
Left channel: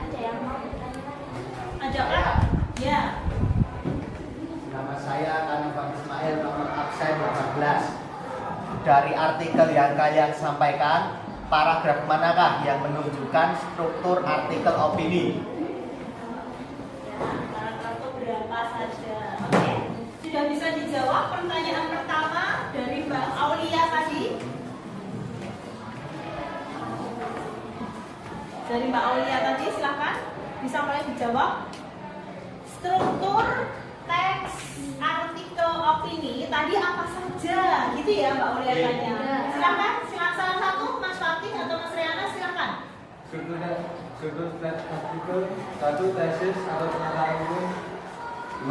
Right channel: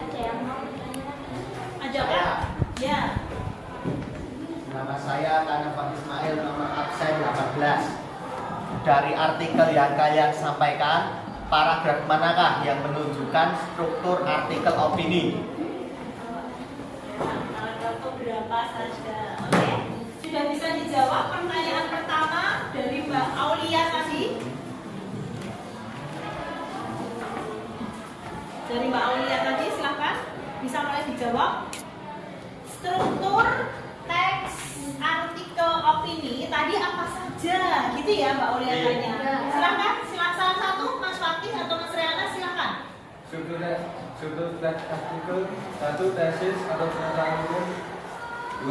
Ada yang mau bertanya lagi? Ada Pak? Ya. Nama saya Kanafan Ismail, nomor absen 18. Dari artikel yang kalian sampaikan, paragraf manakah yang menunjukkan struktur artikel opini? Paragraf berapa saja? Oke. Sudah bisa dijawab pertanyaan pertama dari Mbak Aulia tadi? Dari Mbak Aulia tadi, silakan bisa mulai dijawab. Struktur teks artikel opini tadi apa saja, gitu ya Mbak Aulia tanya. Silakan, salah satu Mas Fatih atau Mas Riana silakan. Struktur teks artikel 1 tesis atau pernyataan umum,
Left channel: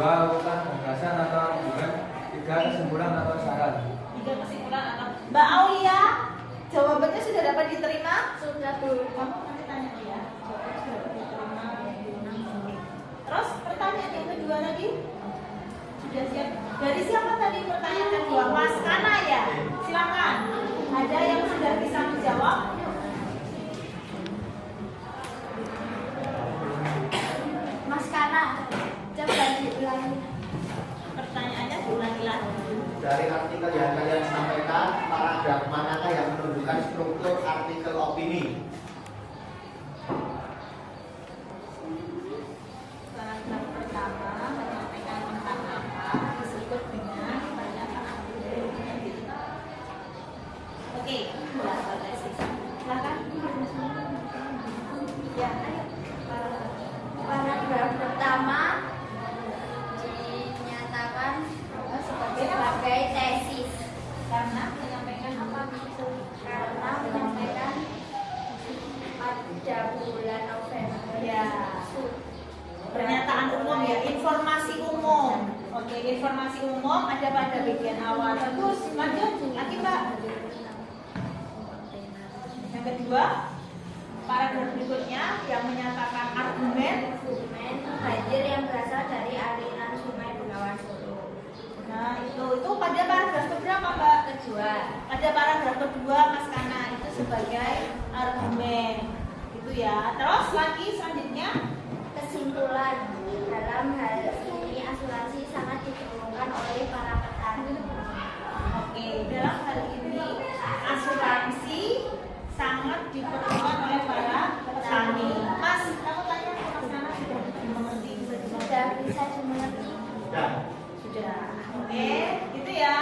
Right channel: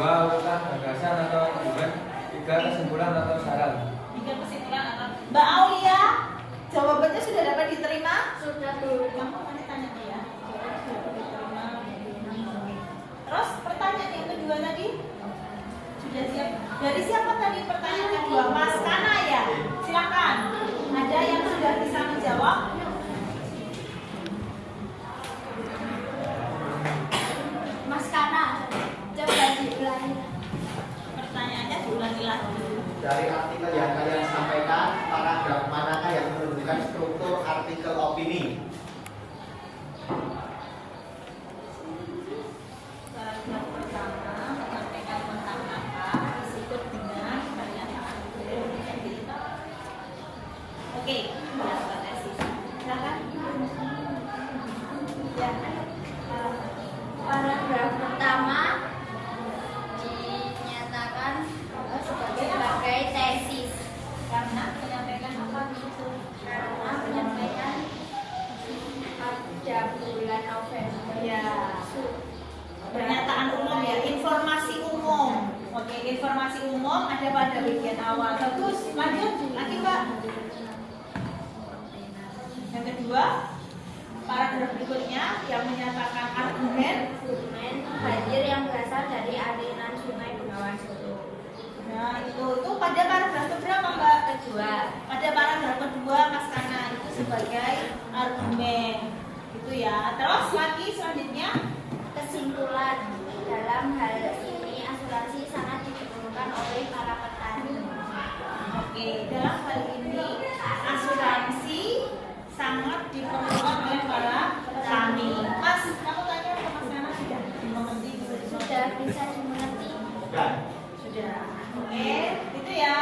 2 urutan gagasan atau argumen, 3 kesimpulan atau saran. 3 kesimpulan atau Mbak Aulia, jawabannya sudah dapat diterima? Sudah dulu. Kamu nanti tanya ya. Jawabannya sudah dapat diterima. Terus pertanyaan yang kedua tadi sudah siap. Dari siapa tadi pertanyaan kedua? Mas Kana ya. Silakan. Ada yang sudah bisa menjawab? Mas Kana, coba diulangi. Pertanyaannya diulangi lagi. Dari artikel yang kalian sampaikan, paragraf manakah yang menunjukkan struktur artikel opini? Paragraf pertama menyampaikan tentang apa disebut dengan Oke, silakan. Ya. Paragraf pertama dinyatakan sebagai tesis Karena menyampaikan apa itu? karena menyampaikan pada bulan November. Ya. Pernyataan umum ya, informasi umum. Oke, informasi umum ada pada bagian awal. Bagus, lanjut lagi Mbak. Yang kedua, paragraf berikutnya yang menyatakan argumen Banjir yang berasal dari aliran Sungai Bengawan Solo. Nah itu pada paragraf keberapa Mbak? Kedua. Pada paragraf kedua Mas Kana itu sebagai argumen itu ya. Terus lagi selanjutnya Kesimpulan, dalam hal ini asuransi sangat diperlukan oleh para petani. Oke, dalam hal ini asuransi sangat diperlukan oleh para petani. Mas, kamu tanya ke Mas Kana sudah dimengerti? Sudah bisa dimengerti? Sudah. Oke, itu ya.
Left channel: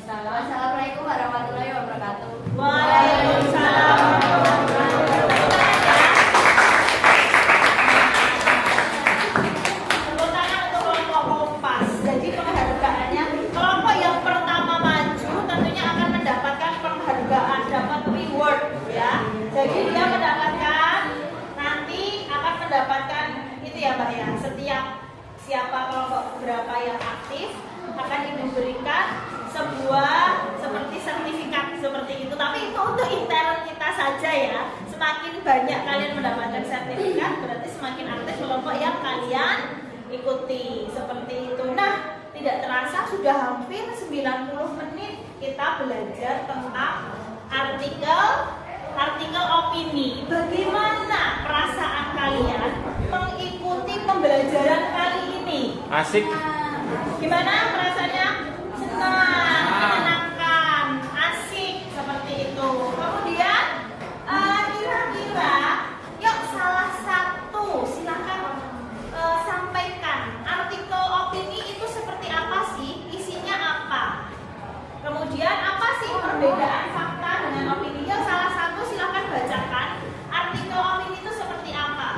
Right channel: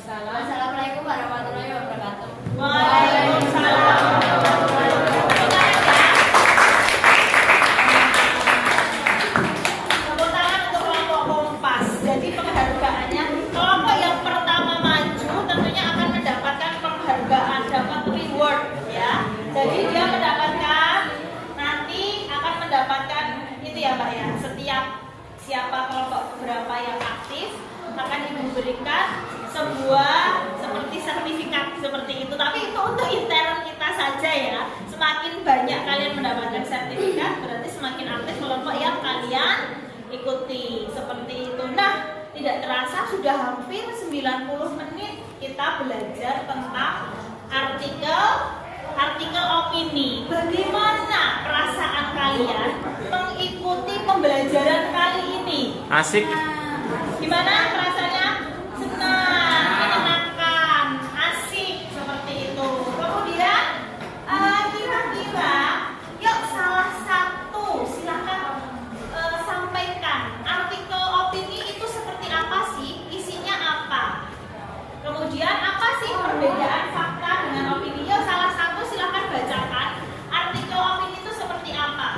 Waalaikumsalam. Assalamualaikum warahmatullahi wabarakatuh. Waalaikumsalam. Tepuk tangan untuk kelompok Kompas. Jadi penghargaannya kelompok yang pertama maju tentunya akan mendapatkan penghargaan, dapat reward ya. Jadi dia mendapatkan nanti akan mendapatkan itu ya Mbak ya. Setiap siapa kelompok berapa yang aktif akan Ibu berikan sebuah seperti sertifikat seperti itu. Tapi itu untuk intern kita saja ya. Semakin banyak kalian mendapatkan sertifikat berarti semakin aktif kelompok yang kalian ikuti seperti itu. Nah, tidak terasa sudah hampir 90 menit kita belajar tentang artikel opini. Bagaimana perasaan kalian mengikuti pembelajaran kali ini? Asik. Gimana perasaannya? Senang, menyenangkan, asik seperti itu. Kemudian kira-kira, yuk salah satu silakan sampaikan artikel opini itu seperti apa sih? Isinya apa? Kemudian apa sih perbedaan fakta dengan opini? Yuk salah satu silakan bacakan artikel opini itu seperti apa?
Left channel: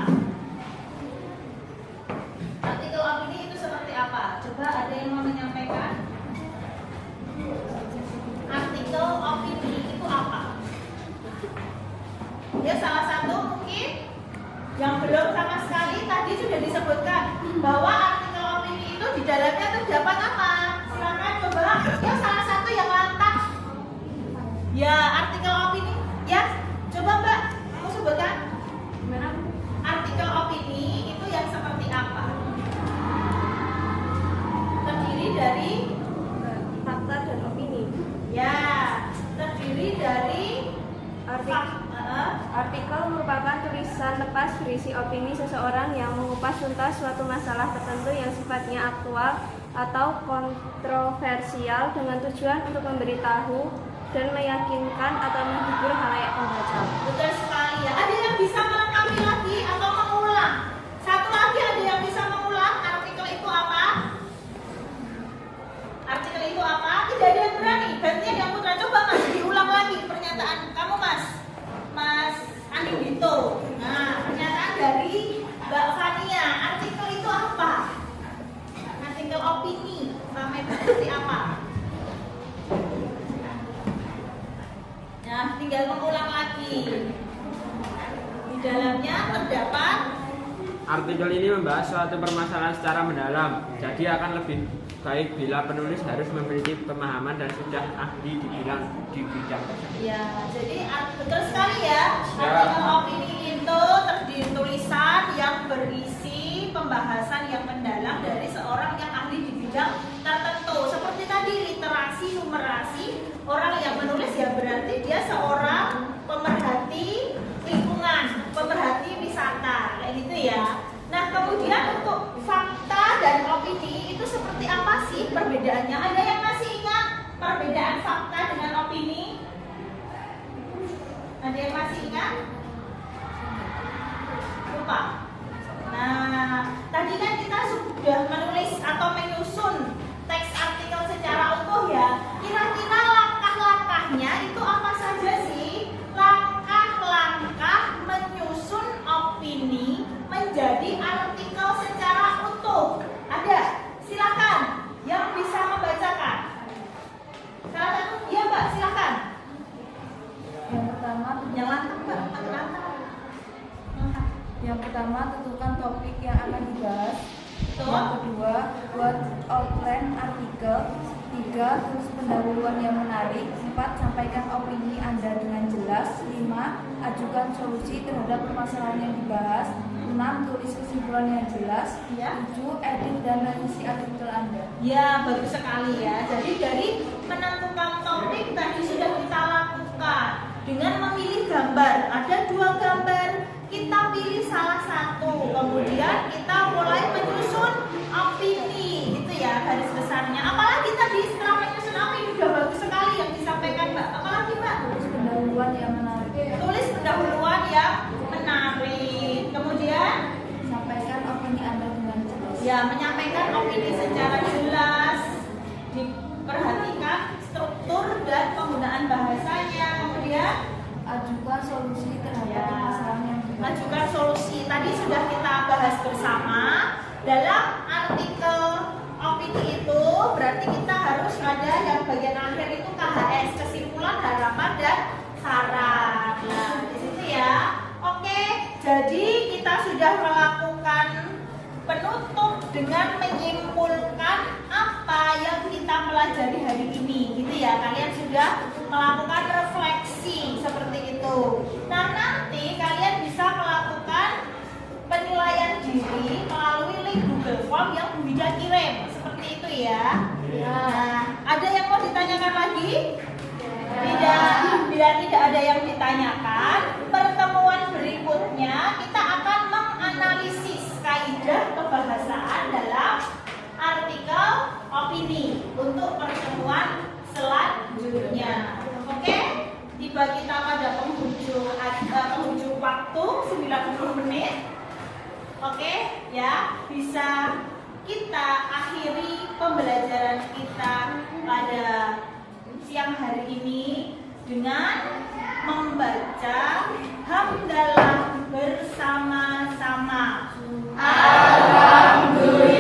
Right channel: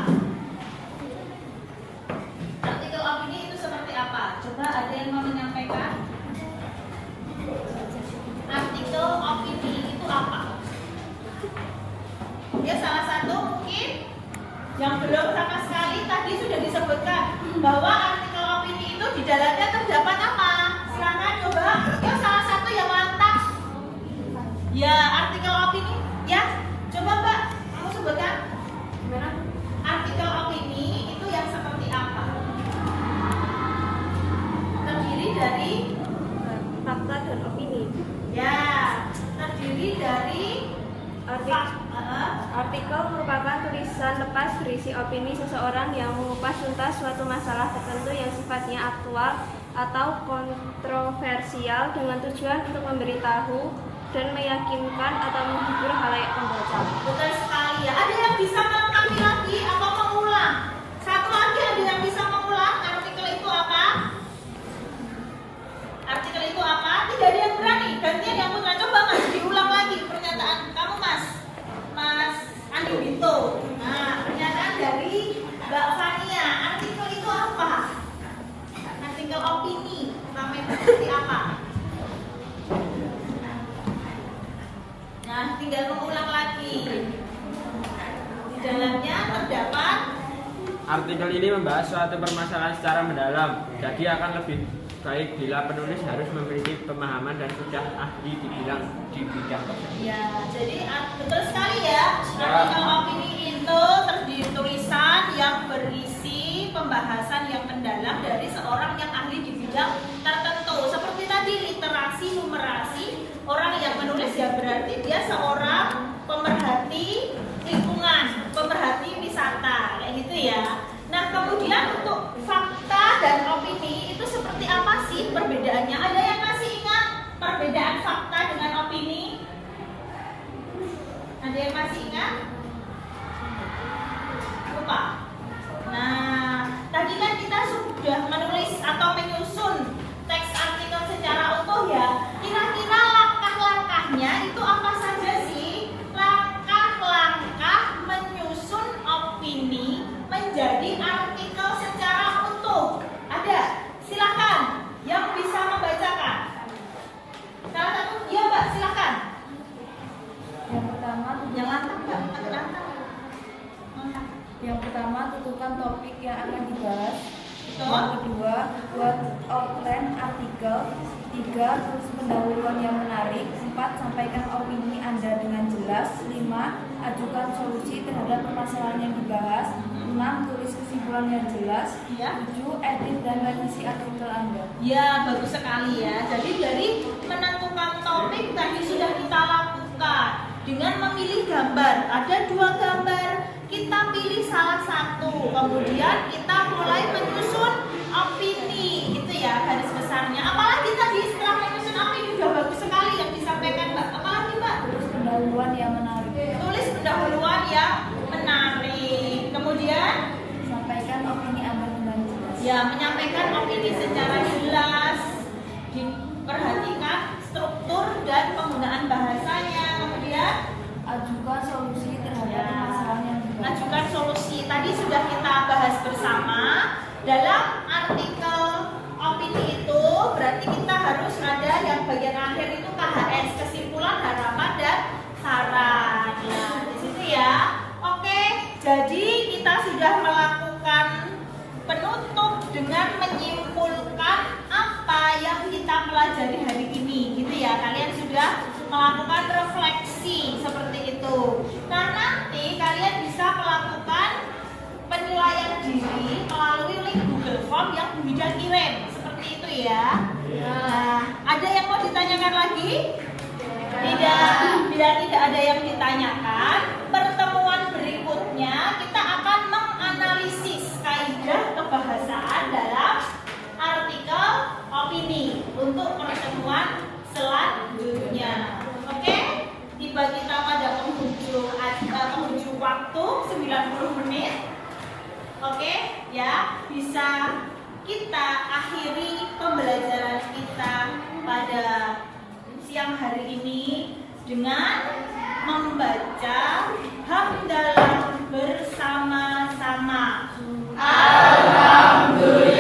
Artikel opini itu seperti apa? Coba ada yang mau menyampaikan? Artikel opini itu apa? Ya salah satu mungkin yang belum sama sekali tadi sudah disebutkan bahwa artikel opini itu di dalamnya terdapat apa? Silakan coba. Ya salah satu yang lantas. Ya artikel opini. Ya coba Mbak, kamu sebutkan. Gimana? Artikel opini itu yang seperti apa? Terdiri dari Fakta dan opini. ya, terdiri dari Artikel merupakan tulisan lepas berisi opini seseorang yang mengupas tuntas suatu masalah tertentu yang sifatnya aktual atau kontroversial dengan tujuan untuk memberitahu dan meyakinkan atau menghibur halayak pembaca. Bukan sekali ya. Ada yang bisa melengkapi lagi atau mengulang? Satu lagi ada yang bisa mengulang artikel itu apa? Artikel itu apa? Tidak ada yang berani. Gantian yang Putra, coba Mas diulang lagi pernyataan kamu Mas Andi Binto. Nah, pernyataan dari Mbak Fania. Artikel itu apa? Artikel opini sampai seperti apa? Nah, tinggal mengulang lagi. Di dalamnya terdapat Artikel ini membahas suatu permasalahan secara mendalam, jadi akan lebih baik bila penulis harus memiliki pemahaman dan sudah ahli di bidang tersebut. ya, jadi betul sekali ya. Artikel opini itu terdiri tulisan yang berisi pembahasan yang mendalam dari seorang yang ahli di bidang tertentu. Seperti tadi literasi, numerasi, orang yang menulis ya berarti dia seorang pemerhati lingkungan, pemerhati wisata, kayak gitu ya. Nah, kemudian untuk fakta dan opini itu seperti apa sih perbedaannya? Ada yang masih ingat perbedaan fakta dengan opini? Ada yang masih ingat? Lupa. Nah, tadi kan kita sudah menulis atau menyusun teks artikel secara utuh ya. Kira-kira langkah-langkahnya itu apa saja sih? Langkah-langkah menyusun opini menjadi artikel secara utuh. Ada? Silakan yang bisa membacakan. Salah satu, iya Mbak, silakan. Yang pertama, Yang lantang Mbak, lantang. Yang pertama, tentukan topik yang akan dibahas. Betul. Yang kedua, buat outline artikel. 3. Tulis pendahuluan yang menarik. 4. Sampaikan opini Anda dengan jelas. 5. Ajukan solusi terhadap permasalahan yang dibahas. 6. Tulis kesimpulan yang jelas. Ya. 7. Edit dan revisi artikel Anda. Ya, bagus sekali ya. Jadi dari menentukan topik tadi sudah kita lakukan dengan memilih gambar. Ada 2 gambar, kita pilih salah satu. Kemudian kita mulai menyusun opini, gitu ya garis besarnya. Apalagi tadi setelah menyusun opini sudah bagus sekali yang disampaikan Mbak. Apalagi Mbak? Tulis pendahuluan yang menarik. Tulis pendahuluan yang menarik. Kemudian Sampaikan opini Anda dengan jelas. ya menyampaikan opini secara jelas. Diperhatikan struktur dan penggunaan bahasanya. Kemudian ajukan solusi terhadap permasalahan yang dibahas. Ajukan solusi. Tadi sudah kita bahas bersama. Dalam artikel opini itu berarti kita harus ada yang bagian akhir itu KHS, kesimpulan, harapan, dan saran. Nah, di situ ya. Oke, jadi kita sudah melakukan penutup dengan menyimpulkan apa yang kita pelajari hari ini, gitu ya. Kalian sudah melakukan refleksi seperti itu. Nah, nanti kalian bisa melakukan penilaian diri melalui link Google Form yang Bu Hida kirim, seperti itu ya. Nah, ada yang mau ditanyakan lagi? Tidak, bila tidak ada yang ditanyakan, pertemuan berikutnya kita akan menganalisis kaidah kebahasaan dalam artikel opini untuk pertemuan selanjutnya. Oke, tiba kita pada penghujung waktu 90 menit. Oke, ya, bisa kita akhiri pembelajaran kita pada siang hari ini dengan membaca hamdalah bersama-sama. Alhamdulillah.